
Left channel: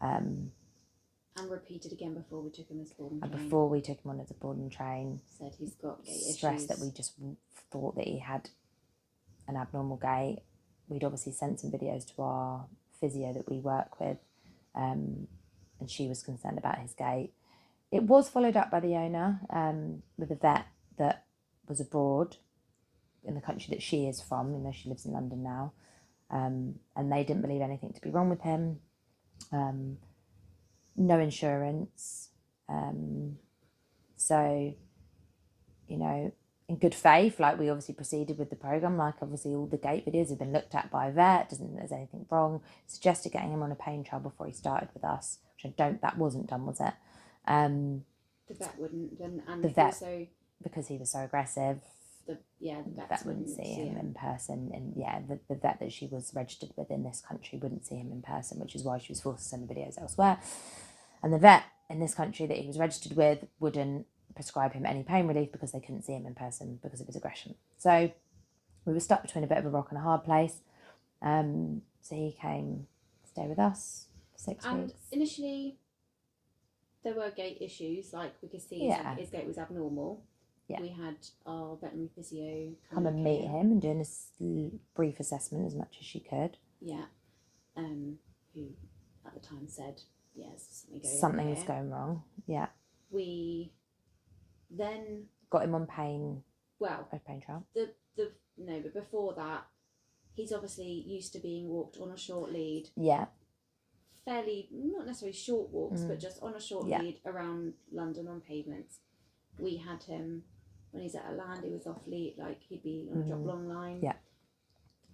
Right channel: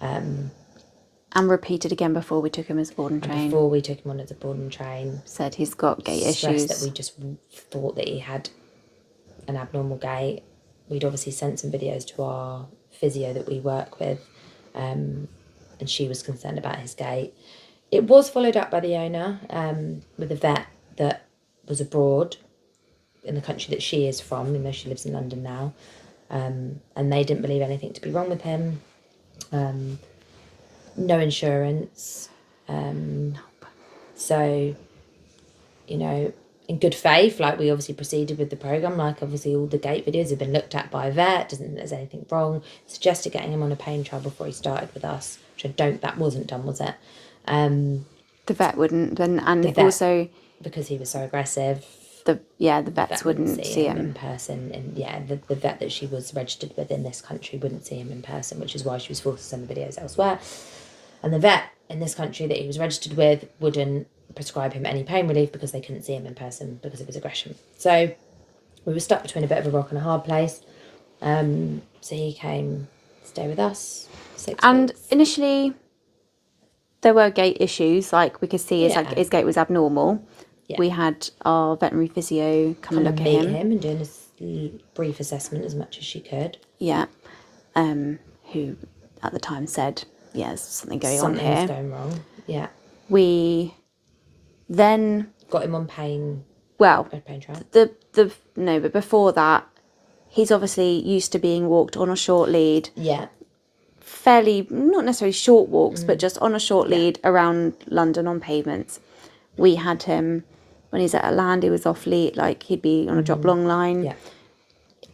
And repeated again before we took him as a board and train. Before we took him on as a board and train. Said he's got gait issues. That we just thought that he had an abnormal gait. We'd obviously sent some videos to our physio that we work with, and she was concerned about his gait. It was followed up by the owner with a vet that was abroad in the country that she is from, even though she lives in London now, and they didn't believe anything to be wrong with him. No insurance. So, you know, in good faith, like, we obviously proceeded with the programme. Like, obviously all the gait videos have been looked at by a vet, doesn't think there's anything wrong. Suggested getting him on a pain trial before he started with us, which that wasn't done, was it? The vet wouldn't, also because he was so aggressive. The vets wouldn't see him in person, and the vet that she was registered with in this country wouldn't see him in person, which is why she was forced to send the videos elsewhere. And the vet in this country that he was registered with wouldn't prescribe him any pain relief because they couldn't see him in person because of his aggression. So we were stuck between a bit of a rock and a hard place. So he came to stay with us 6 and weeks. Initially there were gait issues, like we could see his gait was abnormal. We had our veterinary physio come and look at him and doing a brief assessment as much as she could. Who at the time said, there's something going on here. Something's going wrong. We then got him on pain. Well, a pain trial. But before that, he's obviously used to being walked on a short lead. Fairly, not necessarily short walks, but just on a short lead around London on pavements. We had him when he's at a land, he was off lead, like he'd be on a drop long line.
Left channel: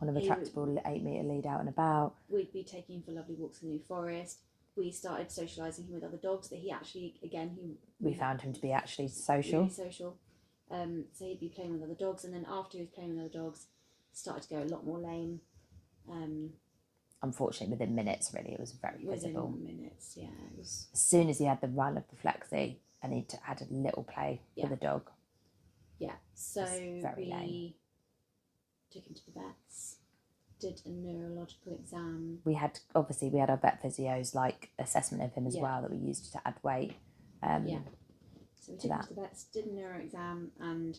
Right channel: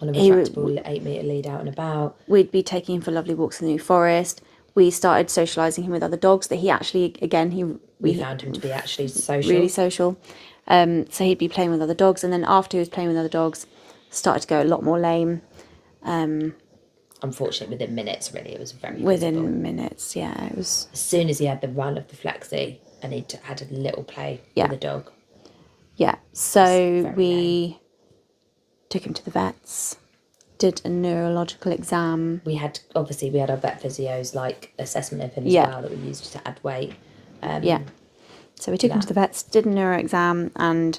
On a retractable 8-metre lead out and about. We'd be taking him for lovely walks in the New Forest. We started socialising him with other dogs that he actually, again, we found him to be actually social. Really social. So he'd be playing with other dogs, and then after he was playing with other dogs, started to go a lot more lame. Unfortunately, within minutes, really, it was very Within visible. Minutes, it was. As soon as he had the run of the flexi, and he had a little play with the dog. So we took him to the vets, did a neurological exam. We had our vet physios, like, assessment of him as well, that we used to add weight. So we took him to the vets, did a neuro exam, and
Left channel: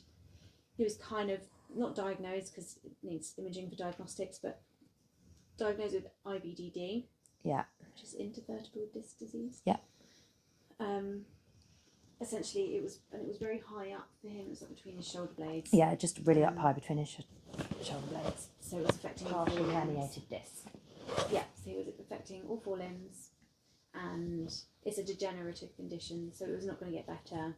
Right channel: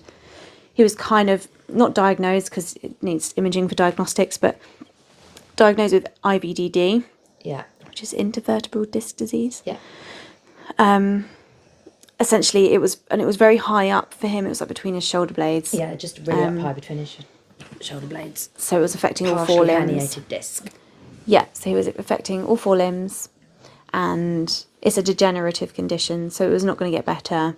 he was kind of not diagnosed because it needs imaging for diagnostics, but diagnosed with IVDD, which is intervertebral disc disease. Essentially, it was very high up for him. It was like between his shoulder blades. Just really up high between his shoulder blades. So it was affecting all 4 limbs. Herniated disc. So he was affecting all 4 limbs, and it's a degenerative condition, so it was not going to get better.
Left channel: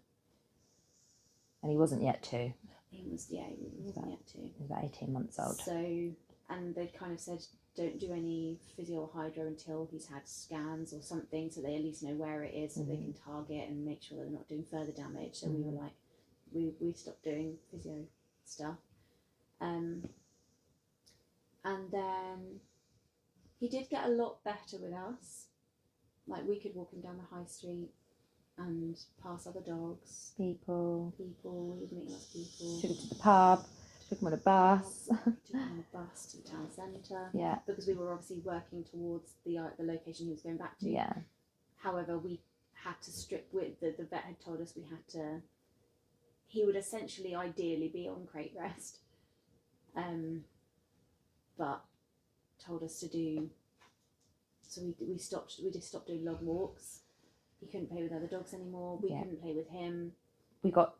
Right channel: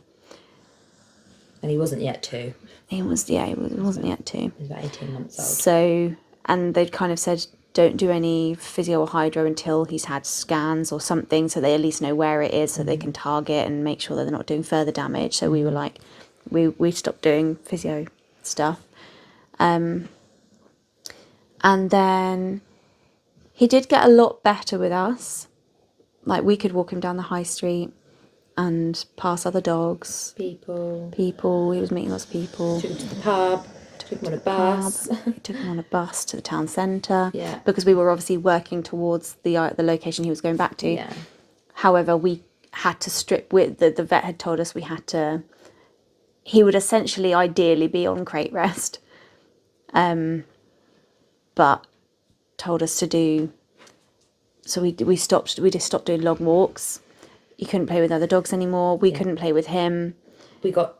And he wasn't yet 2. He wasn't yet 2. He was about 18 months old. So, and they'd kind of said, don't do any physio or hydro until he's had scans or something, so they at least know where it is, so they can target and make sure that they're not doing further damage. So we were like, we stopped doing physio stuff. And then he did get a lot better with us. Like, we could walk him down the high street and pass other dogs. People. He was meeting lots of people. Took him to the pub. Took him on a bus. Took him on a bus to the town centre. Yeah. Because we were obviously working towards the location he was going back to. Yeah. However, we had to strip with the vet had told us we had to. He would essentially, ideally, be on crate rest. But told us to do. So we just stopped doing long walks. You couldn't play with other dogs anymore. We couldn't play with him. We got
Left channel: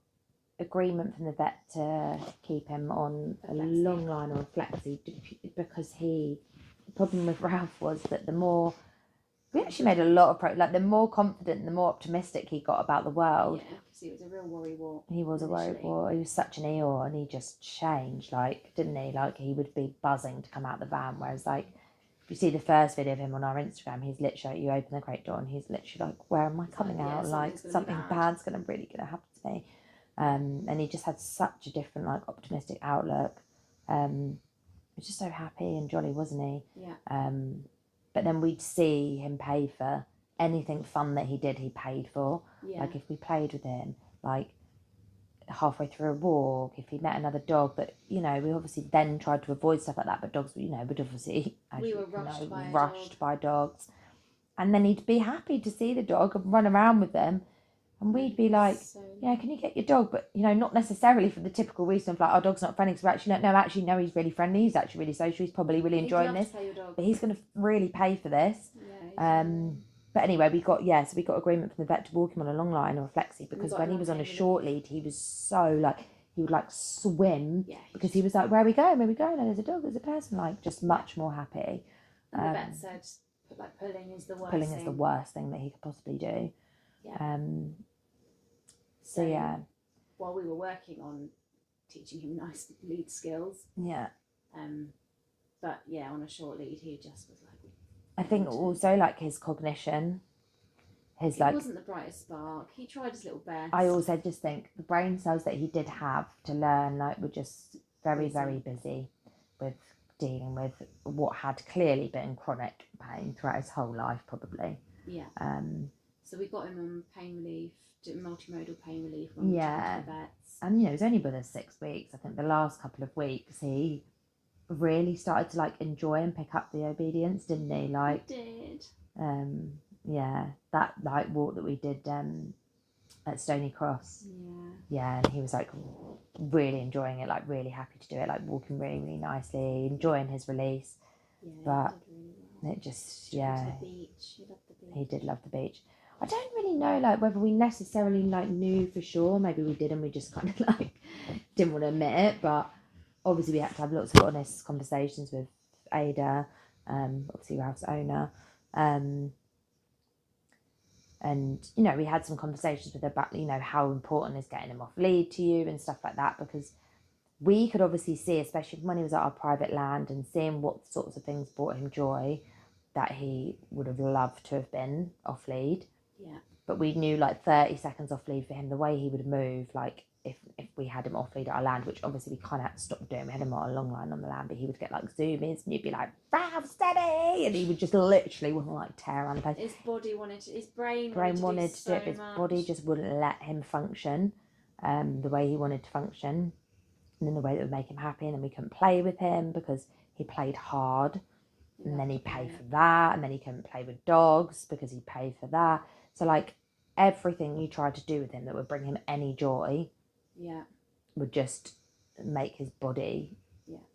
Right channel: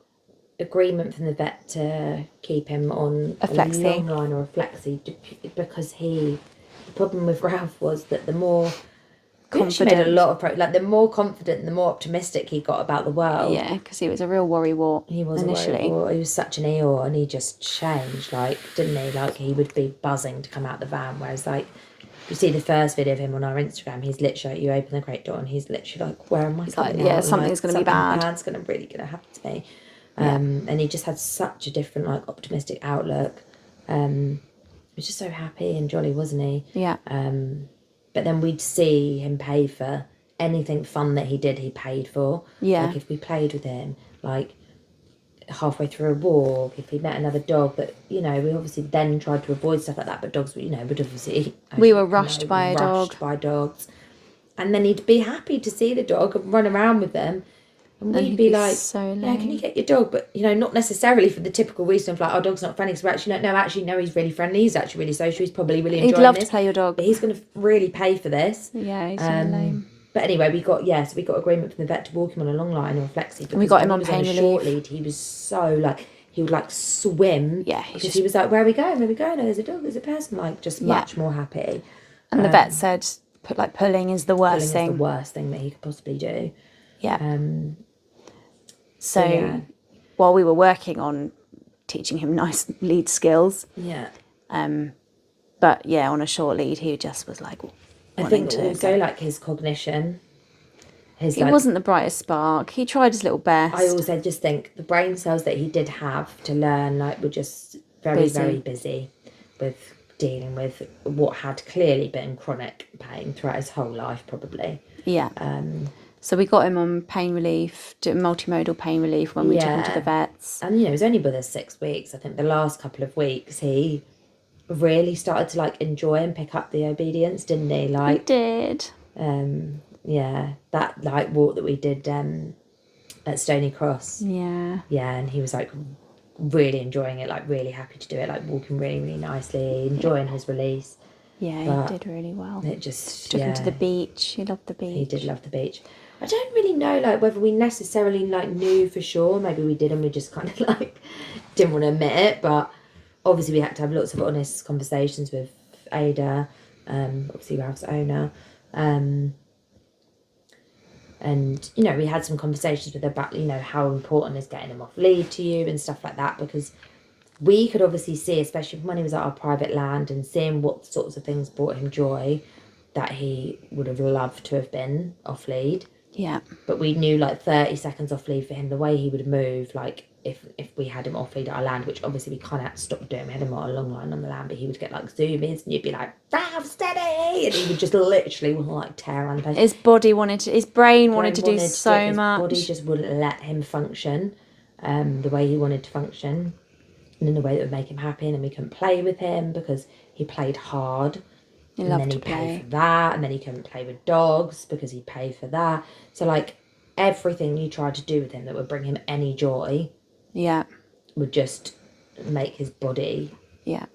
agreement from the vet to keep him on a flexi, long line or a flexi, because the problem with Ralph was that the more confident, the more confident, the more optimistic he got about the world. Yeah, because he was a real worrywart. He was initially. He was such an Eeyore, and he just changed, didn't he? Like, he would be buzzing to come out the van, whereas you see the first video of him on our Instagram, he's literally, you open the crate door and he's literally like, where am I coming out? Something's going to be bad. Something's going to happen to me. And he just had such a different, optimistic outlook. He was just so happy and jolly, wasn't he? Yeah. But then we'd see him pay for anything fun that he did, he paid for. Yeah. If we played with him, halfway through a walk, if he met another dog. But we obviously then tried to avoid stuff like that. But dogs, would obviously we were rushed by a dog. By dogs, and then he'd be happy to see the dog and run around with them, and we'd be like, so yeah, can you get your dog? But not necessarily for the typical reason of like, our dog's not friendly. So actually, no, he's really friendly. He's actually really social. He's probably really enjoying this. He'd love to play your dog, but he's going to really pay for this. Yeah, he's so lame. But anyway, we got agreement from the vet to walk him on a long line or a flexi. Because we got him on a pain relief. Short lead. He was so like, he would like swim. Yeah, because he was like, where are we going? No, there's a dog, there's a person. Like, just much more happy. And the vet said, pulling is the worst thing. Pulling is the worst thing that he could possibly do. Yeah. So while we were working on teaching him nice lead skills. Yeah. But yeah, on a short lead, he just was like. I think also like his cognition. He wasn't the brightest spark. He tried his little best. I also just think the brain cells that he did have to learn were just very, very busy with dealing with what had clearly been chronic pain throughout his whole life, probably. Yeah. So we got him on pain relief, multimodal pain relief when we took him to the vets. And he was only with us 6 weeks. I think the last couple of weeks he really started to enjoy and pick up the obedience, didn't he? He did. That walk that we did at Stony Cross. Yeah. Yeah, and he was really enjoying it, really happy to do it, walking really, really nicely, enjoying his release. Yeah, he did really well. It just took him to the beach. He loved the beach. He did love the beach. I don't really know whether we necessarily knew for sure. Maybe we did and we just kind of didn't want to admit it, but obviously we had to have lots of honest conversations with Ada, obviously Ralph's owner, and we had some conversations with her about how important is getting him off lead to you and stuff like that, because we could obviously see, especially when he was at our private land and seeing what sorts of things brought him joy, that he would have loved to have been off lead. Yeah. But we knew 30 seconds off lead for him, the way he would move, if we had him off lead at our land, which obviously we kind of had to stop doing. We had him on a long line on the land, but he would get zoom-ins and you'd be like, Ralph, steady! And he would just literally want to tear around the place. His brain wanted to do so much. His body just wouldn't let him function the way he wanted to function and in the way that would make him happy. And then we couldn't play with him because he played hard. And then he'd pay for that, and then he couldn't play with dogs because he'd pay for that. So everything you tried to do with him that would bring him any joy, would just make his body. Yeah,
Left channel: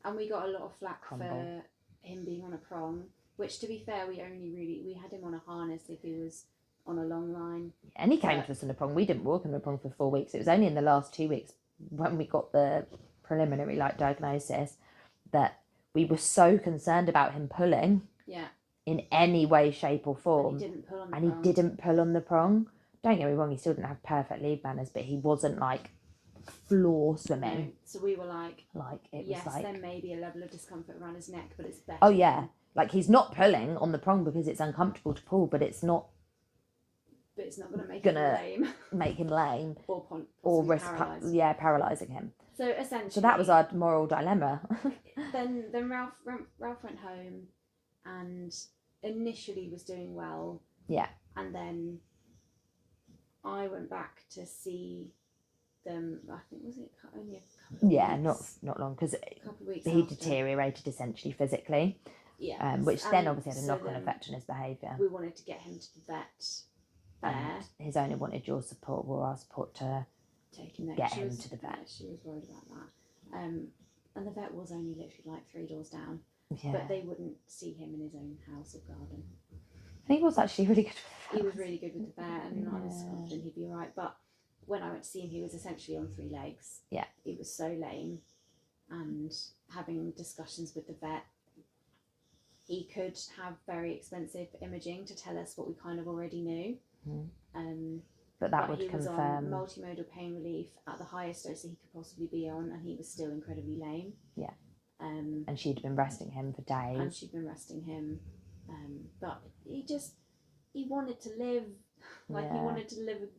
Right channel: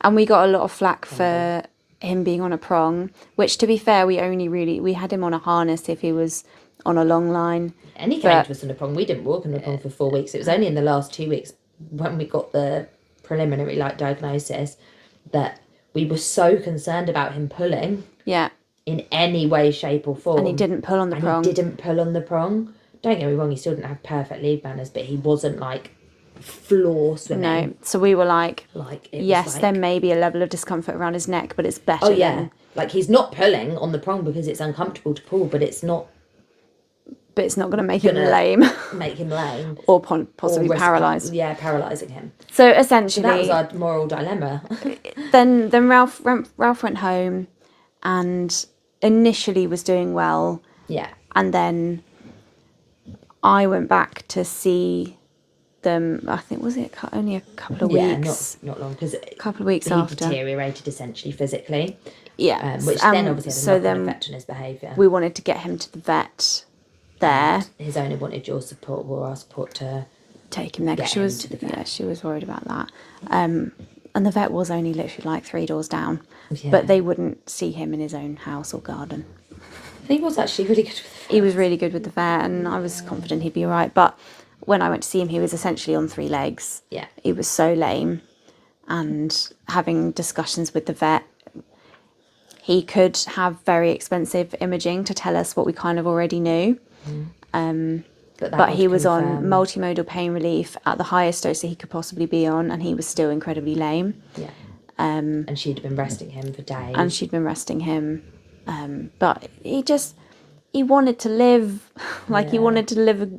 and we got a lot of flack for him being on a prong, which to be fair, we had him on a harness if he was on a long line. And he came to us on a prong. We didn't walk on a prong for 4 weeks. It was only in the last 2 weeks when we got the preliminary diagnosis that we were so concerned about him pulling. Yeah. In any way, shape or form. And he didn't pull on the prong. Don't get me wrong, he still didn't have perfect lead manners, but he wasn't floor swimming. No. So we were there may be a level of discomfort around his neck, but it's better. Oh yeah. He's not pulling on the prong because it's uncomfortable to pull, but it's not. But it's not going to make him lame. Make him lame. Or possibly paralysed. Yeah, paralysing him. So essentially. So that was our moral dilemma. then Ralph went home and initially was doing well. Yeah. And then I went back to see them, I think, was it only a couple of weeks? Yeah, not long, because a couple of weeks after. He deteriorated essentially physically. Yeah. Which then obviously had a knock-on effect on his behaviour. We wanted to get him to the vet there. And his owner wanted your support or our support to take him there, because she was worried about that. And the vet was only literally 3 doors down. Yeah. But they wouldn't see him in his own house or garden. He was actually really good with the vet. He was really good with the vet, and I was confident he'd be all right. But when I went to see him, he was essentially on 3 legs. Yeah. He was so lame. And having discussions with the vet, he could have very expensive imaging to tell us what we kind of already knew. But he was on multimodal pain relief at the highest dose that he could possibly be on, and he was still incredibly lame. Yeah. And she'd been resting him for days. But he wanted to live. He wanted to live.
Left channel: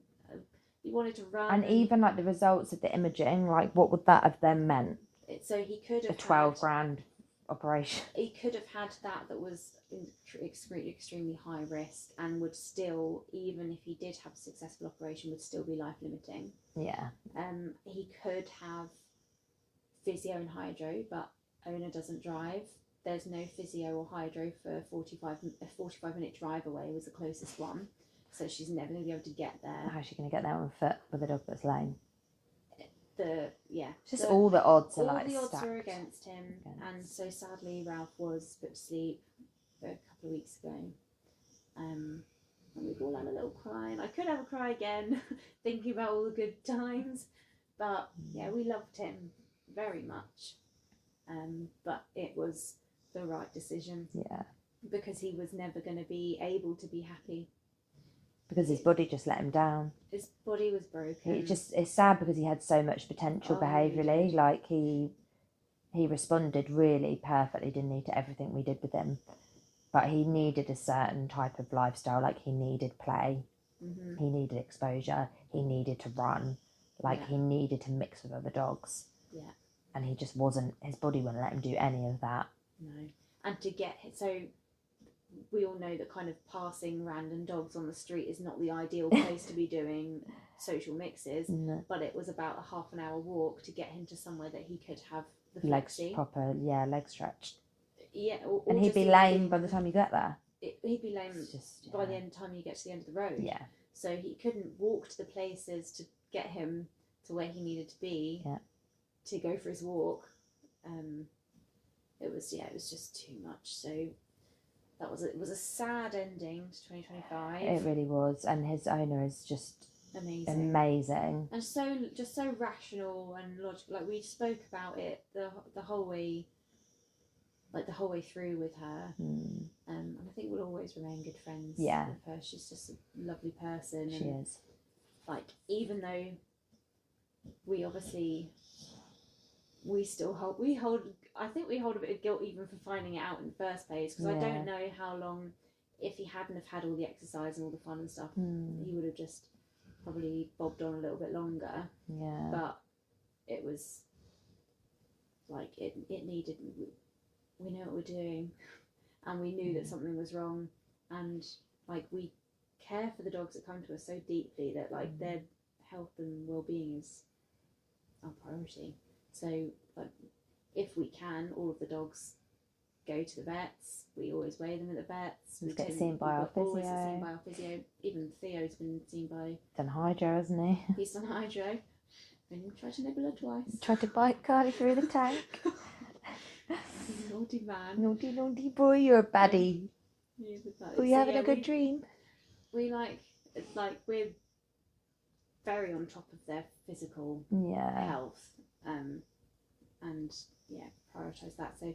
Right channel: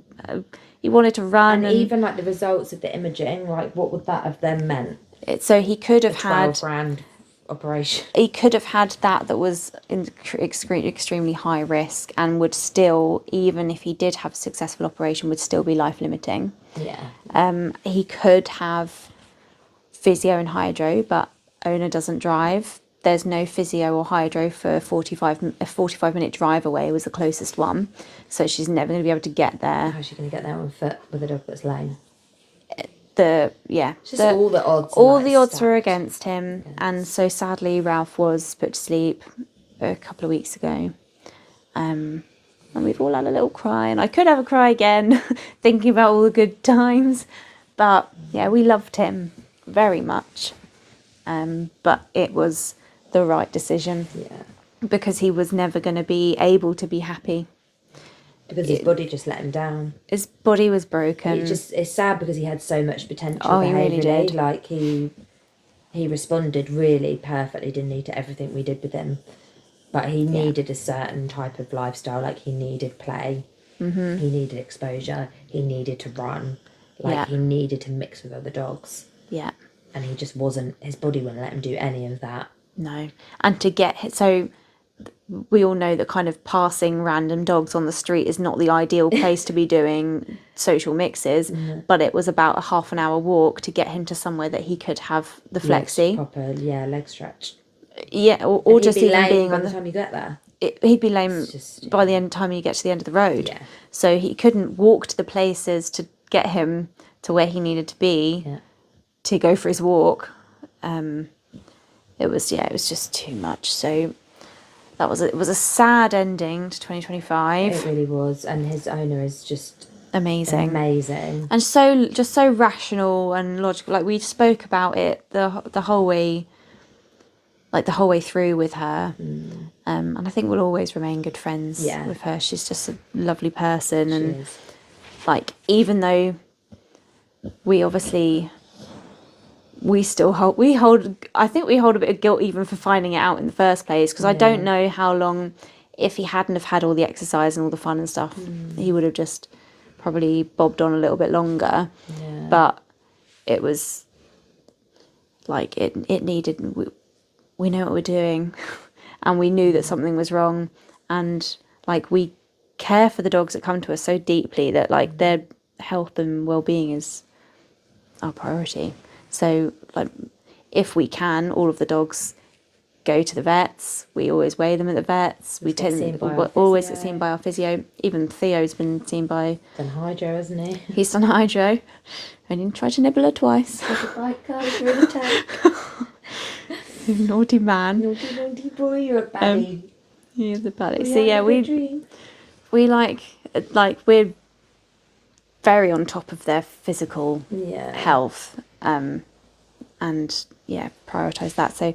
He wanted to run. And even the results of the imaging, what would that have then meant? So he could have had 12 grand operation. He could have had that was extremely high risk and would still, even if he did have a successful operation, would still be life limiting. Yeah. He could have physio and hydro, but owner doesn't drive. There's no physio or hydro for a 45-minute drive away was the closest one. So she's never going to be able to get there. How's she going to get there on foot with a dog that's lame? All the odds. All the odds were against him. Yes. And so sadly, Ralph was put to sleep a couple of weeks ago. And we've all had a little cry, and I could have a cry again, thinking about all the good times. But yeah, we loved him very much. But it was the right decision. Yeah. Because he was never going to be able to be happy. Because his body just let him down. His body was broken. It's sad because he had so much potential behaviourally. He really did. Like he responded really perfectly, didn't he, to everything we did with him. But he needed a certain type of lifestyle. Like he needed play. Mm-hmm. He needed exposure. He needed to run. He needed to mix with other dogs. Yeah. And he just wasn't. His body wouldn't let him do any of that. No. And to get so. We all know that kind of passing random dogs on the street is not the ideal place to be doing social mixes, but it was about a half an hour walk to get him to somewhere that he could have the flexi. Proper, leg stretch. Yeah, or just even being by the time you get there. He'd be lame by the time you get to the end of the road. Yeah. So he couldn't walk to the places to get him to where he needed to be to go for his walk. It was just too much. So it was a sad ending to 2025. It really was, and his owner is just amazing, and so rational and logical. Like we spoke about it the whole way, the whole way through with her, and I think we'll always remain good friends with her. She's just a lovely person, and even though we obviously. We hold I think we hold a bit of guilt even for finding it out in the first place, because I don't know how long, if he hadn't have had all the exercise and all the fun and stuff, he would have just probably bobbed on a little bit longer. But it was it needed, we know what we're doing and we knew that something was wrong, and we care for the dogs that come to us so deeply that their health and well-being is our priority. So, if we can, all of the dogs go to the vets. We always weigh them at the vets. We always get seen by our physio. Even Theo's been seen by... Done hydro, hasn't he? He's done hydro. Only tried to nibble her twice. Got a bite card for an attack. Naughty man. Naughty boy, you're a baddie. He is a baddie. So yeah, we we're very on top of their physical health. And prioritize that. So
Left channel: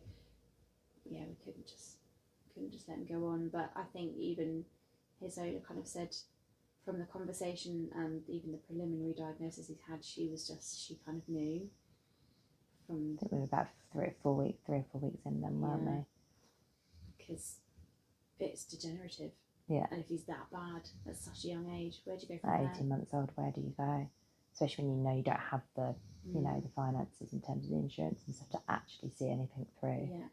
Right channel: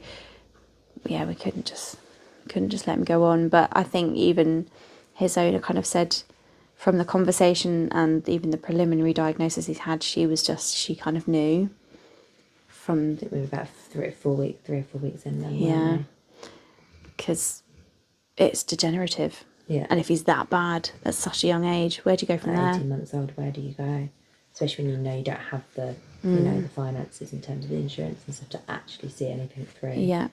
we couldn't just let him go on. But I think even his owner kind of said, from the conversation and even the preliminary diagnosis he's had, she kind of knew from... I think we were about 3 or 4 weeks in then. Because it's degenerative. Yeah. And if he's that bad at such a young age, where do you go from there? 18 months old, where do you go? Especially when you don't have the the finances in terms of the insurance and stuff to actually see anything through. Yeah.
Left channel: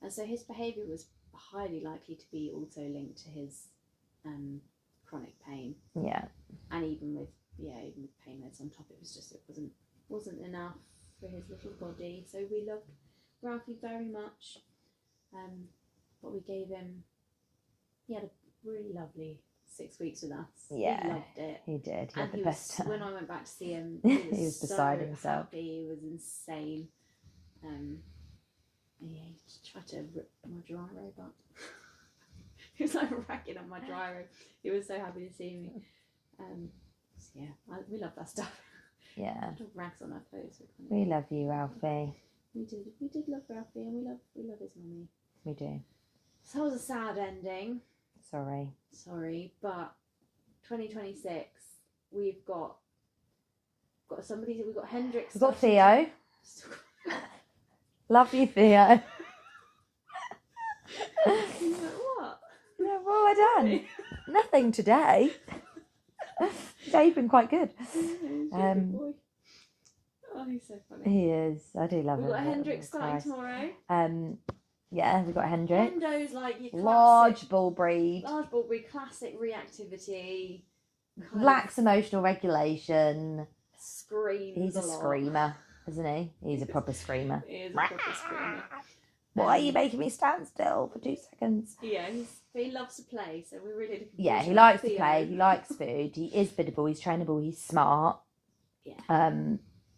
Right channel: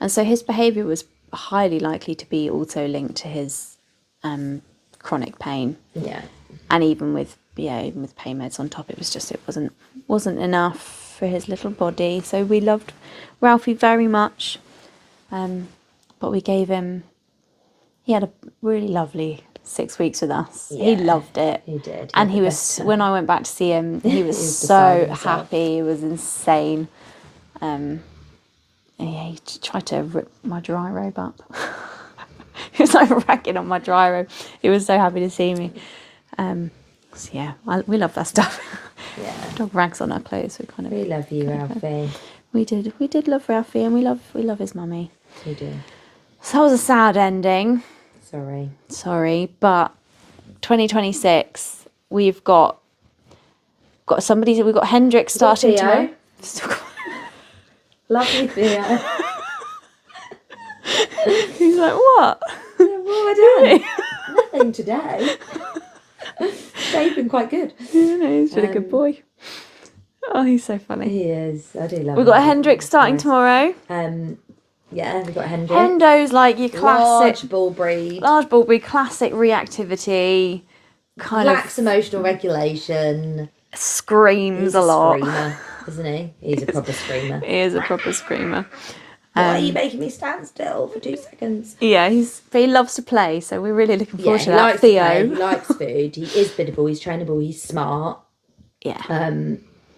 And so his behaviour was highly likely to be also linked to his chronic pain. Yeah. And even with pain meds on top, it wasn't enough for his little body. So we loved Ralphie very much. But we gave him... He had a really lovely 6 weeks with us. Yeah, he loved it. He did. And he was, when I went back to see him, he was so happy. He was insane. He tried to rip my dry robe up. He was ragging on my dry robe. He was so happy to see me. We love that stuff. Yeah. Dog rags on our clothes. We love you, Ralphie. We did love Ralphie, and we love his mummy. We do. So that was a sad ending. Sorry, but 2026, we've got somebody. We've got Hendrik starting tomorrow. Lovely Theo. He's like, what? What have I done? Nothing today. Today's been quite good. Yeah, he's been a good boy. Oh, he's so funny. He is. I do love him. We've got Hendrix starting tomorrow. Yeah, we've got Hendrix. Hendo's like your classic... Large bull breed. Large bull breed, classic reactivity. Lacks emotional regulation. Screams a lot. He's a screamer, isn't he? He's a proper screamer. He is a proper screamer. Why are you making me stand still for 2 seconds? Yeah, he loves to play, so we're really looking forward to that. Likes Theo. to play, he likes food, he is biddable, he's trainable, he's smart. Yeah.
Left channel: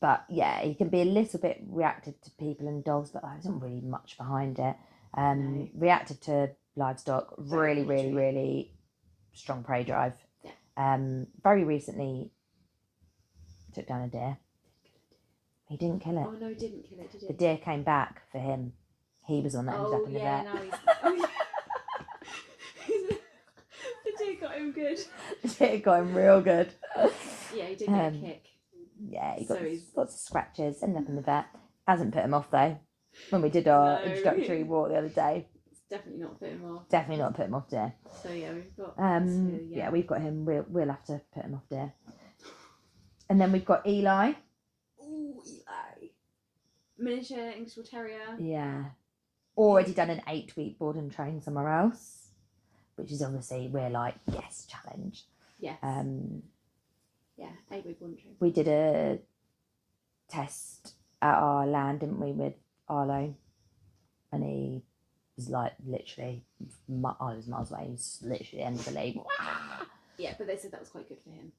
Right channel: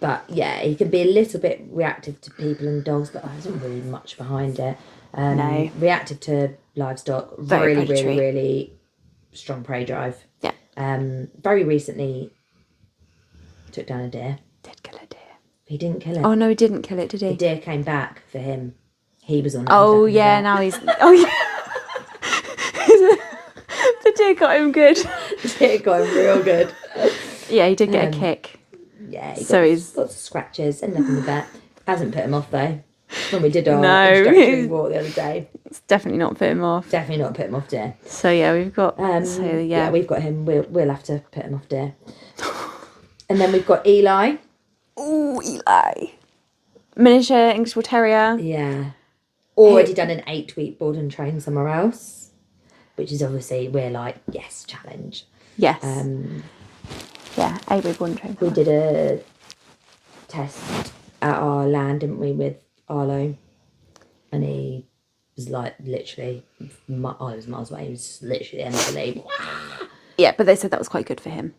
But yeah, he can be a little bit reactive to people and dogs, but there isn't really much behind it. No. Reactive to livestock, really strong prey drive. Yeah. Very recently took down a deer. Did kill a deer. He didn't kill it. Oh no, he didn't kill it, did he? The deer came back for him. He was on it. Oh yeah, now he's... Oh yeah. The deer got him good. The deer got him real good. Yeah, he did get a kick. Yeah, he's lots of scratches and nothing with that. Hasn't put him off though. When we did our No. introductory walk the other day. It's definitely not put him off. Definitely not put him off deer. So yeah, we've got... yeah, we've got him. We'll have to put him off deer. And then we've got Eli. Ooh, Eli. Miniature English Bull Terrier. Yeah. Already done an 8-week board and train somewhere else. Which is obviously, we're like, yes, challenge. Yes. Yeah, 8-week board and train. We did a test at our land, didn't we, with Arlo? And he was like literally, I was miles away, he was literally the end of the league. Yeah, but they said that was quite good for him.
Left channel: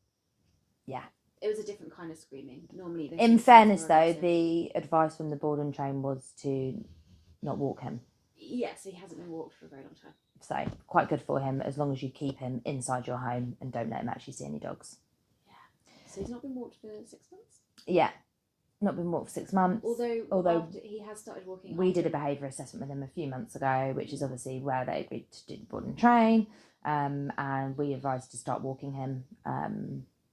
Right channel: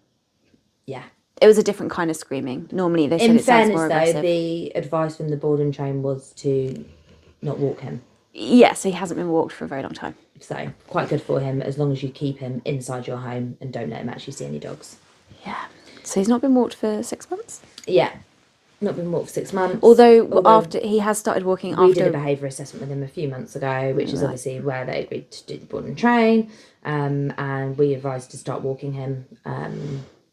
Yeah. It was a different kind of screaming. Normally they said In it sounds fairness more though, aggressive. the advice from the board and train was to not walk him. Yeah, so he hasn't been walked for a very long time. So quite good for him as long as you keep him inside your home and don't let him actually see any dogs. Yeah. So he's not been walked for 6 months? Yeah. Not been walked for 6 months. Although after he has started walking after... We did a behaviour assessment with him a few months ago, which is obviously where they agreed to do the board and train. And we advised to start walking him.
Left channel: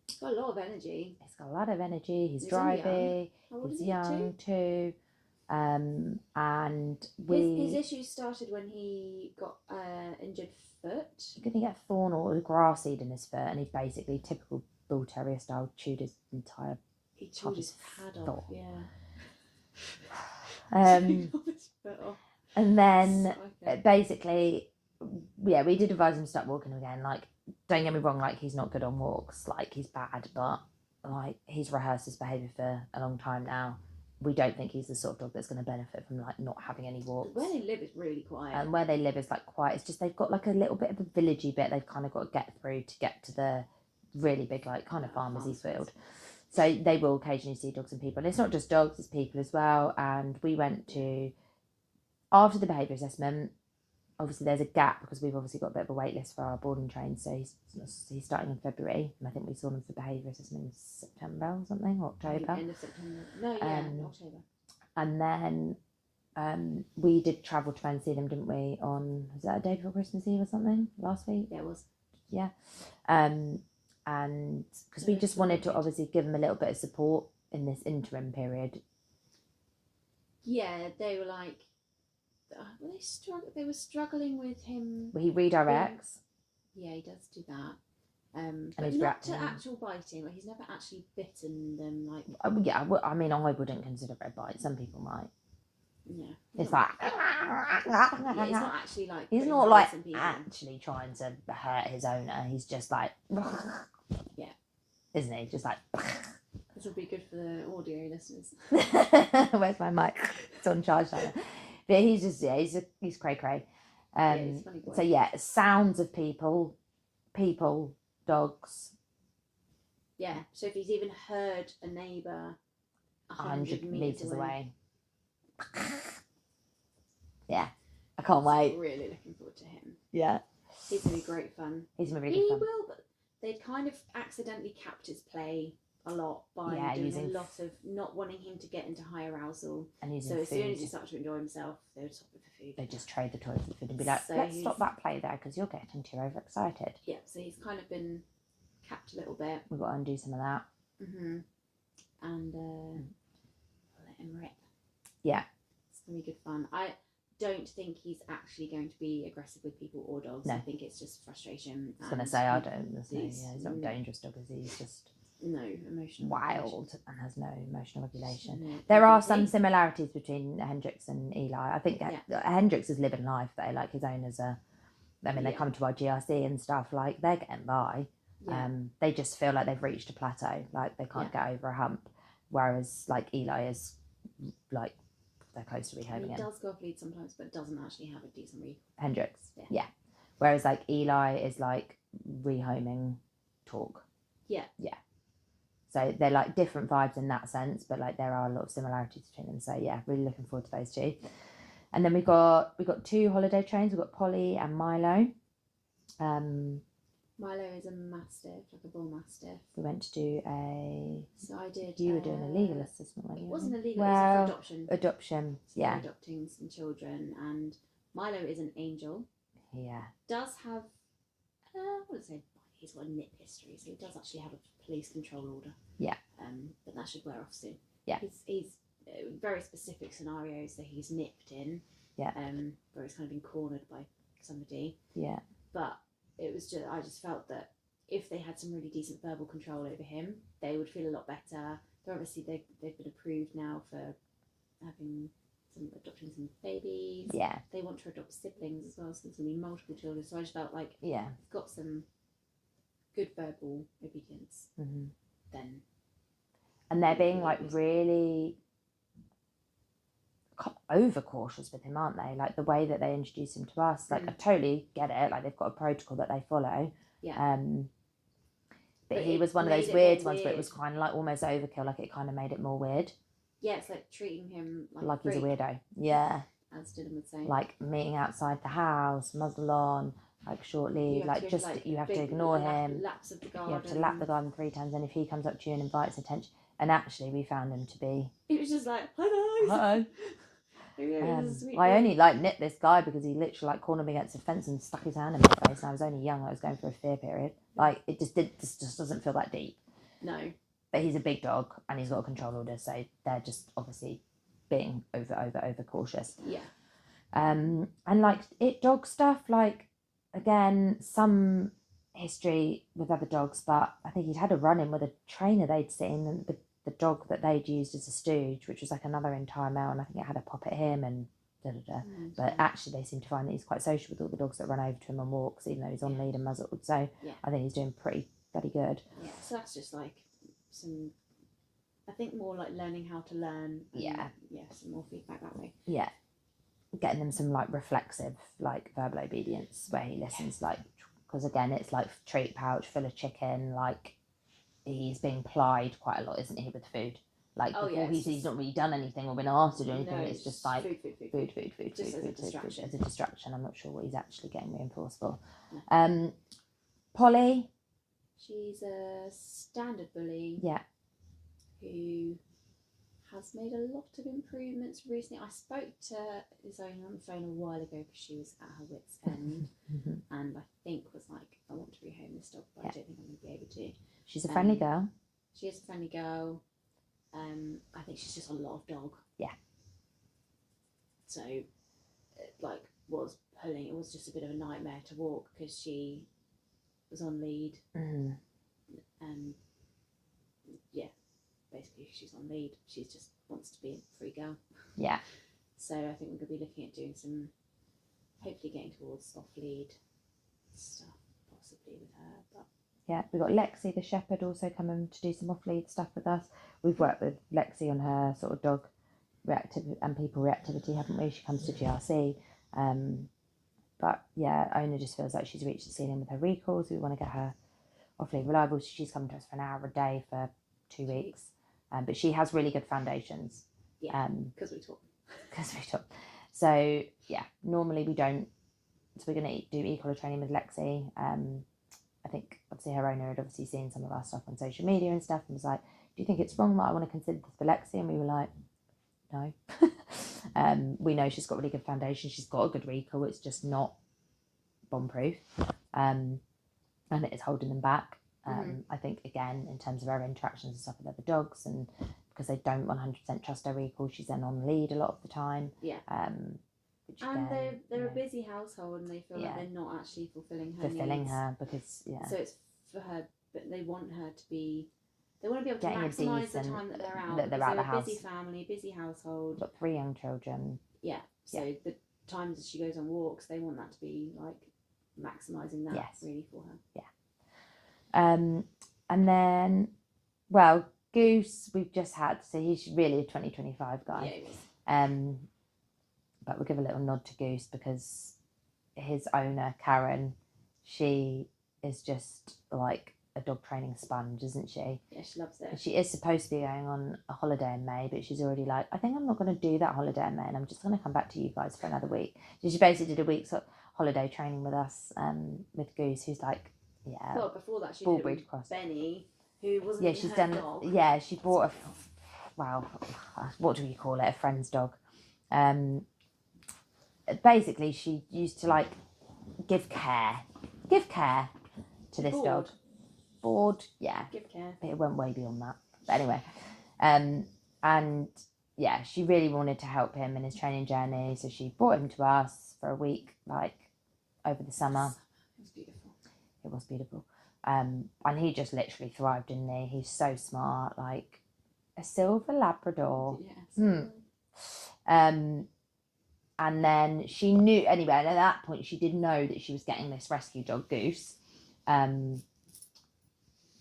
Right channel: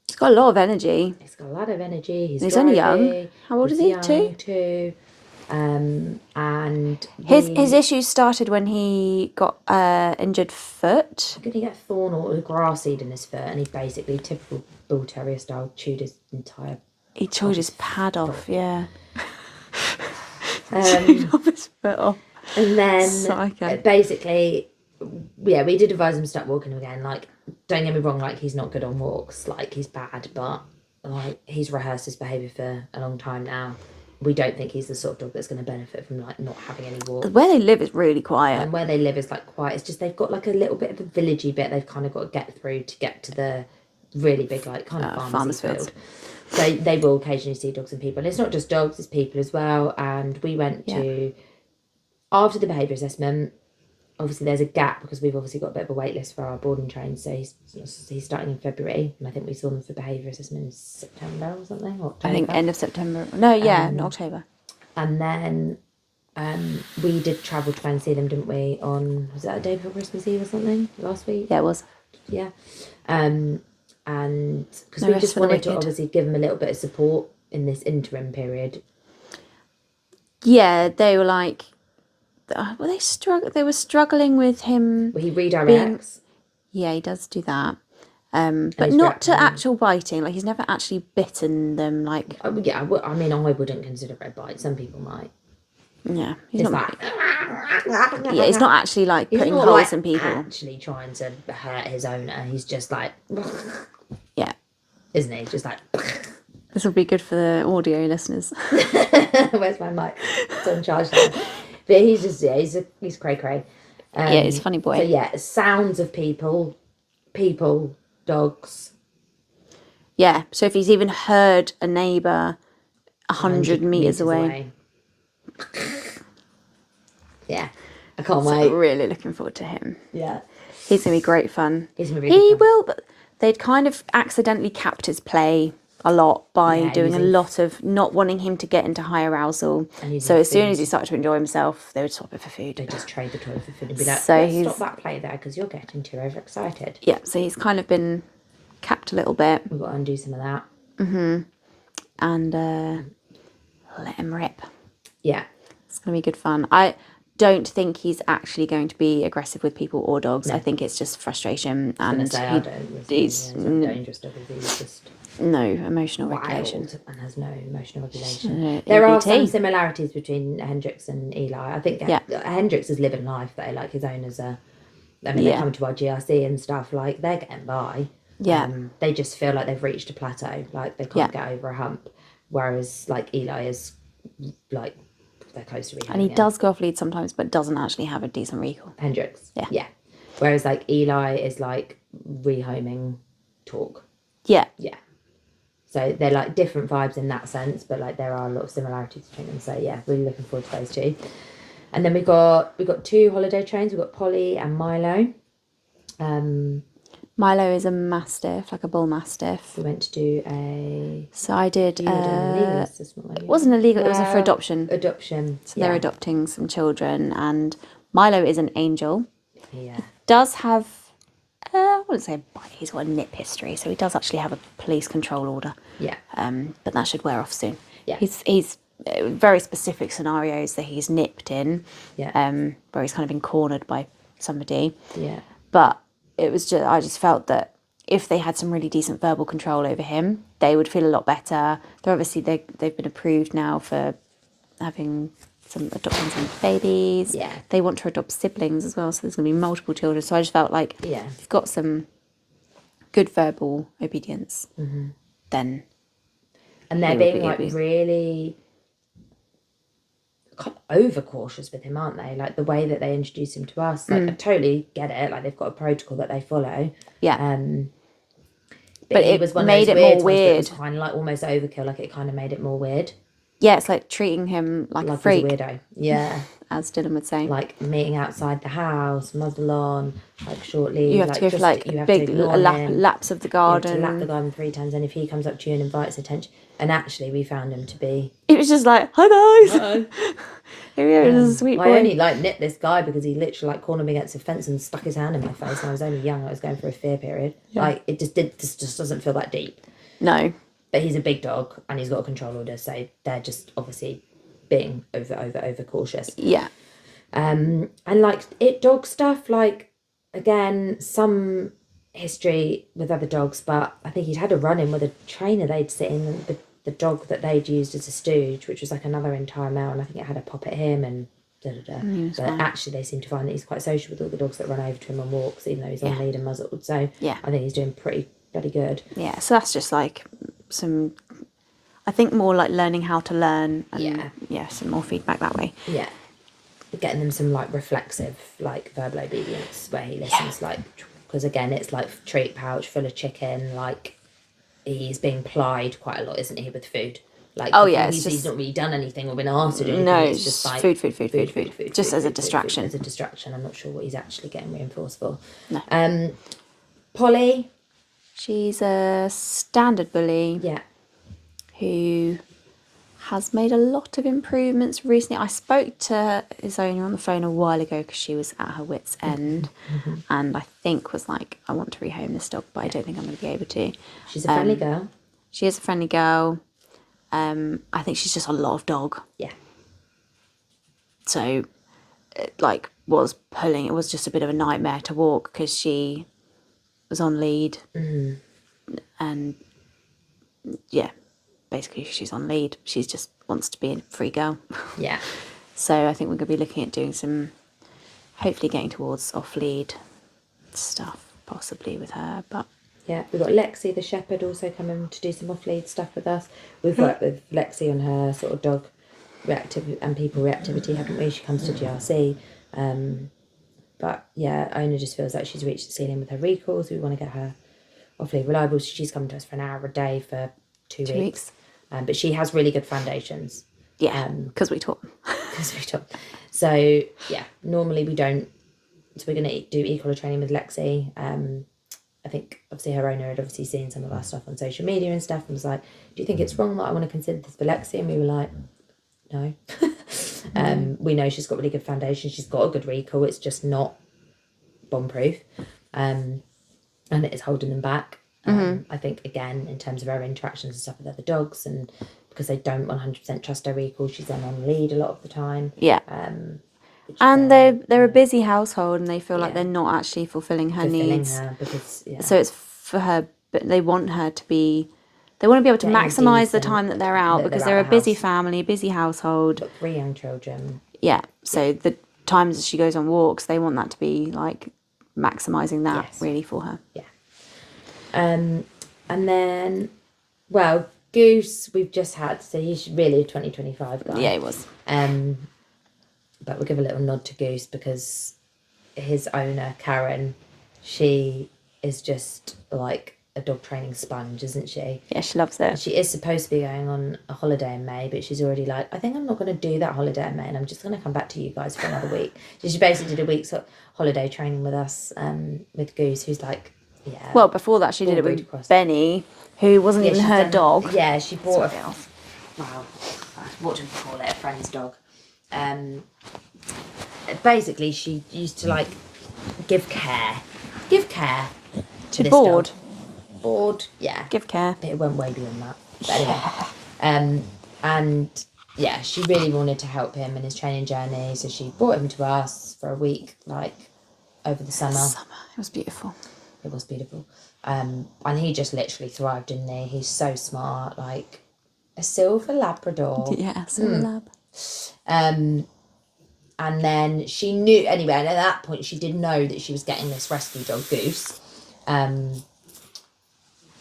He's got a lot of energy. He's got a lot of energy. He's only young. How old is he? Two. And his issues started when he got injured foot. Did he get thorn or grass seed in his foot? And he basically, typical bull terrier style, chewed his entire... He chewed his pad off, yeah. Chewed off his foot off. And then Psycho. Basically, yeah, we did advise him to start walking again. Like, don't get me wrong, like, he's not good on walks. Like, he's bad, but like, he's rehearsed his behaviour for a long time now. We don't think he's the sort of dog that's going to benefit from like not having any walks. Where they live is really quiet. And where they live is like quiet. It's just they've got like a little bit of a villagey bit they've kind of got to get through to get to the really big like kind of farmers field. So they will occasionally see dogs and people. And it's not just dogs, it's people as well. And we went to, after the behaviour assessment, obviously there's a gap because we've obviously got a bit of a wait list for our boarding train. So he's starting in February, and I think we saw them for behaviour assessment in September or something. Or October. I think end of September. No, in October. And then we did travel to go and see them, didn't we? On, was that a day before Christmas Eve or something last week? Yeah, it was. Yeah. And because we just wanted to obviously give them a little bit of support in this interim period. Yeah, they were like, were they They were struggling with him. Well, he redirects. Yeah, he does do that. But not to actual biting. Like, he's never actually bitten them. Like, yeah, I mean, I wouldn't consider it a bite. Some people might. Yeah, he's it's not. Like, yeah, he's not actually like putting holes like in people. Actually trying to hurt his owner. He's just like. Yeah. Isn't he? Just like. This will be good for the audio listeners. Where's my mic? It's on charge now. But he's just, he's cray-cray. Yeah, he's a funny boy. So yeah, sounds of people, dogs. Yeah, so if he's even heard a neighbour 100 metres away. Yeah, I can't wait. Really looking forward to him. Yeah. He's going to be great fun. He's going to be really fun. Will, but they'd kind of accidentally capped his play a lot by doing a lot of not wanting him to get into high arousal. So as soon as he started to enjoy himself, they would swap it for food. They just trade the toy for food and be like, so stop that play there because you're getting too overexcited. Yeah, so he's kind of been capped a little bit. We've got to undo some of that. And let him rip. Yeah. It's going to be good fun. I don't think he's actually going to be aggressive with people or dogs. No. I think it's just frustration. And he's dangerous dog. He's just... No emotional regulation. Wild and has no emotional regulation. No, There are EBT. some similarities between Hendrix and Eli. I think Hendrix is living life though, like his owners are. I mean, they come to our GRC and stuff, like they're getting by. Yeah. They just feel like they've reached a plateau, like they can't get over a hump. Whereas like Eli is like they're close to rehoming. And he does go off lead sometimes, but doesn't actually have a decent recall. Hendrix. Yeah. Yeah. Whereas like Eli is like rehoming talk. Yeah. Yeah. So they're like different vibes in that sense, but like there are a lot of similarities between them. So yeah, really looking forward to those two. And then we got 2 holiday trains. We've got Polly and Milo. Milo is a mastiff, like a bull mastiff. We went to do a. So I did. You were doing a legal assessment. It wasn't illegal. It was for adoption. Adoption. So they're adopting some children, and Milo is an angel. Yeah. Does have. I wouldn't say a bite. He's got a nip history, so he does actually have a police control order. Yeah. But that should wear off soon. Yeah. He's very specific scenarios that he's nipped in. Yeah. Where he's kind of been cornered by somebody. Yeah. But it was just, I just felt that if they had some really decent verbal control over him, they would feel a lot better. They're obviously they've been approved now for adopting some babies. Yeah. They want to adopt siblings as well, so there's going to be multiple children. So I just felt like if you've got some good verbal obedience, then. And they're being like really overcautious with him, aren't they? Like the way that they introduce him to us. Like I totally get it. Like they've got a protocol that they follow. Yeah. But it was one made of those it more weird. It was kind of like almost overkill. Like it kind of made it more weird. Yeah, it's like treating him like a freak. He's a weirdo. Yeah. As Dylan would say. Like meeting outside the house, muzzle on, like shortly. You have to go for like a big laps of the garden. You have to lap the garden 3 times, and if he comes up to you and invites attention. And actually, we found him to be. It was just like, hi guys. Hello. Here he is, a sweet boy. I only like nipped this guy because he literally like cornered me against a fence and stuck his hand in my face. And I was only young. I was going through a fear period. Yeah. Like it just doesn't feel that deep. No. But he's a big dog and he's got a control order, so they're just obviously being over cautious. Yeah. And like dog stuff, like again, some history with other dogs, but I think he'd had a run-in with a trainer they'd sit in, the dog that they'd used as a stooge, which was like another entire male, and I think it had a pop at him and but fine. Actually they seem to find that he's quite social with all the dogs that run over to him on walks, even though he's on lead and muzzled. So I think he's doing pretty bloody good. Yeah, so that's just like some, I think more like learning how to learn and some more feedback that way. Yeah. Getting them some like reflexive, like verbal obedience where he listens, like, because again, it's like treat pouch full of chicken, like he's being plied quite a lot, isn't he, with food? Like, he's not really done anything or been asked to do anything. No, it's just like food. Just as a distraction. As a distraction. I'm not sure what he's actually getting reinforced for. No. Polly. She's a standard bully. Yeah. Who has made a lot of improvements recently. I spoke to his owner on the phone a while ago because she was at her wit's end and I think was like, I want to rehome this dog, but I don't think I'm going to be able to. She's a friendly girl. She is a friendly girl. I think she's just a lot of dog. Yeah. So, it was just a bit of a nightmare to walk because she was on lead. And yeah. Basically, she's on lead. She just wants to be a free girl. Yeah. So I think we're going to be looking at doing hopefully getting towards off-lead stuff, possibly with her. But yeah, we've got Lexi, the shepherd, also coming to do some off-lead stuff with us. We've worked with Lexi on her sort of dog reactivity and people reactivity, haven't we? She comes to GRC. But yeah, owner just feels like she's reached the ceiling with her recalls. We want to get her off-lead reliable. So she's coming to us for an hour a day for 2 weeks. But she has really good foundations. Yeah, because we taught. So, yeah, normally we don't. So we're going to do e-collar training with Lexi. I think, obviously, her owner had obviously seen some of our stuff on social media and stuff and was like, do you think it's wrong that I want to consider this for Lexi? And we were like, no. We know she's got really good foundation. She's got a good recall. It's just not bomb-proof. And it is holding them back. I think, again, in terms of her interactions and stuff with other dogs, and because they don't 100% trust her recall, she's then on lead a lot of the time. Yeah. And they're a busy household, and they feel like they're not actually fulfilling her needs. Her because, So it's for her, but they want her to be They want to be able to Getting a maximise the decent- time that they're out that because they're they're out a the busy house. family, a busy household. Got 3 young children. Yeah, so the times that she goes on walks, they want that to be like maximising that really for her. Yeah. And then, well, Goose we've just had, so he's really a 2025 guy. Yeah, he was. But we'll give a little nod to Goose because his owner, Karen, she is just like a dog training sponge, isn't she? Yeah, she loves it. She is supposed to be going on a holiday in May, but she's already like, I think I'm not going to do that holiday in May, and I'm just going to come back to you guys for another week. So she basically did a week's holiday training with us, with Goose, who's like, yeah. Well, before that, she did it with Benny, who wasn't even her dog. Yeah, she bought what do we call it? A friend's dog. Basically, she used to like give care to this board. Dog. Board, yeah. Give care. But it went way beyond that. But anyway, and yeah, she really wanted to help him in his training journey, so she brought him to us for a week, like over the summer. It was beautiful. It was beautiful. And he just literally thrived, didn't he? He's so smart, like a silver Labrador. Yeah, silver lab. And then she knew, anyway, and at that point she did know that she was getting this rescue dog, Goose.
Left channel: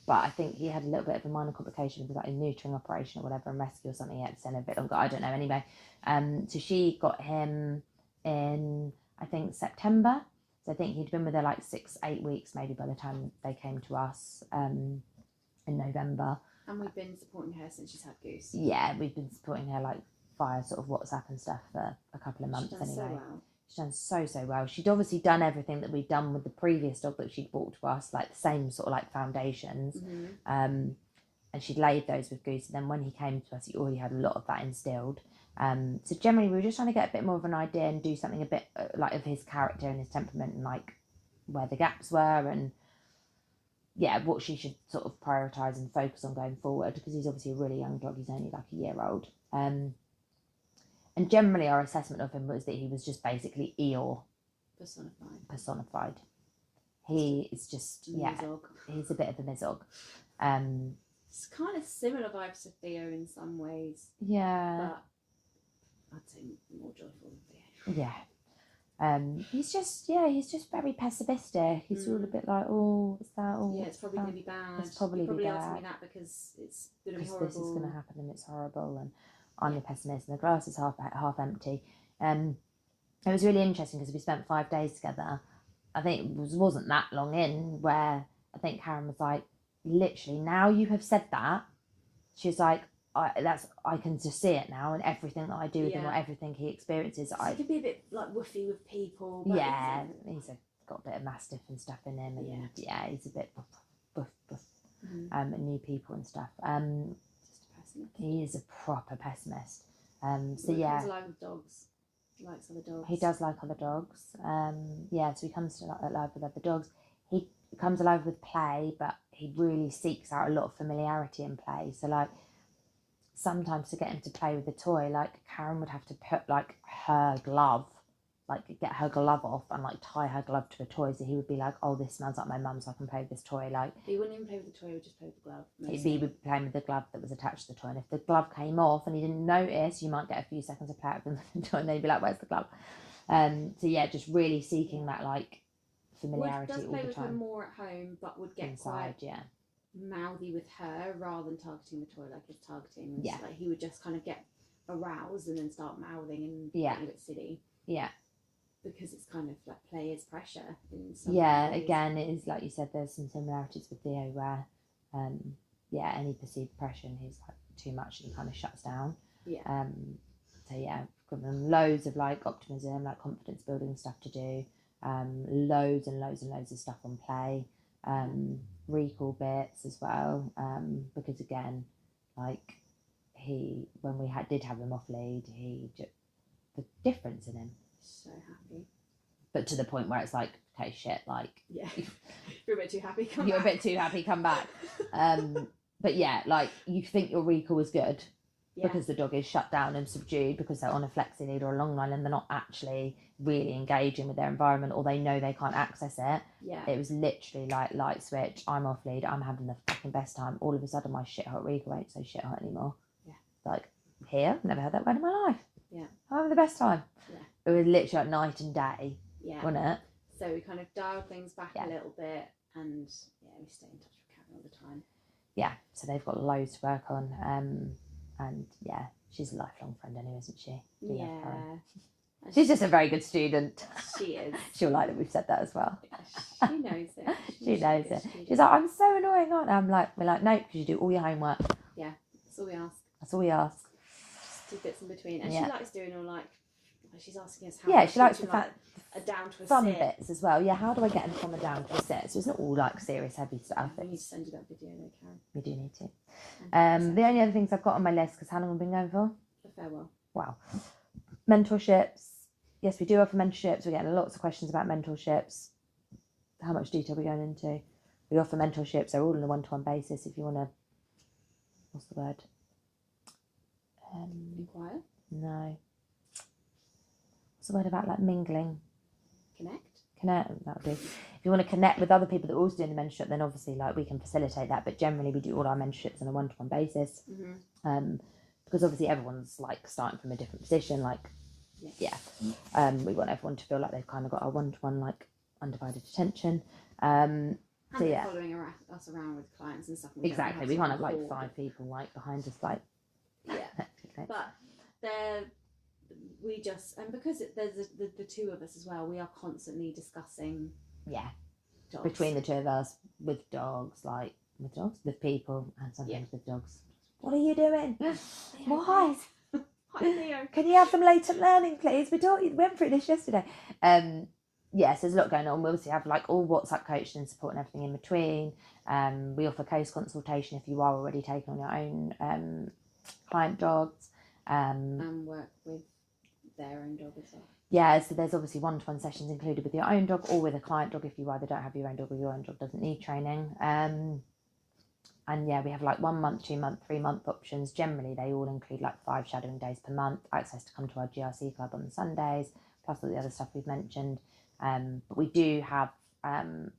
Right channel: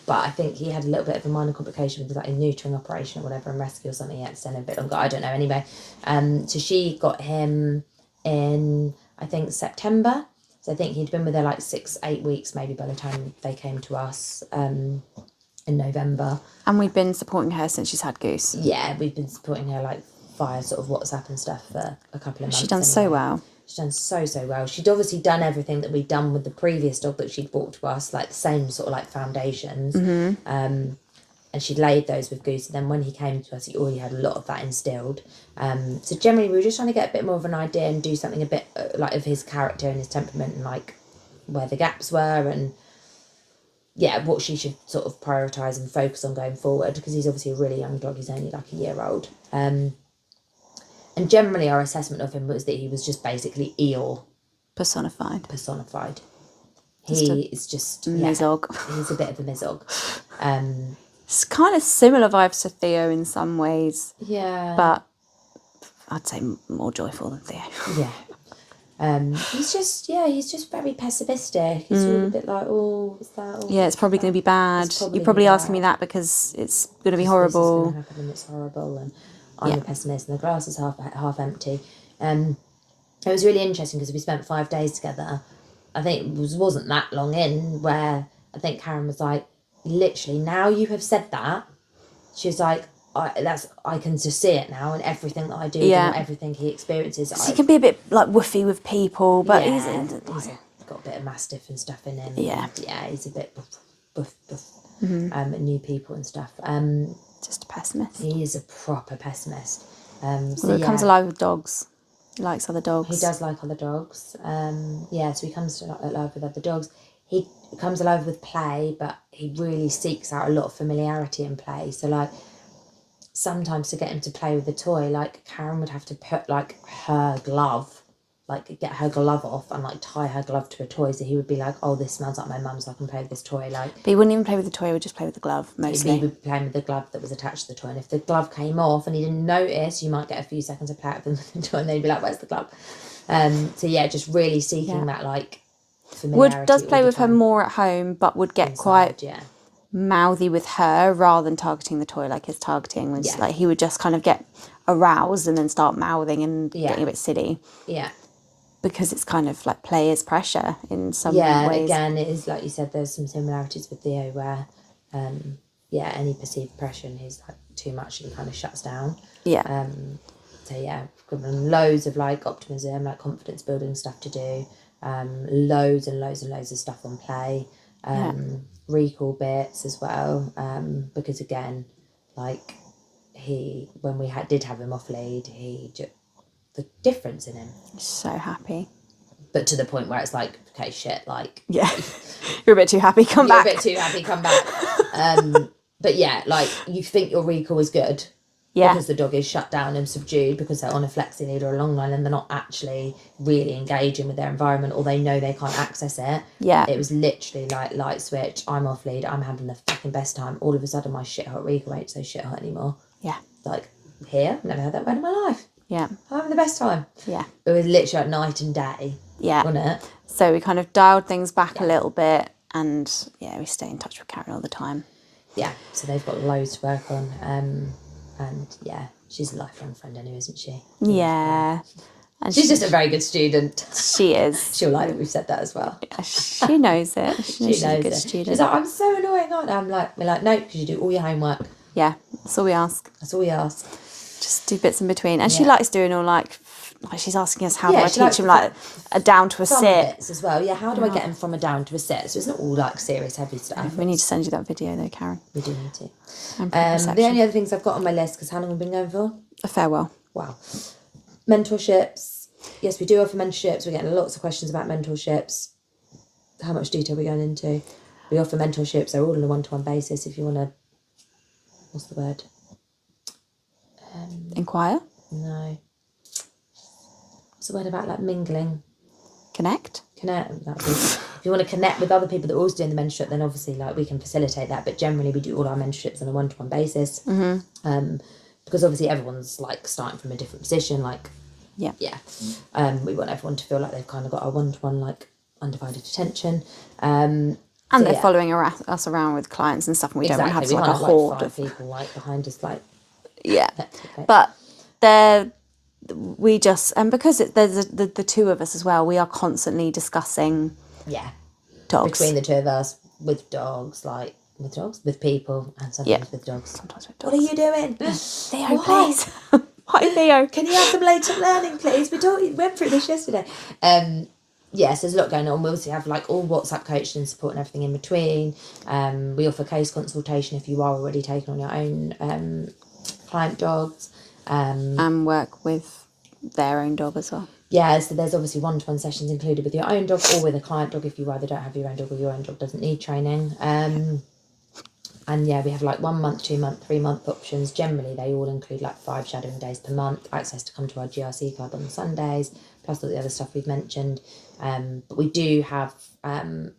But I think he had a little bit of a minor complication with like a neutering operation or whatever, and rescue or something. He had to stay a bit longer. I don't know. Anyway, so she got him in, I think, September. So I think he'd been with her like 6-8 weeks maybe by the time they came to us in November. And we've been supporting her since she's had Goose. Yeah, we've been supporting her like via sort of WhatsApp and stuff for a couple of months. She's done so well. She's done so well. She'd obviously done everything that we'd done with the previous dog that she'd brought to us, like the same sort of like foundations. And she'd laid those with Goose. And then when he came to us, he already had a lot of that instilled. So generally, we were just trying to get a bit more of an idea and do something a bit like of his character and his temperament and like where the gaps were and yeah, what she should sort of prioritise and focus on going forward, because he's obviously a really young dog. He's only like a year old. And generally our assessment of him was that he was just basically Eeyore. Personified. He is just... Mizog. Yeah, he's a bit of a mizog. It's kind of similar vibes to Theo in some ways. Yeah. But I'd say more joyful than Theo. Yeah. He's just very pessimistic. He's all a bit like, oh, is that... Oh, yeah, it's probably going to be bad. You're probably asking me that because it's going to be horrible. This is going to happen and it's horrible and... I'm a pessimist and the glass is half empty. It was really interesting because we spent 5 days together. I think it wasn't that long in where I think Karen was like, literally, now you have said that, she was like, I can just see it now, and everything that I do and everything he experiences. He can be a bit like woofy with people, but he's got a bit of mastiff and stuff in him. Yeah, he's a bit buff, new people and stuff. Just a pessimist. He is a proper pessimist. He comes alive with dogs. He likes other dogs. He does like other dogs. So he comes alive with other dogs. He comes alive with play, but he really seeks out a lot of familiarity in play. So, like, sometimes to get him to play with a toy, like, Karen would have to put, like, her glove, like, get her glove off and, like, tie her glove to a toy. So he would be like, oh, this smells like my mum, so I can play with this toy. Like, but he wouldn't even play with the toy, he would just play with the glove, mostly. He would be playing with the glove that was attached to the toy. And if the glove came off and he didn't notice, you might get a few seconds of play out with the toy and then he'd be like, where's the glove? So, yeah, just really seeking that, like, familiarity. Does play with her more at home, but would get quite mouthy with her rather than targeting the toy like his targeting was. Like, he would just kind of get aroused and then start mouthing and getting a bit silly. Yeah. Because it's kind of like play is pressure in some ways. Yeah, again, it is like you said, there's some similarities with Theo where, any perceived pressure and he's like too much and he kind of shuts down. Yeah. So yeah, given him loads of like optimism, like confidence building stuff to do, loads and loads and loads of stuff on play, recall bits as well, because again, like when we did have him off lead, the difference in him. So happy. But to the point where it's like, okay, shit, like... Yeah. You're a bit too happy, come back. You're a bit too happy, come back. But yeah, like, you think your recall is good, Because the dog is shut down and subdued because they're on a flexi lead or a long line and they're not actually really engaging with their environment, or they know they can't access it. Yeah. It was literally like light switch, I'm off lead, I'm having the fucking best time. All of a sudden my shit hot Riga ain't so shit hot anymore. Yeah. Like, here, never had that word in my life. Yeah. I'm having the best time. Yeah. It was literally like night and day. Yeah. Wasn't it? So we kind of dialed things back a little bit, and we stay in touch with Karen all the time. Yeah, so they've got loads to work on. And yeah, she's a lifelong friend anyway, isn't she? Yeah. And she's just a very good student. She is. She'll like that we've said that as well. Yeah, she knows it. She knows she's a good student. She's like, I'm so annoying, aren't I? We're like, no, because you do all your homework. Yeah, that's all we ask. That's all we ask. Just do bits in between. And she likes doing all like she's asking us how do I teach him like a down to a sit. Bits as well. Yeah, how do I get him from a down to a sit? So it's not all like serious heavy stuff. We need to send you that video though, Karen. We do need to. The only other things I've got on my list, because how long have we been going for? A farewell. Wow. Mentorships. Yes, we do offer mentorships. We're getting lots of questions about mentorships. How much detail are we going into? We offer mentorships. They're all on a one-to-one basis. If you want to, what's the word? Inquire? No. What's the word about like mingling? Connect. If you want to connect with other people that are also doing the mentorship, then obviously like we can facilitate that. But generally, we do all our mentorships on a one-to-one basis. Because obviously everyone's like starting from a different position. Like, we want everyone to feel like they've kind of got our one-to-one like undivided attention. And they're following us around with clients and stuff, and we don't want to have like a horde of people like behind us, like but we just, and because there's the two of us as well, we are constantly discussing dogs between the two of us, with dogs, like with people, and sometimes with dogs. Sometimes with dogs. What are you doing? Theo, please. Why, Theo? Can you have some latent learning, please? We went through this yesterday. Yes, there's a lot going on. We also have like all WhatsApp coaching and support and everything in between. We offer case consultation if you are already taking on your own client dogs. And work with their own dog as well. Yeah, so there's obviously one-to-one sessions included with your own dog or with a client dog if you either don't have your own dog or your own dog doesn't need training. And yeah, we have like 1 month, 2 month, 3 month options. Generally, they all include like 5 shadowing days per month, access to come to our GRC club on Sundays, plus all the other stuff we've mentioned. But we do have an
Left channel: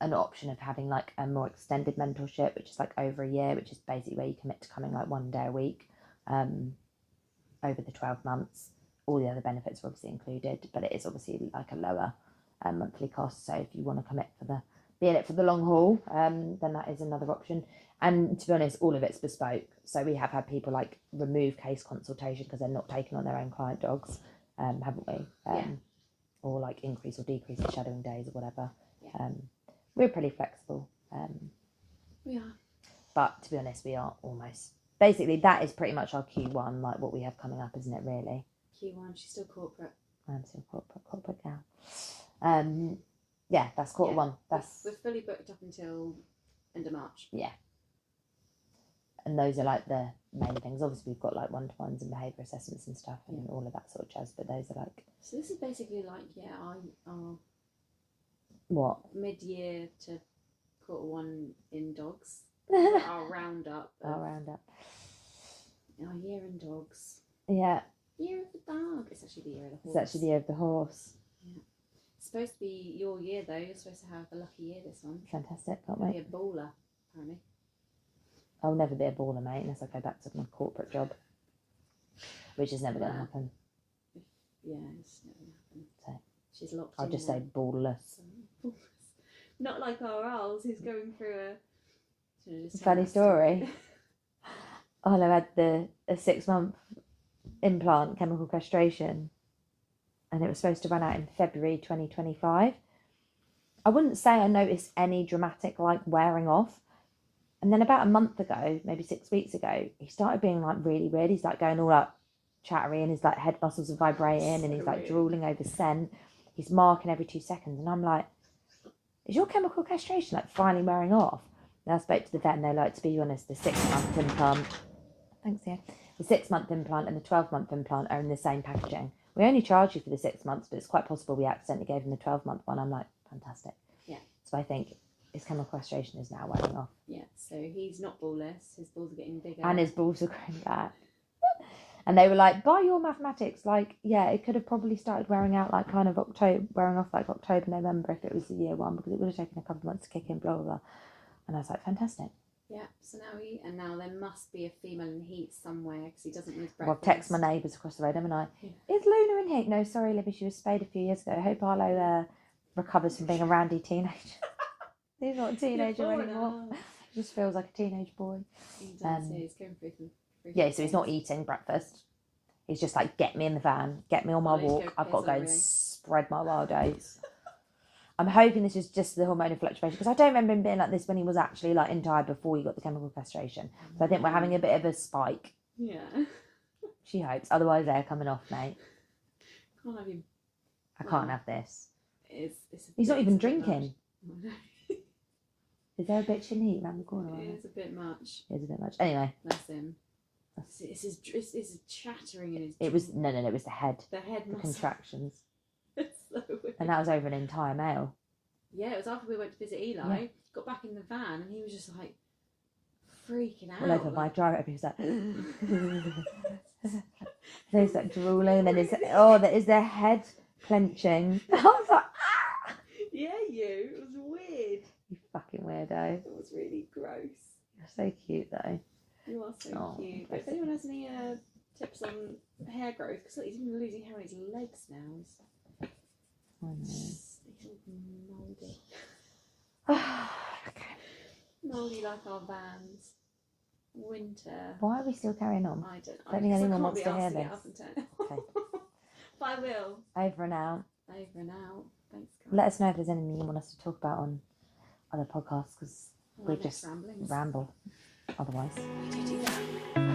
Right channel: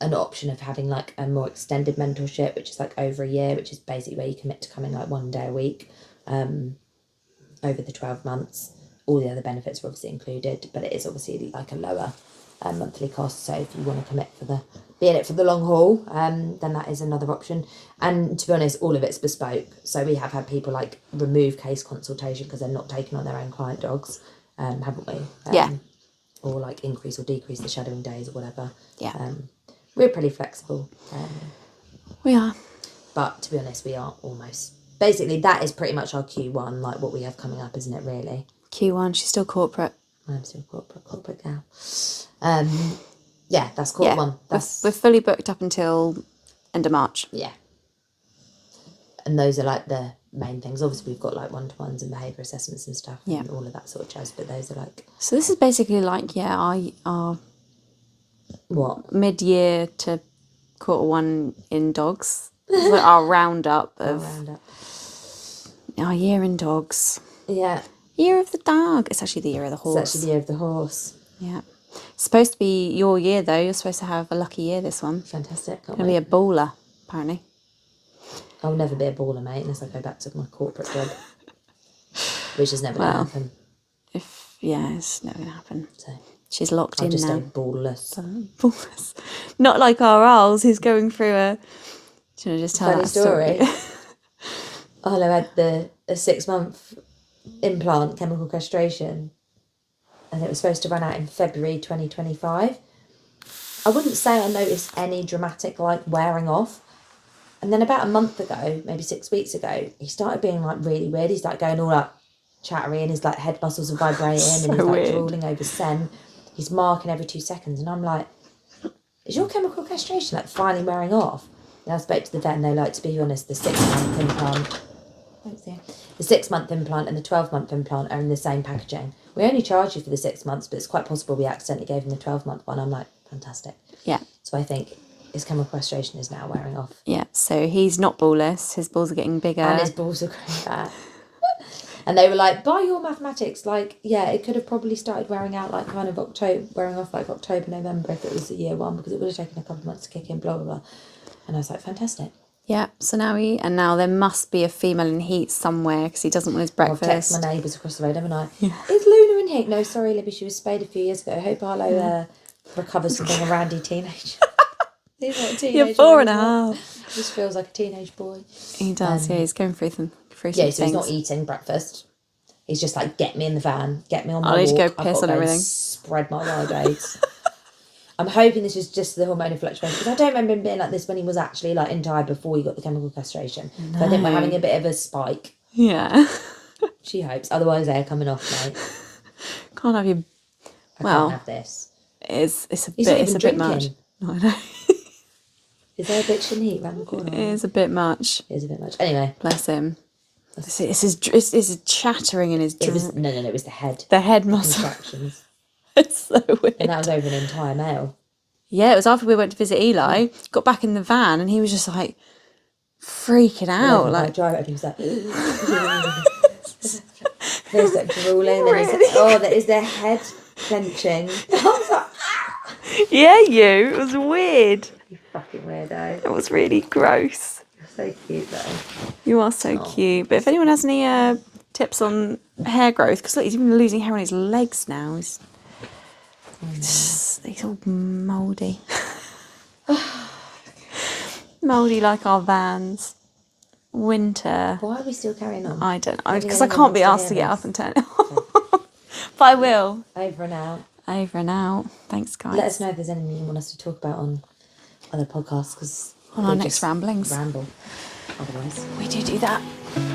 option of having like a more extended mentorship, which is like over a year, which is basically where you commit to coming like 1 day a week over the 12 months. All the other benefits are obviously included, but it is obviously like a lower monthly cost. So if you want to commit be in it for the long haul, then that is another option. And to be honest, all of it's bespoke. So we have had people like remove case consultation because they're not taking on their own client dogs, haven't we? Or like increase or decrease the shadowing days or whatever. We're pretty flexible. We are. But to be honest, we are almost... Basically, that is pretty much our Q1, like what we have coming up, isn't it, really? Q1, she's still corporate. I'm still corporate gal. Yeah, that's quarter one. We're fully booked up until end of March. Yeah. And those are like the main things. Obviously, we've got like one-to-ones and behaviour assessments and stuff and all of that sort of jazz, but those are like... So this is basically like, our what? Mid-year to quarter one in dogs. It's like our roundup of... Our year in dogs. Yeah. Year of the dog. It's actually the year of the horse. It's actually the year of the horse. Yeah. It's supposed to be your year, though. You're supposed to have a lucky year, this one. Fantastic. It's going to be a baller, apparently. I'll never be a baller, mate, unless I go back to my corporate job. Which is never going to happen. It's never going to happen. So she's locked in now. I'll just stay ballless. Ballless. Not like our owls who's going through a... Do you want to just tell funny that story? Arlo had a 6-month implant, chemical castration, and it was supposed to run out in February 2025. I wouldn't say I noticed any dramatic like wearing off, and then about a month ago, maybe 6 weeks ago, he started being like really weird. He's like going all up chattery and his like head muscles are vibrating and he's like drooling over scent. He's marking every 2 seconds, and I'm like, is your chemical castration like finally wearing off? And I spoke to the vet and they're like, to be honest, the 6-month implant... Thanks, yeah. The 6-month implant and the 12-month implant are in the same packaging. We only charge you for the 6 months, but it's quite possible we accidentally gave him the 12-month one. I'm like, fantastic. Yeah. So I think his chemical castration is now wearing off. Yeah, so he's not ballless. His balls are getting bigger. And his balls are growing back. And they were like, by your mathematics, like, yeah, it could have probably started wearing out like kind of October, November if it was the year one, because it would have taken a couple of months to kick in, blah, blah, blah. And I was like, fantastic. Yeah, so now there must be a female in heat somewhere because he doesn't want his breakfast. I've texted my neighbours across the road, haven't I? Yeah. Is Luna in heat? No, sorry, Libby, she was spayed a few years ago. I hope Arlo recovers from being a randy teenager. He's not a teenager. You're 4.5. He just feels like a teenage boy. He does, yeah, he's going through some so things. He's not eating breakfast. He's just like, get me in the van, get me on my walk. I need to go piss on everything. Spread my wild oats. I'm hoping this is just the hormonal fluctuation, because I don't remember him being like this when he was actually like in Thai before he got the chemical castration. No. So I think we're having a bit of a spike. Yeah. She hopes. Otherwise they're coming off, mate. Can't have you. I can't have this. It's a bit much. No, I know. Is there a bitch in heat around the corner? It is a bit much. It is a bit much. Anyway. Bless him. It's his chattering in his... No, it was the head. The head muscle. Contractions. It's so weird. And that was over an entire male. Yeah, it was after we went to visit Eli, got back in the van, and he was just like freaking out. Yeah, like drive up, he was like... There's that drooling. That is their head clenching. Yeah, it was weird. You fucking weirdo. It was really gross. You're so cute though. You are so cute. But if anyone has any tips on hair growth, because look, he's even losing hair on his legs now. He's all mouldy. Mouldy like our vans. Winter. Why are we still carrying on? I don't know, because I can't be asked to get up and turn it off. But I will. Over and out. Over and out. Thanks, guys. Let us know if there's anything you want us to talk about on other podcasts, because on our next ramblings. Ramble. Otherwise. We do that.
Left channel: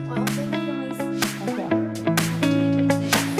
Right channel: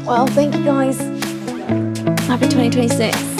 Well, thank you, guys. Happy 2026.